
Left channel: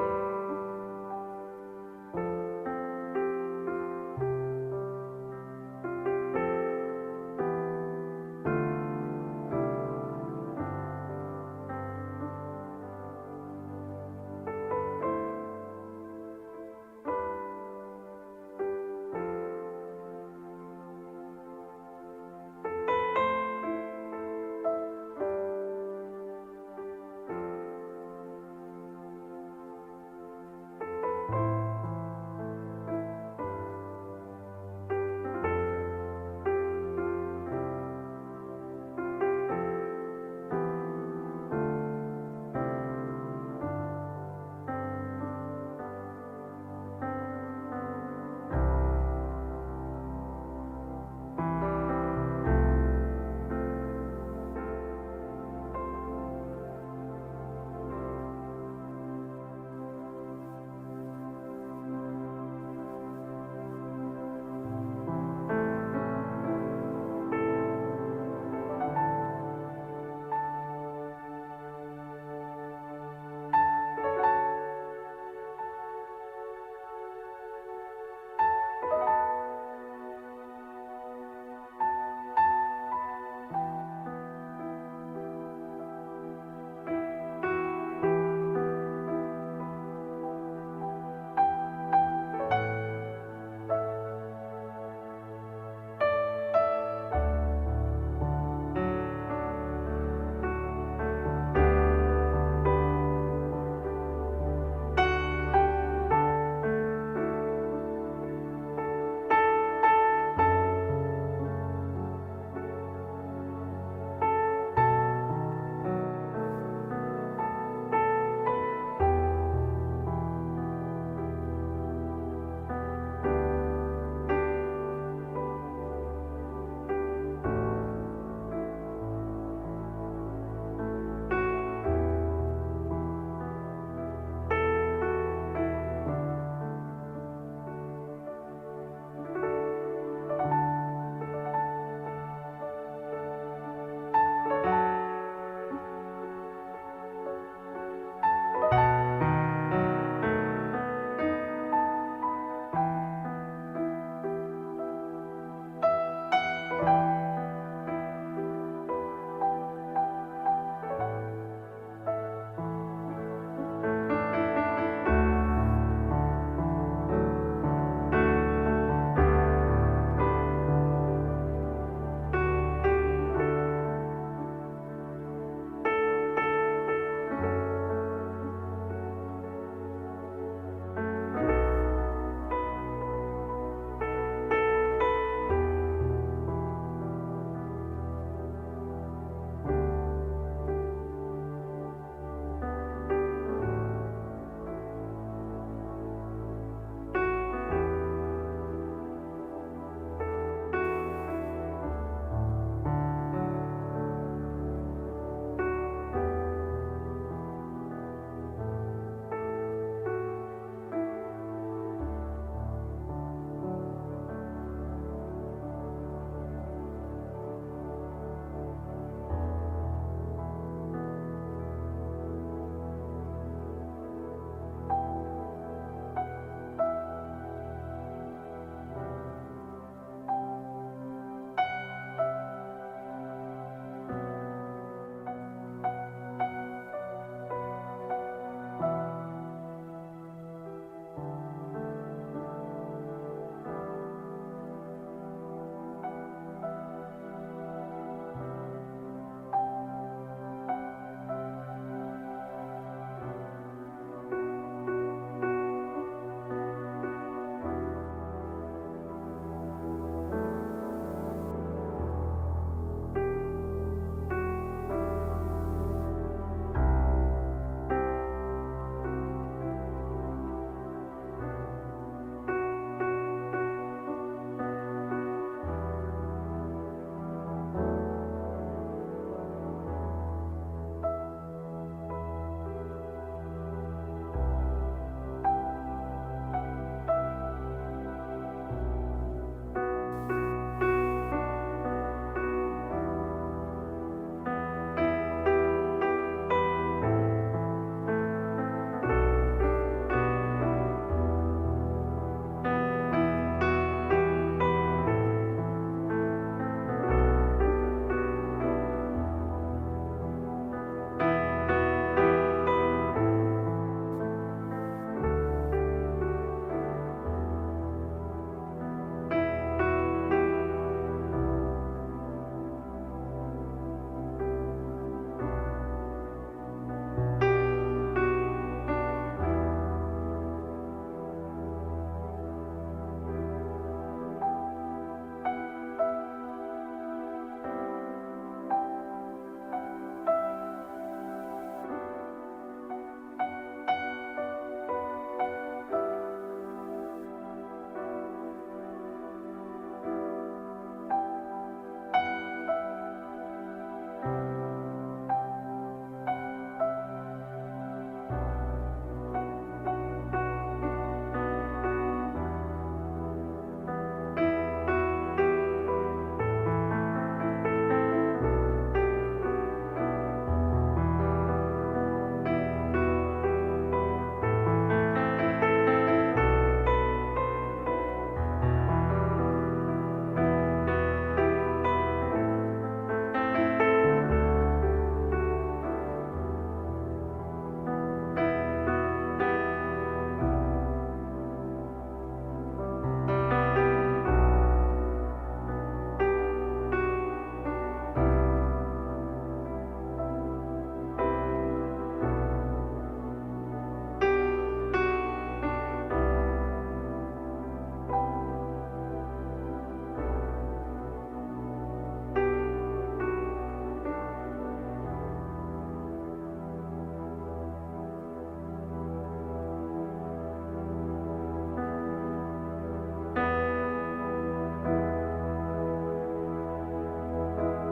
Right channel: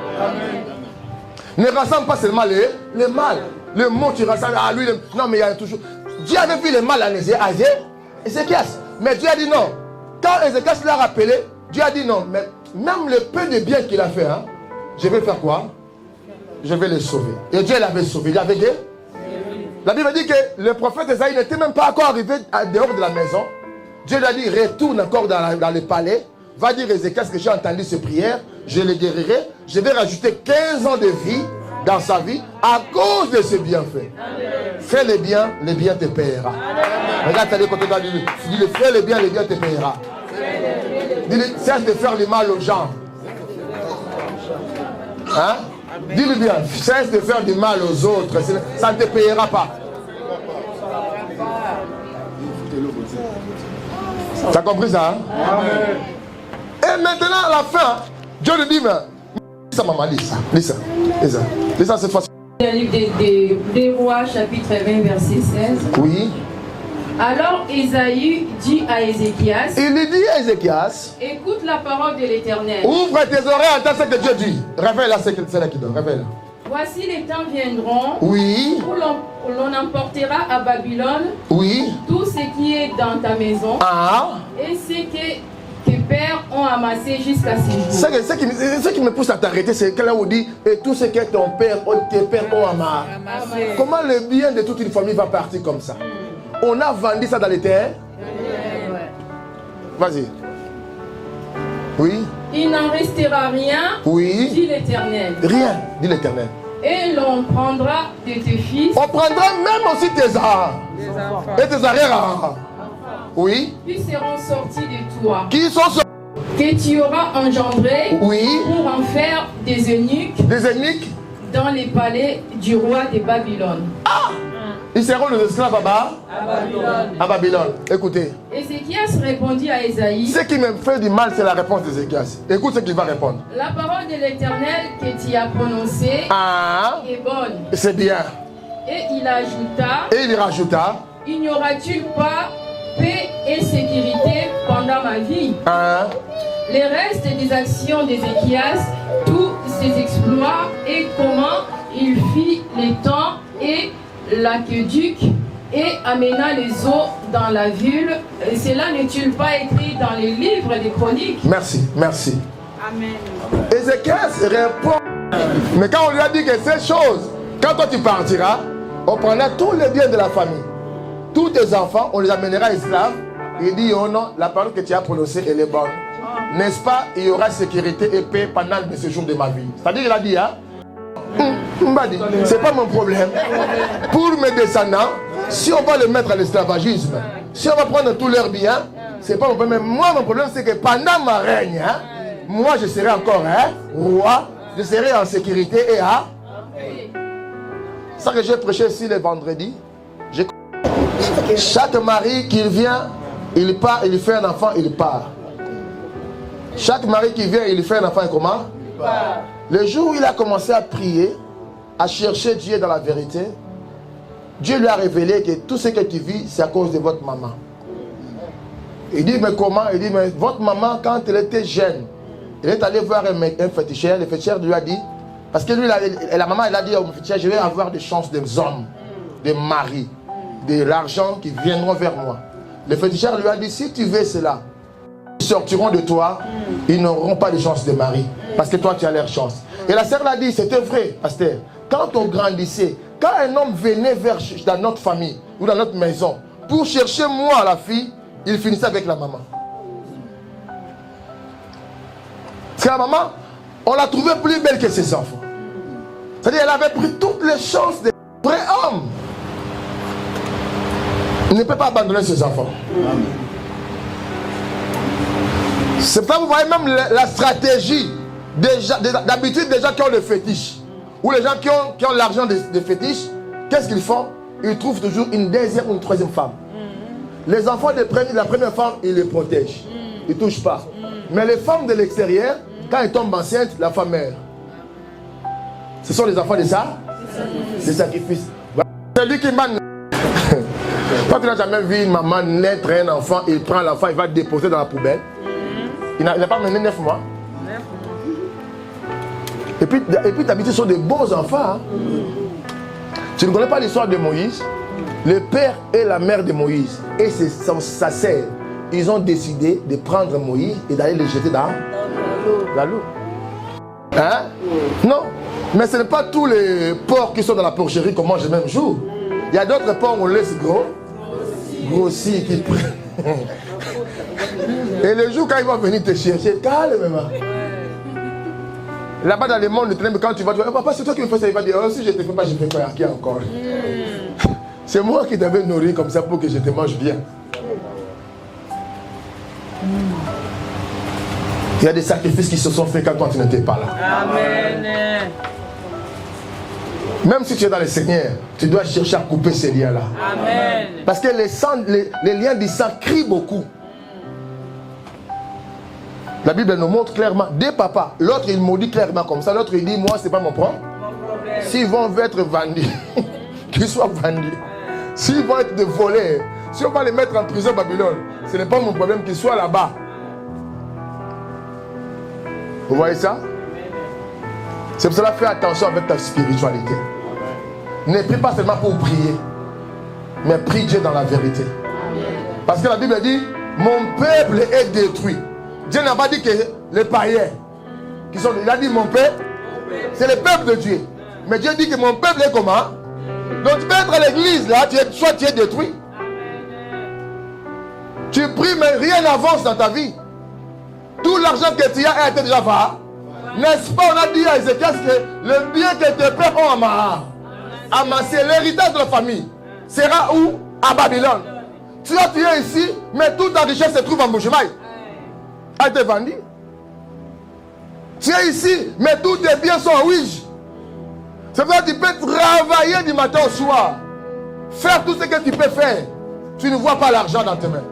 Ne rassemble pas seulement le mal. Le mot tu rassembles à lui. Non, mais il y a toujours. Dieu avait vu le mal à Ézéchias. Mais Dieu a dit non. Quand Ézéchias l'a rappelé, Dieu a dit non. Mais même le peu de bien qu'il a fait, hein, je vais faire quoi? Je vais le sauver. Et Dieu l'avait sauvé. Il avait dit. La Bible dit que le prophète Esaïe n'était même pas encore arrivé dehors de la maison. Dieu lui a dit, retourne encore dans le palais. Va dire Ézéchias que j'ai entendu ces prières. Je le guérirai. Je vais rajouter 15 ans de vie dans sa vie à cause de ses bienfaits. Fais le bien te paiera. Regarde, t'as dit côté de lui. Dis-le, fais le bien te paiera. Dis-le, cesse de faire le mal aux gens. Hein? Dis-le bien, cesse de faire du mal aux autres. Ça ne te payera pas. Tu as compris ça? Hein? Et maintenant, à la fin, Dieu lui dit, mais ça maman, lis ça cette fois-ci. Le livre des Rois, chapitre 20, verset 16. Oui. Alors Ésaïe dit à Ézéchias. Il lui dit à Ézéchias. Écoute la parole de l'Éternel. Ouvre tes oreilles, entends ce que Dieu dit. Révèle-la, c'est là qui donne. Révèle. Voici les temps viendront. Oui. Où l'on emportera à Babylone. Oui. Tout ce qui est dans ta maison. Ah. Et ce que tes pères ont amassé jusqu'à ce jour. Ce qui me pousse à t'arrêter, c'est que là où on dit et tout ce que tes pères ont amassé. Comment le bien de toute une famille va partir comme ça? On a vendu ça dans les terres. Vas-y. Oui. Il n'en restera rien. Oui. Dit l'Éternel. Rien, dit l'Éternel. Et l'on prendra de tes fils. On prendra même aussi tes enfants. Et tes arrière-enfants. Oui. Qui seront sortis de toi. Qui sont sortis. Que tu auras engendré. Oui. Pour en faire des eunuques. Des eunuques. Dans les palais du roi de Babylone. Ah! Ils seront les esclaves à Babylone. Écoutez. Ézéchias répondit à Ésaïe. Ce qui me fait du mal, c'est la réponse d'Ézéchias. Écoute ce qu'il va répondre. La parole de l'Éternel que tu as prononcée est bonne. C'est bien. Et il rajouta. Il n'y aura-t-il pas paix et sécurité pendant ma vie? Les restes des actions d'Ézéchias, tous ses exploits et comment il fit les temps et l'aqueduc et amena les eaux dans la ville. Cela n'est-il pas écrit dans les livres des chroniques? Merci. Amen. Ézéchias répond. Mais quand on lui a dit que ces choses, quand toi tu partiras, on prendra tous les biens de la famille. Tous tes enfants, on les amènera esclaves. Il dit, oh non, la parole que tu as prononcée, elle est bonne. N'est-ce pas, il y aura sécurité et paix pendant le séjour de ma vie. C'est-à-dire qu'il a dit, hein? C'est pas mon problème. Pour mes descendants, si on va les mettre à l'esclavagisme, si on va prendre tous leurs biens, c'est pas mon problème. Moi, mon problème, c'est que pendant ma règne, hein, moi, je serai encore roi, je serai en sécurité et à. Ça que j'ai prêché ici le vendredi. Chaque mari qui vient, il part, il fait un enfant, il part. Chaque mari qui vient, il fait un enfant, et comment? Il part. Le jour où il a commencé à prier, à chercher Dieu dans la vérité, Dieu lui a révélé que tout ce que tu vis, c'est à cause de votre maman. Il dit, mais comment? Il dit, mais votre maman, quand elle était jeune, elle est allée voir un féticheur. Le féticheur lui a dit, parce que lui, la maman, elle a dit au féticheur, je vais avoir des chances des hommes, des maris, de l'argent qui viendront vers moi. Le féticheur lui a dit, si tu veux cela, ils sortiront de toi, ils n'auront pas de chance de mari. Parce que toi, tu as leur chance. Et la sœur l'a dit, c'était vrai, pasteur. Quand on grandissait, quand un homme venait dans notre famille ou dans notre maison pour chercher moi, la fille, il finissait avec la maman. C'est la maman, on l'a trouvée plus belle que ses enfants. C'est-à-dire qu'elle avait pris toutes les chances des vrais hommes. Il ne peut pas abandonner ses enfants. C'est ça, vous voyez même la stratégie D'habitude, des gens qui ont le fétiche, ou les gens qui ont l'argent des fétiches, qu'est-ce qu'ils font? Ils trouvent toujours une deuxième ou une troisième femme. Les enfants de la première femme, ils les protègent. Ils ne touchent pas. Mais les femmes de l'extérieur, quand elles tombent enceintes, la femme meurt. Ce sont les enfants de ça? Des sacrifices. C'est lui qui m'a... Quand tu n'as jamais vu une maman naître un enfant, il prend l'enfant, il va le déposer dans la poubelle. Il n'a pas mené 9 mois. Et puis d'habitude, ce sont des beaux enfants. Hein? Tu ne connais pas l'histoire de Moïse? Le père et la mère de Moïse et sa sœur, ils ont décidé de prendre Moïse et d'aller le jeter dans l'eau. Hein? Non. Mais ce n'est pas tous les porcs qui sont dans la porcherie qu'on mange le même jour. Il y a d'autres porcs qu'on laisse grossir, qui prennent. Et le jour quand ils vont venir te chercher, calme-moi. Là-bas dans le monde, quand tu vas dire, papa, c'est toi qui me fais ça, il va dire, oh, si je ne te fais pas, je ne fais pas à qui encore. C'est moi qui t'avais nourri comme ça pour que je te mange bien. Il y a des sacrifices qui se sont faits quand toi tu n'étais pas là. Amen. Même si tu es dans le Seigneur, tu dois chercher à couper ces liens-là. Amen. Parce que les liens du sang crient beaucoup. La Bible nous montre clairement, des papas, l'autre il maudit clairement comme ça, l'autre il dit, moi c'est pas mon problème. S'ils vont être vendus, qu'ils soient vendus. S'ils vont être volés, si on va les mettre en prison à Babylone, ce n'est pas mon problème qu'ils soient là-bas. Vous voyez ça? C'est pour cela fais attention avec ta spiritualité. Ne prie pas seulement pour prier, mais prie Dieu dans la vérité. Parce que la Bible dit, mon peuple est détruit. Dieu n'a pas dit que les païens qui sont... Il a dit mon peuple, c'est le peuple de Dieu. Mais Dieu dit que mon peuple est comment? Donc tu peux être à l'église là, soit tu es détruit. Tu pries mais rien n'avance dans ta vie. Tout l'argent que tu as a été déjà fait. N'est-ce pas, on a dit à Ézéchias que le bien que tes pères ont amassé, l'héritage de la famille, sera où? À Babylone. Tu es ici, mais toute ta richesse se trouve en Bouchemaï. A été vendu. Tu es ici, mais tous tes biens sont en Ouija. C'est vrai que tu peux travailler du matin au soir, faire tout ce que tu peux faire. Tu ne vois pas l'argent dans tes mains.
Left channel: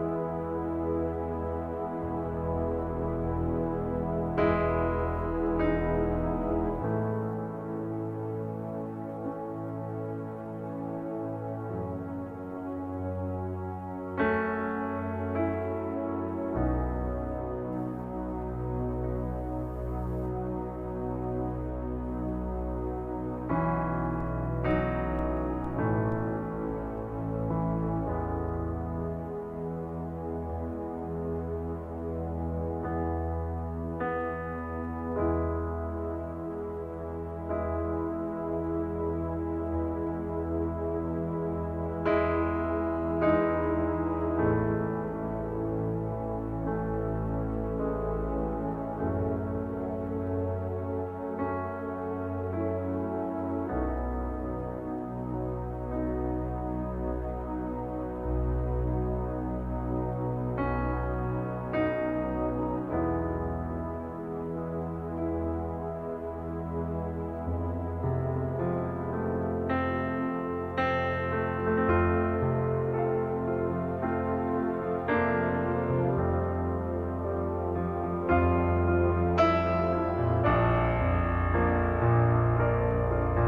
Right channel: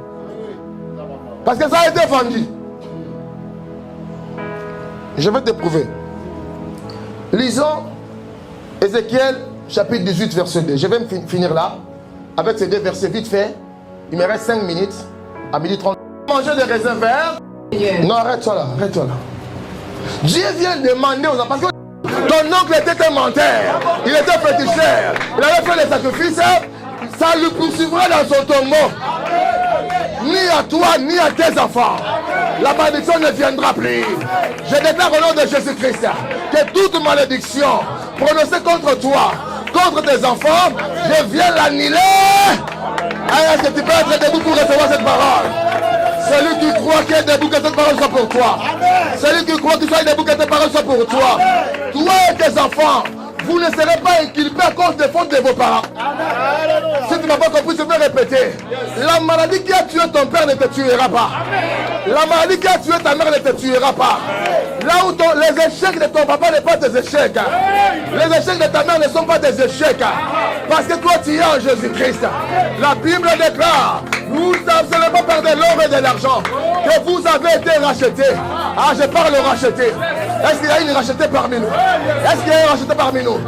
Parce que ça a été vendu. Je vais te prouver. Lisons Ézéchiel chapitre 18 verset 2. Je vais me finir là avec ces deux versets vite fait. Il me reste 5 minutes à 12h30. Manger des raisins verts. Non, arrête-toi là, arrête-toi là. Dieu vient demander aux enfants, parce que ton oncle était un menteur, il était féticheur, il avait fait les sacrifices, ça lui poursuivra dans son tombeau. Ni à toi, ni à tes enfants. La malédiction ne viendra plus. Je déclare au nom de Jésus-Christ que toute malédiction prononcée contre toi, contre tes enfants, je viens l'annuler. Est-ce que tu peux être debout pour recevoir cette parole? Celui qui croit qu'il est debout, que cette parole soit pour toi. Celui qui croit qu'il soit debout, que cette parole soit pour toi. Toi et tes enfants, vous ne serez pas inculpés à cause des fautes de vos parents. Si tu n'as pas compris, je vais répéter. La maladie qui a tué ton père ne te tuera pas. La maladie qui a tué ta mère ne te tuera pas. Là où les échecs de ton papa ne sont pas tes échecs. Les échecs de ta mère ne sont pas tes échecs. Parce que toi tu es en Jésus-Christ. La Bible déclare, vous n'avez seulement pas de l'or et de l'argent, que vous avez été rachetés. Ah, je parle de racheter. Est-ce qu'il y a une rachetée parmi nous? Est-ce qu'il y a une rachetée parmi nous?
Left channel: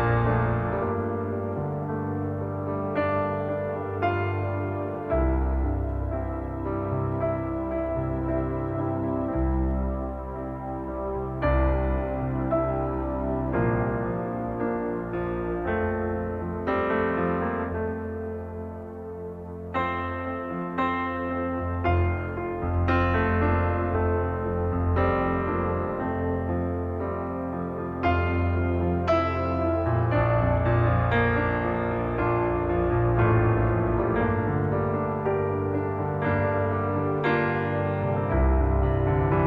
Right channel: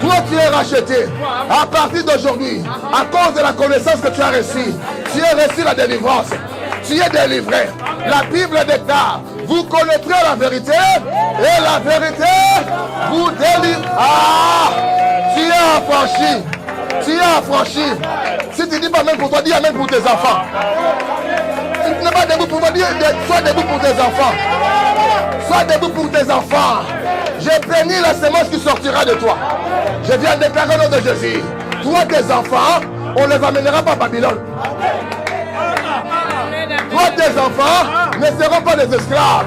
Toi tu es racheté. À partir d'aujourd'hui, à cause de la connaissance que tu as reçue, tu as reçu la délivrance. Tu es délivré. La Bible déclare, vous connaîtrez la vérité et la vérité vous délivre. Ah, tu es affranchi. Tu es affranchi. Si tu dis pas même pour toi, dis amen pour tes enfants. Si tu n'es pas debout pour toi, dis sois debout pour tes enfants. Sois debout pour tes enfants. J'ai béni la semence qui sortira de toi. Je viens déclarer au nom de Jésus. Toi, tes enfants, on ne les amènera pas à Babylone. Toi, tes enfants ne seront pas des esclaves.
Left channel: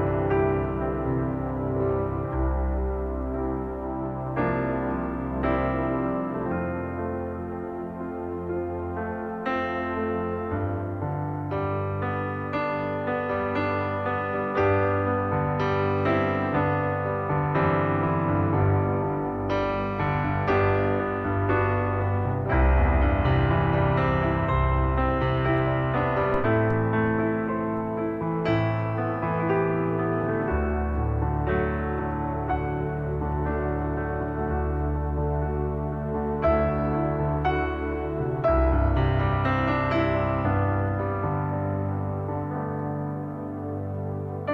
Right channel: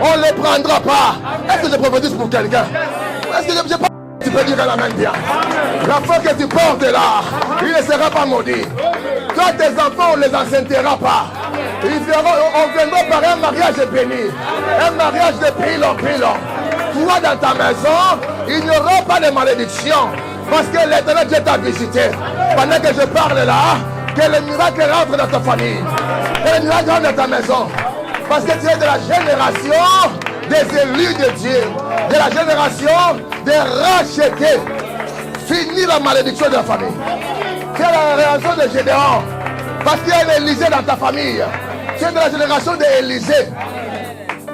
On ne les prendra pas. Est-ce que je prophétise pour quelqu'un? Est-ce que je pas? Tu peux dire la main bien. L'enfant que tu portes là, il ne sera pas maudit. Toi, tes enfants, on ne les enceintera pas. On viendra par un mariage béni. Un mariage de pilon. Toi dans ta maison, il n'y aura pas de malédiction. Parce que l'Éternel Dieu t'a visité. Pendant que je parle là, que le miracle rentre dans ta famille. Que le miracle rentre dans ta maison. Parce que tu es de la génération des élus de Dieu. De la génération des rachetés. Fini la malédiction de la famille. Tu es la génération de Gédéon. Parce qu'il y a un Élysée dans ta famille. Tu es de la génération d'Élysée.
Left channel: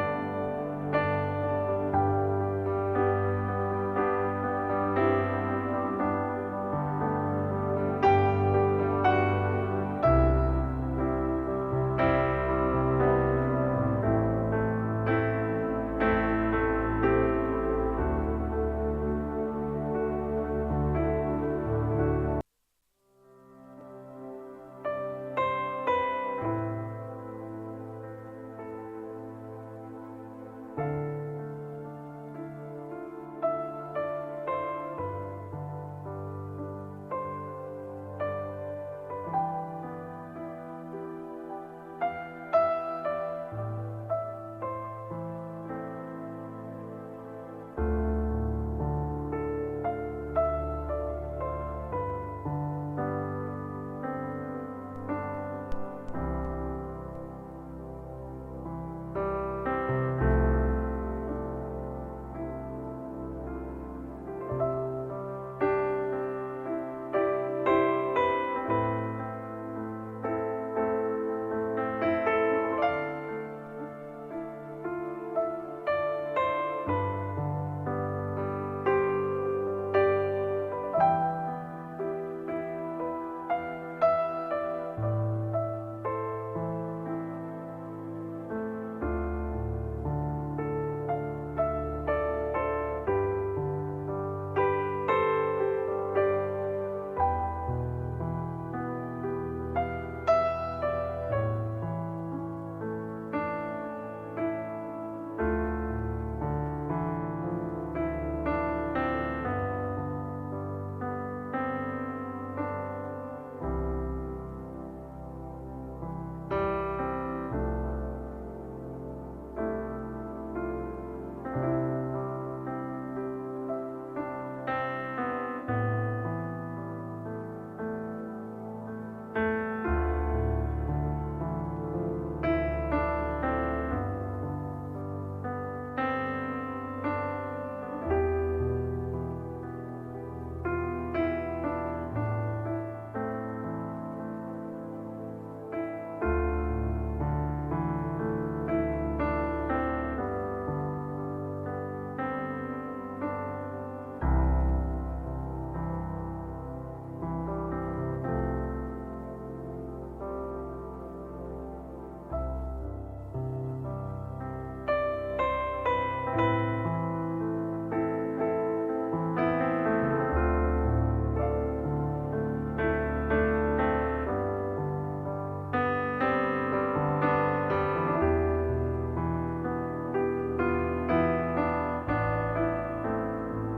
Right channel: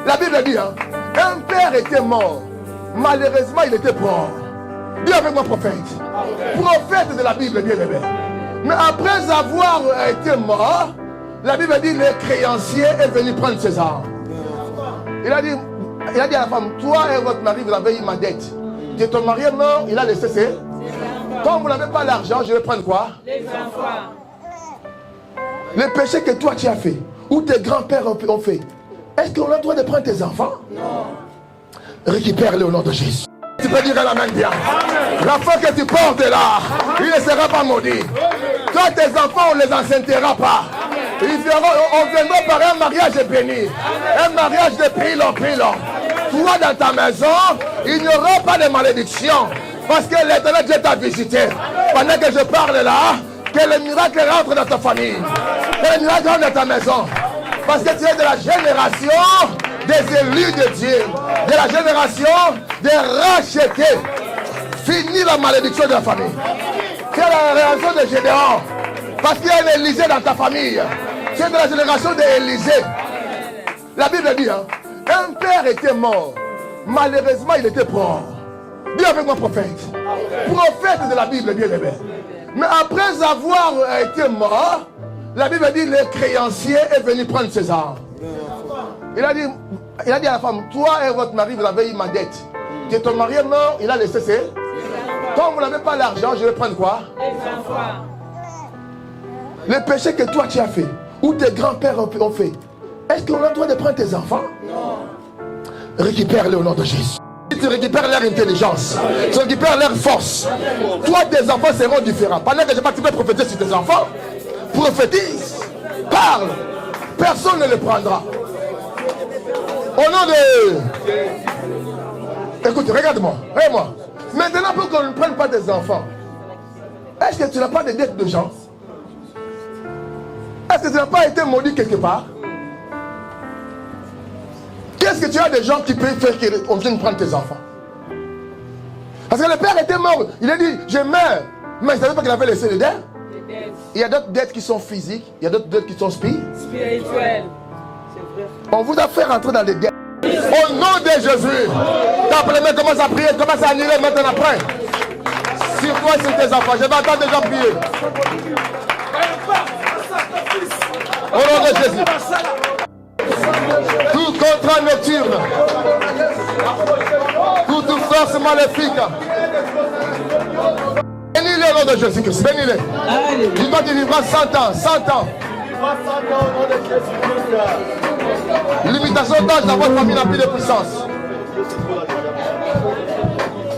La Bible dit, hein, un père était mort. Malheureusement, il était mort. Dis avec moi, prophète. Prophète de la Bible, bien aimé. Mais après avoir été mort, la Bible dit le créancier est venu prendre ses armes. Il a dit à la femme, toi et votre mari, vous avez eu ma dette. Tu es ton mari, non, il a laissé ses. Comme vous n'avez pas l'argent, je vais prendre quoi? Les enfants. Le péché que toi tu as fait, ou tes grands-pères ont fait, est-ce qu'on a le droit de prendre tes enfants? Non. Récupère-les au nom de Jésus. Tu peux dire la main bien. L'enfant que tu portes là, il ne sera pas maudit. Toi, tes enfants, on ne les enceintera pas. On viendra par un mariage béni. Un mariage de pilon. Toi, dans ta maison, il n'y aura pas de malédiction. Parce que l'Éternel Dieu t'a visité. Pendant que je parle là, que le miracle rentre dans ta famille. Que le miracle rentre dans ta maison. Parce que tu es de la génération des élus de Dieu. De la génération des rachetés. Fini la malédiction de la famille. Tu es la génération de Gédéon. Parce qu'il y a un Élysée dans ta famille. Tu es de la génération d'Élysée. La Bible dit, hein, un père était mort. Malheureusement, il était mort. Dis avec moi, prophète. Prophète de la Bible, bien aimé. Mais après avoir été mort, la Bible dit le créancier est venu prendre ses armes. Il a dit à la femme, toi et votre mari, vous avez eu ma dette. Tu es ton mari, non, il a laissé ses. Comme vous n'avez pas l'argent, je vais prendre quoi? Les enfants. Le péché que toi tu as fait, ou tes grands-pères ont fait, est-ce qu'on a le droit de prendre tes enfants? Non. Récupère-les au nom de Jésus. Tu récupères leur intelligence, tu récupères leur force. Toi, tes enfants seront différents. Pendant que je vais te prophétiser sur tes enfants, prophétise, parle, personne ne les prendra. Au nom de... Écoute, regarde-moi, regarde-moi. Maintenant, pour qu'on ne prenne pas tes enfants, est-ce que tu n'as pas de dette de gens? Est-ce que tu n'as pas été maudit quelque part? Qu'est-ce que tu as des gens qui peuvent faire qu'on vienne prendre tes enfants? Parce que le père était mort. Il a dit, je meurs. Mais il ne savait pas qu'il avait laissé les dettes. Il y a d'autres dettes qui sont physiques. Il y a d'autres dettes qui sont spirituelles. On vous a fait rentrer dans les dettes. Au nom de Jésus. Tape les mains, commence à prier. Commence à annuler maintenant après. Sur toi et sur tes enfants. Je vais attendre des gens prier. Au nom de Jésus. Tout contrat nocturne, toute force maléfique, bénis-les au nom de Jésus-Christ, bénis-les. Il va te vivre 100 ans, 100 ans. Limitation d'âge dans votre famille n'a plus de puissance.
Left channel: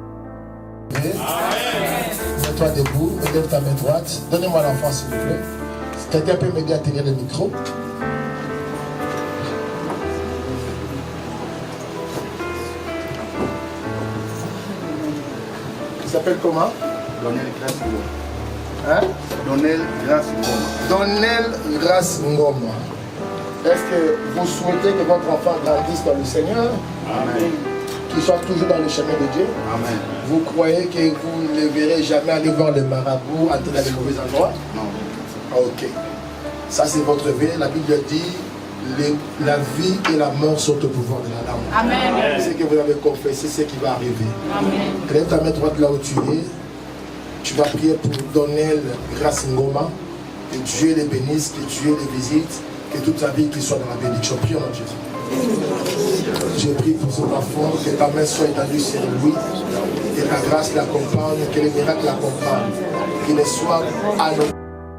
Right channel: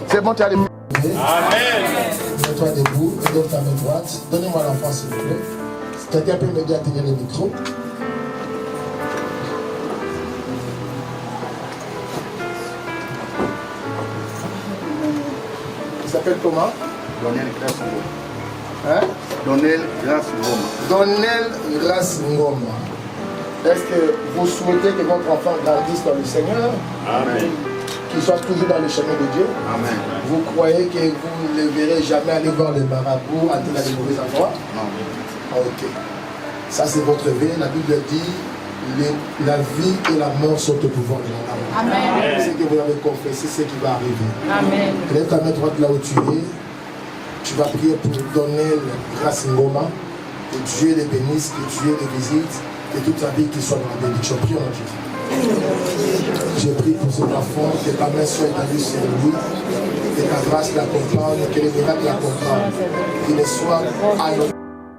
C'est bon, tu as les... Amen. Mets-toi debout, lève ta main droite. Donnez-moi l'enfant s'il vous plaît. Quelqu'un peut m'aider à tenir le micro. Il s'appelle comment? Donnel Grace Ngoma. Hein? Donnel Grace Ngoma. Donnel Grace Ngoma. Est-ce que vous souhaitez que votre enfant grandisse dans le Seigneur? Amen. Qu'il soit toujours dans le chemin de Dieu? Amen. Vous croyez que vous ne le verrez jamais aller voir les marabouts, entrer dans les mauvais endroits? Non. Ok. Ça c'est votre vie. La Bible dit la vie et la mort sont au pouvoir de la langue. Amen. Ce que vous avez confessé, c'est ce qui va arriver. Amen. Lève ta main droite là où tu es. Tu vas prier pour donner Grace Ngoma. Que Dieu les bénisse, que Dieu les visite, que toute sa vie qu'il soit dans la bénédiction. Prie au nom de Jésus. Je prie pour cet enfant, que ta main soit étendue sur lui, que ta grâce l'accompagne, que les miracles l'accompagnent, qu'il ne soit à nos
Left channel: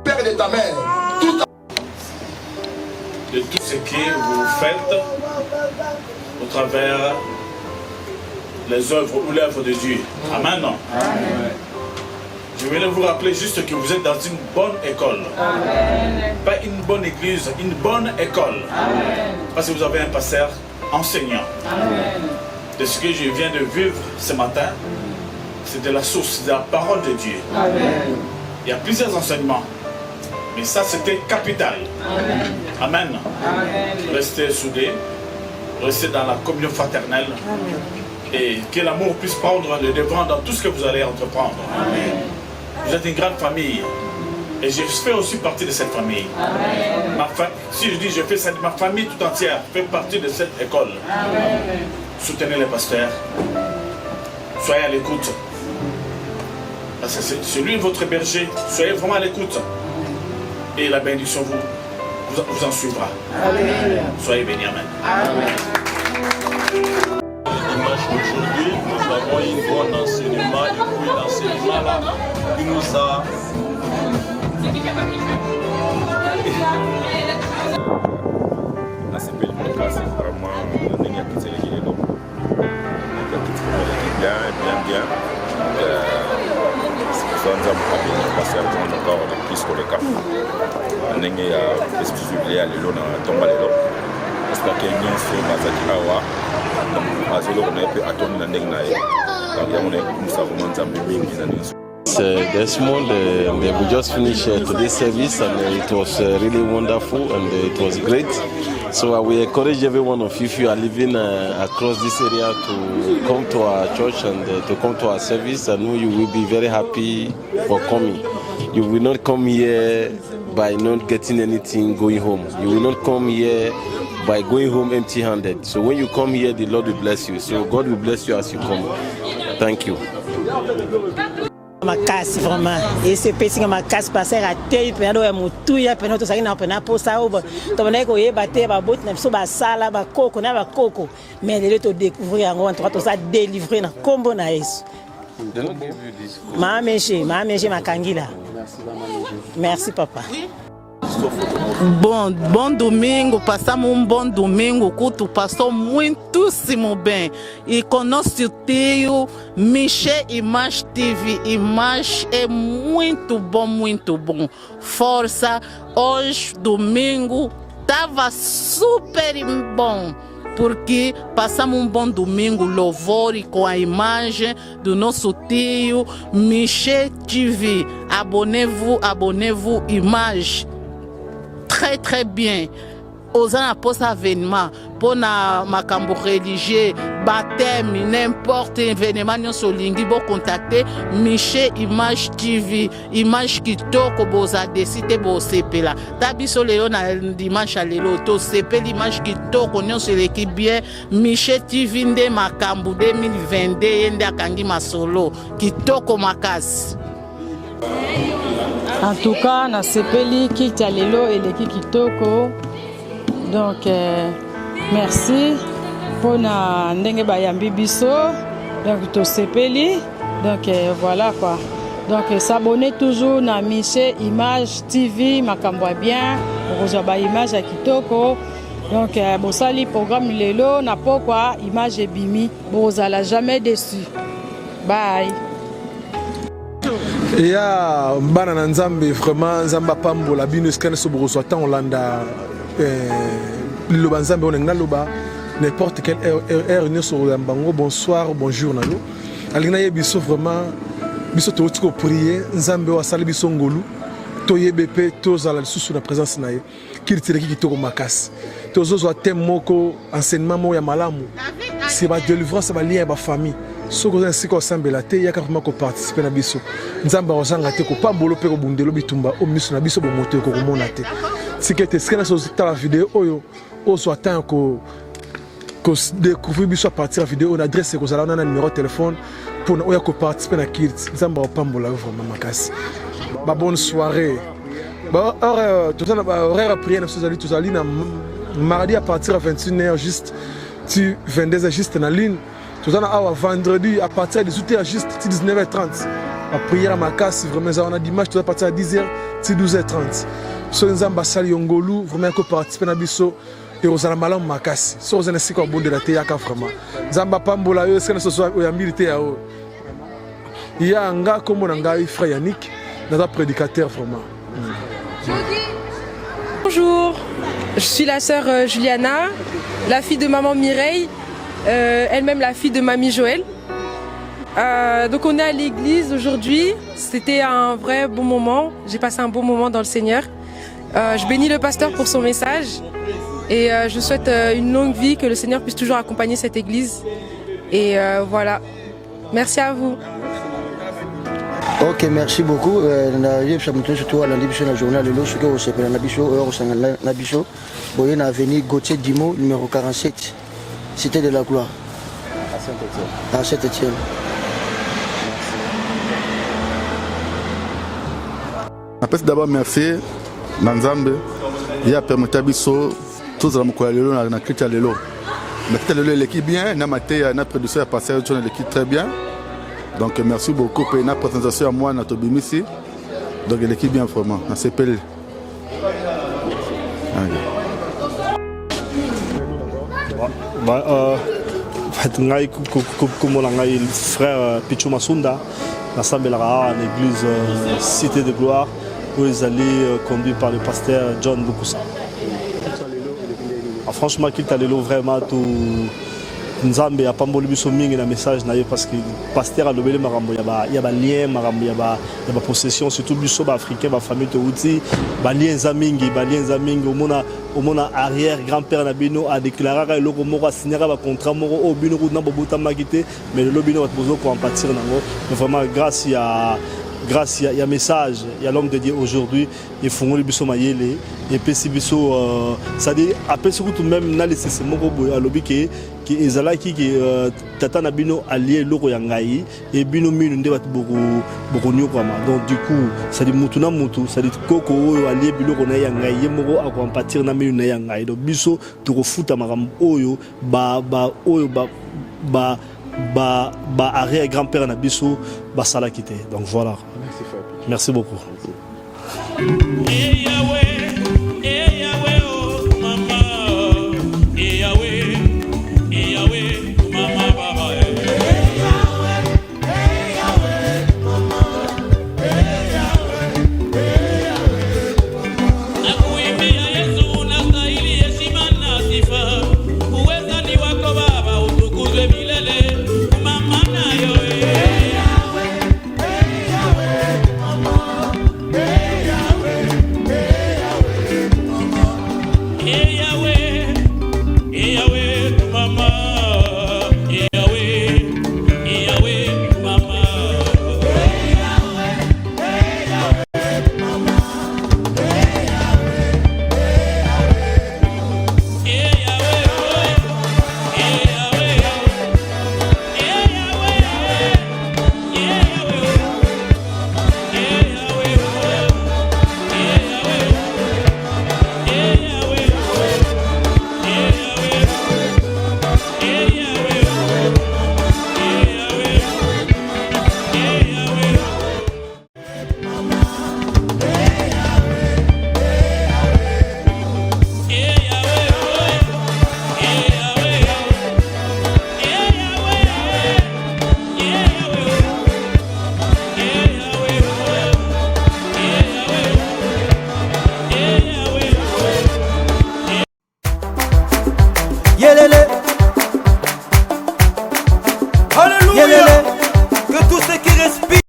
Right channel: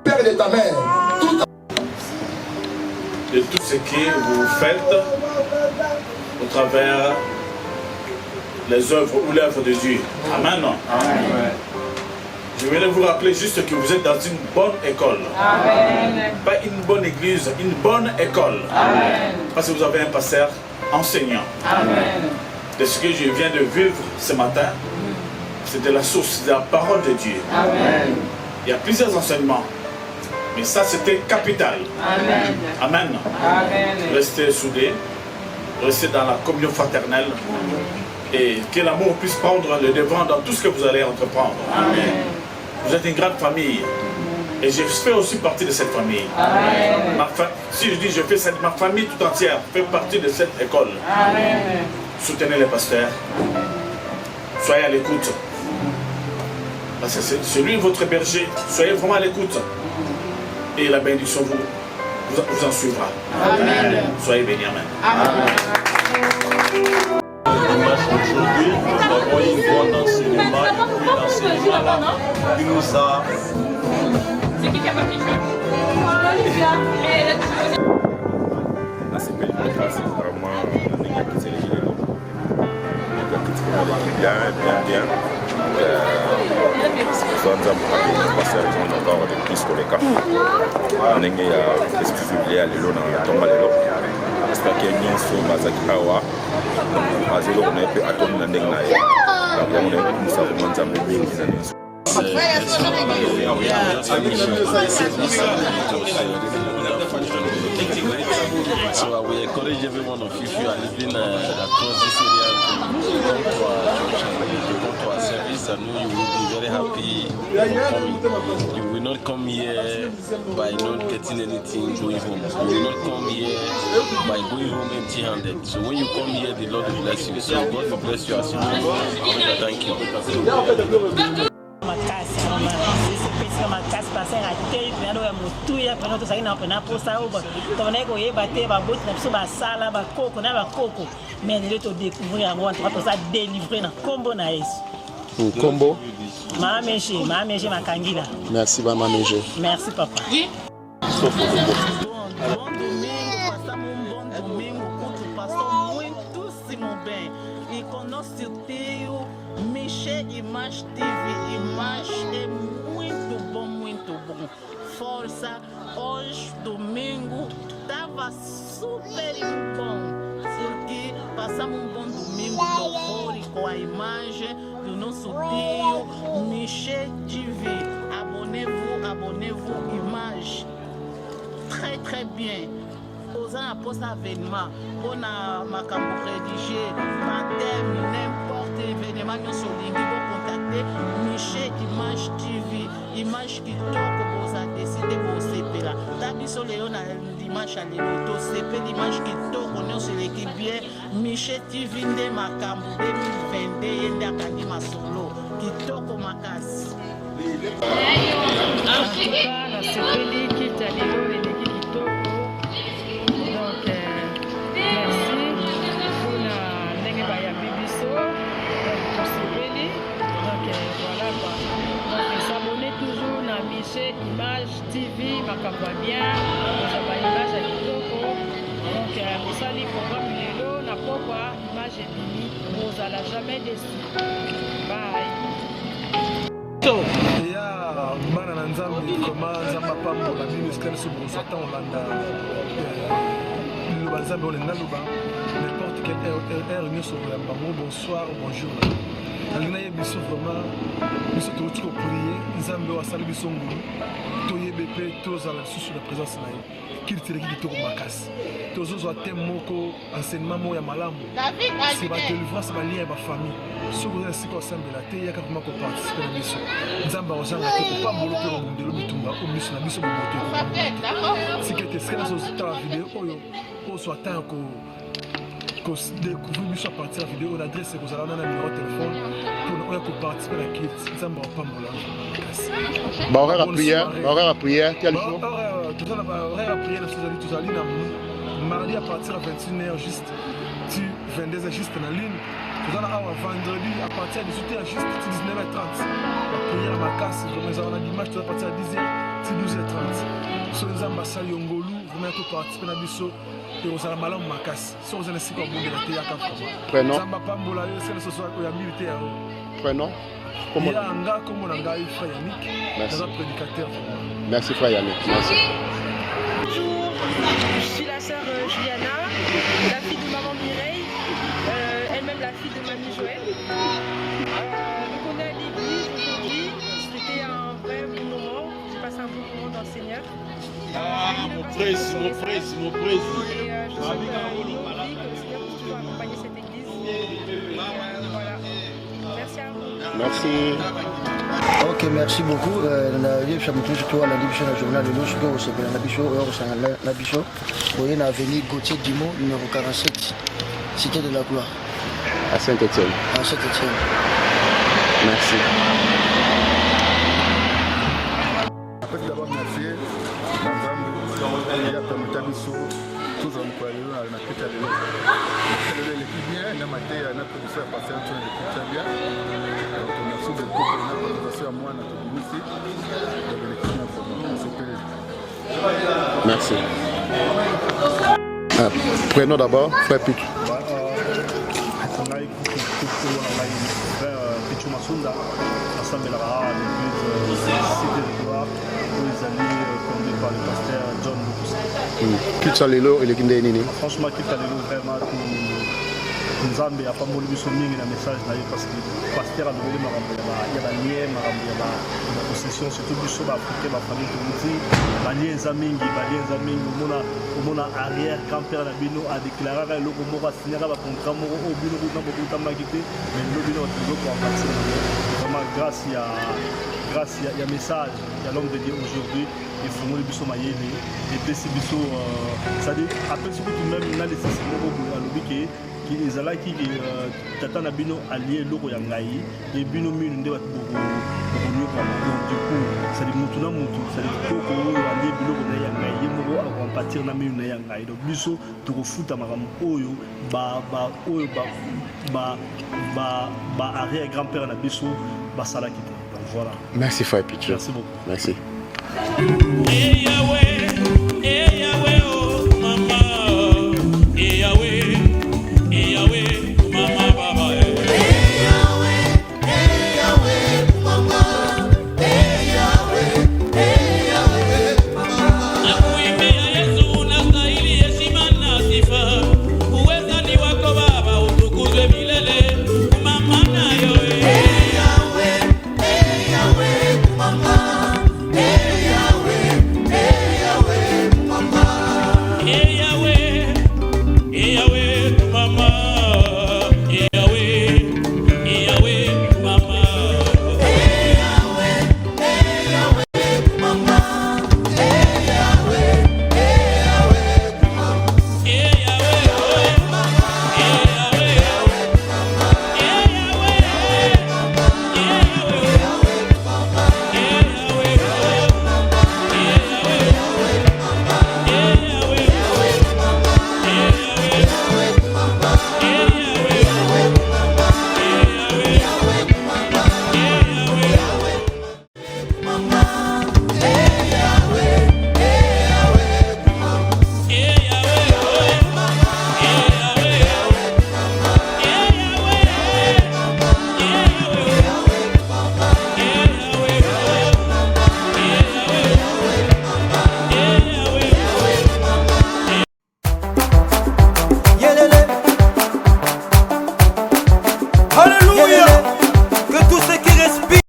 Père de ta mère. De tout ce que vous faites au travers les œuvres ou l'œuvre de Dieu. Amen. Amen. Je voulais vous rappeler juste que vous êtes dans une bonne école. Amen. Pas une bonne église, une bonne école. Amen. Parce que vous avez un pasteur enseignant. Amen. de ce que je viens de vivre ce matin, c'est de la source de la parole de Dieu. Amen. Il y a plusieurs enseignements, mais ça c'était capital. Amen. Amen. Amen. Restez soudés, restez dans la communion fraternelle et que l'amour puisse prendre le devant dans tout ce que vous allez entreprendre. Amen. Vous êtes une grande famille et je fais aussi partie de cette famille. Amen. Si je dis je fais ma famille tout entière fait partie de cette école. Amen. Soutenez les pasteurs, soyez à l'écoute. Parce que c'est lui votre berger, soyez vraiment à l'écoute. Et la bénédiction vous en suivra. Amen. Soyez bénis, amen. Amen. Aujourd'hui, nous avons eu un bon enseignement, et puis l'enseignement là, qui nous a... La CPL Podcast, c'est vraiment un équipe qui s'est réglé là. Bien. Nous avons passé encore de plus que les cas. Nous avons exclusivement à l'élo dans tomba l'élo. J'espère qu'il y a une chose basée awa. Donc, à zéro on a pu attendre dans l'année. Donc, il y a une chose vraiment d'ambiance. Desmond, we could just finish today's service and it was really wonderful and it was great. So we encourage every one of you, if you are living across this area, to come to our church and to come to our service. I know you will be very happy for coming. You will not come here by not getting anything going home. You will not come here by going home empty-handed. So when you come here, the Lord will bless you. So God will bless you as you come. Thank you. Makasi vraiment et c'est petit comme makasi passer à terre pendant que mutuya pendant que ça ina pendant pour ça ou to na ko yeba te ba bout na biso ba sala ba koko na ba koko mais de to découvrir en entre tout ça délivrer na combo na Yesu combo mameje makangila. Merci mameje. Merci papa. Oui. Bom domingo, passamos bom domingo, o culto passou muitíssimo bem. E com nosso tio Michel Image TV, Image é muito bom. Força, hoje domingo estava super bom. Porque passamos bom domingo, louvor e com a imagem do nosso tio Michel TV. Abonnez-vous, Image. Très bien. Aux apôtres avènement pour na makambo religieux, baptême, n'importe événement nous solingi bo contacter Michel Image TV, Image kitoko boza décider bo sepela. Tabiso lelo na dimanche lelo to sepela Image kitoko nous se l'équipe bien Michel TV nde makambo 2022 nde akangi masolo kitoko makasi. En tout cas, na sepeli kita lelo eleki kitoko. Donc merci pour na ndenge bayambi biso. Donc to sepeli. Donc voilà quoi. Donc s'abonner toujours na Michel Image TV makambo bien. Okozwa ba image ya kitoko. Donc bosali programme lelo na pokwa image ebimi. Bozala jamais déçu. Bye. Ya bana na nzambe vraiment nzamba pambola bino skane so boko soit en Hollanda le banzambe on ngaloba n'importe quelle heure nous sur le bango bonsoir bonjour nalo alina yebiso vraiment biso to tiko prier nzambe wa sala biso ngolu to yebp to zala sous la présence naye kirtire ki to makasi to zo tem moko enseignement mo ya malamu c'est ma délivrance ba lien ba famille. Ce que c'est qu'on semble la terre, il y a carrément qu'on participe à la biso. Nous avons besoin de faire pas bolo pe bundelo bitumba au ministre na biso bo moto ko monate. C'est que est-ce que na société la vidéo o soit tant ko découvrir biso à partir de la vidéo on adresse ko zala na numéro de téléphone pour nous ko participer à kids. Nous avons pas bolo vraiment makasi. Bonne soirée. Horaire à prière nous allons na mardi à partir de 21h juste tu 22h juste na ligne. Tout à vendredi à partir de 18h juste 19h30. La prière à ma casse, vraiment, on a dimanche à partir de 10h 12h30. So nous avons basali yongolu, vraiment que participer na biso et aux ala malam ma casse. So nous avons ainsi qu'on bonde la théâtre vraiment. Zamba pambola yo, c'est que ce soit au yambilité à eux. Prénom. Il y a un gars comme on a un frère Yannick, un prédicateur vraiment. Merci frère Yannick. Bonjour, je suis la sœur Juliana, la fille de maman Mireille. elle-même la fille de Mamie Joël. Donc on est à l'église aujourd'hui. C'était un vrai bon moment. J'ai passé un bon moment dans le Seigneur. Je bénis le pasteur pour son message et je souhaite une longue vie, que le Seigneur puisse toujours accompagner cette église. Et voilà. Merci à vous. Merci. Ok, merci beaucoup. Surtout à la journal de l'eau, ce que vous savez, la bicho, vous avez venu Gauthier Dimo, numéro 47, Cité de la Gloire. À Saint-Étienne. À Saint-Étienne. Merci. Après d'abord merci Nanzambe, il a permis à Bisso, tous les gens na Kita Lelo. Na Kita Lelo l'équipe bien, na maté na production a passé l'équipe très bien. Donc merci beaucoup pour la présentation à moi, notre Bimisi. Donc l'équipe bien vraiment, on s'appelle. Merci. Prenons d'abord frère Pichou. Frère Pichou Masunda, l'Assemblée à l'église Cité de Gloire, où ils allaient conduits par le pasteur John Bukusa. Kitalelo et l'équipe de franchement, Kitalelo vraiment tout. Nzambe a pas mboli biso mingi na message na yo parce que pasteur a lobeli marambo ya ba lien marambo ya ba possession surtout biso ba africain ba famille to uti ba lien za mingi omona arrière grand-père na bino a déclaré que loko moko signera ba contrat moko o bino ko na bobuta makité mais le bino va besoin ko bâtir nango vraiment grâce à message, il y a l'homme de Dieu aujourd'hui, il faut que biso mayele et puis si biso ça dit après surtout même na laissé ce moko à lobby qui ezala qui tata na bino allié loko ya ngai et bino minu nde bat beaucoup nyo kwa donc du coup ça dit mutu na mutu ça dit koko allié bino ko na ya ngai ye moko a partir na minu na ya ngai donc biso to refuta makam oyo ba arrière grand-père na biso ba sala kité donc voilà. Merci frère Pichou. Merci beaucoup. Merci. Hey, Yahweh.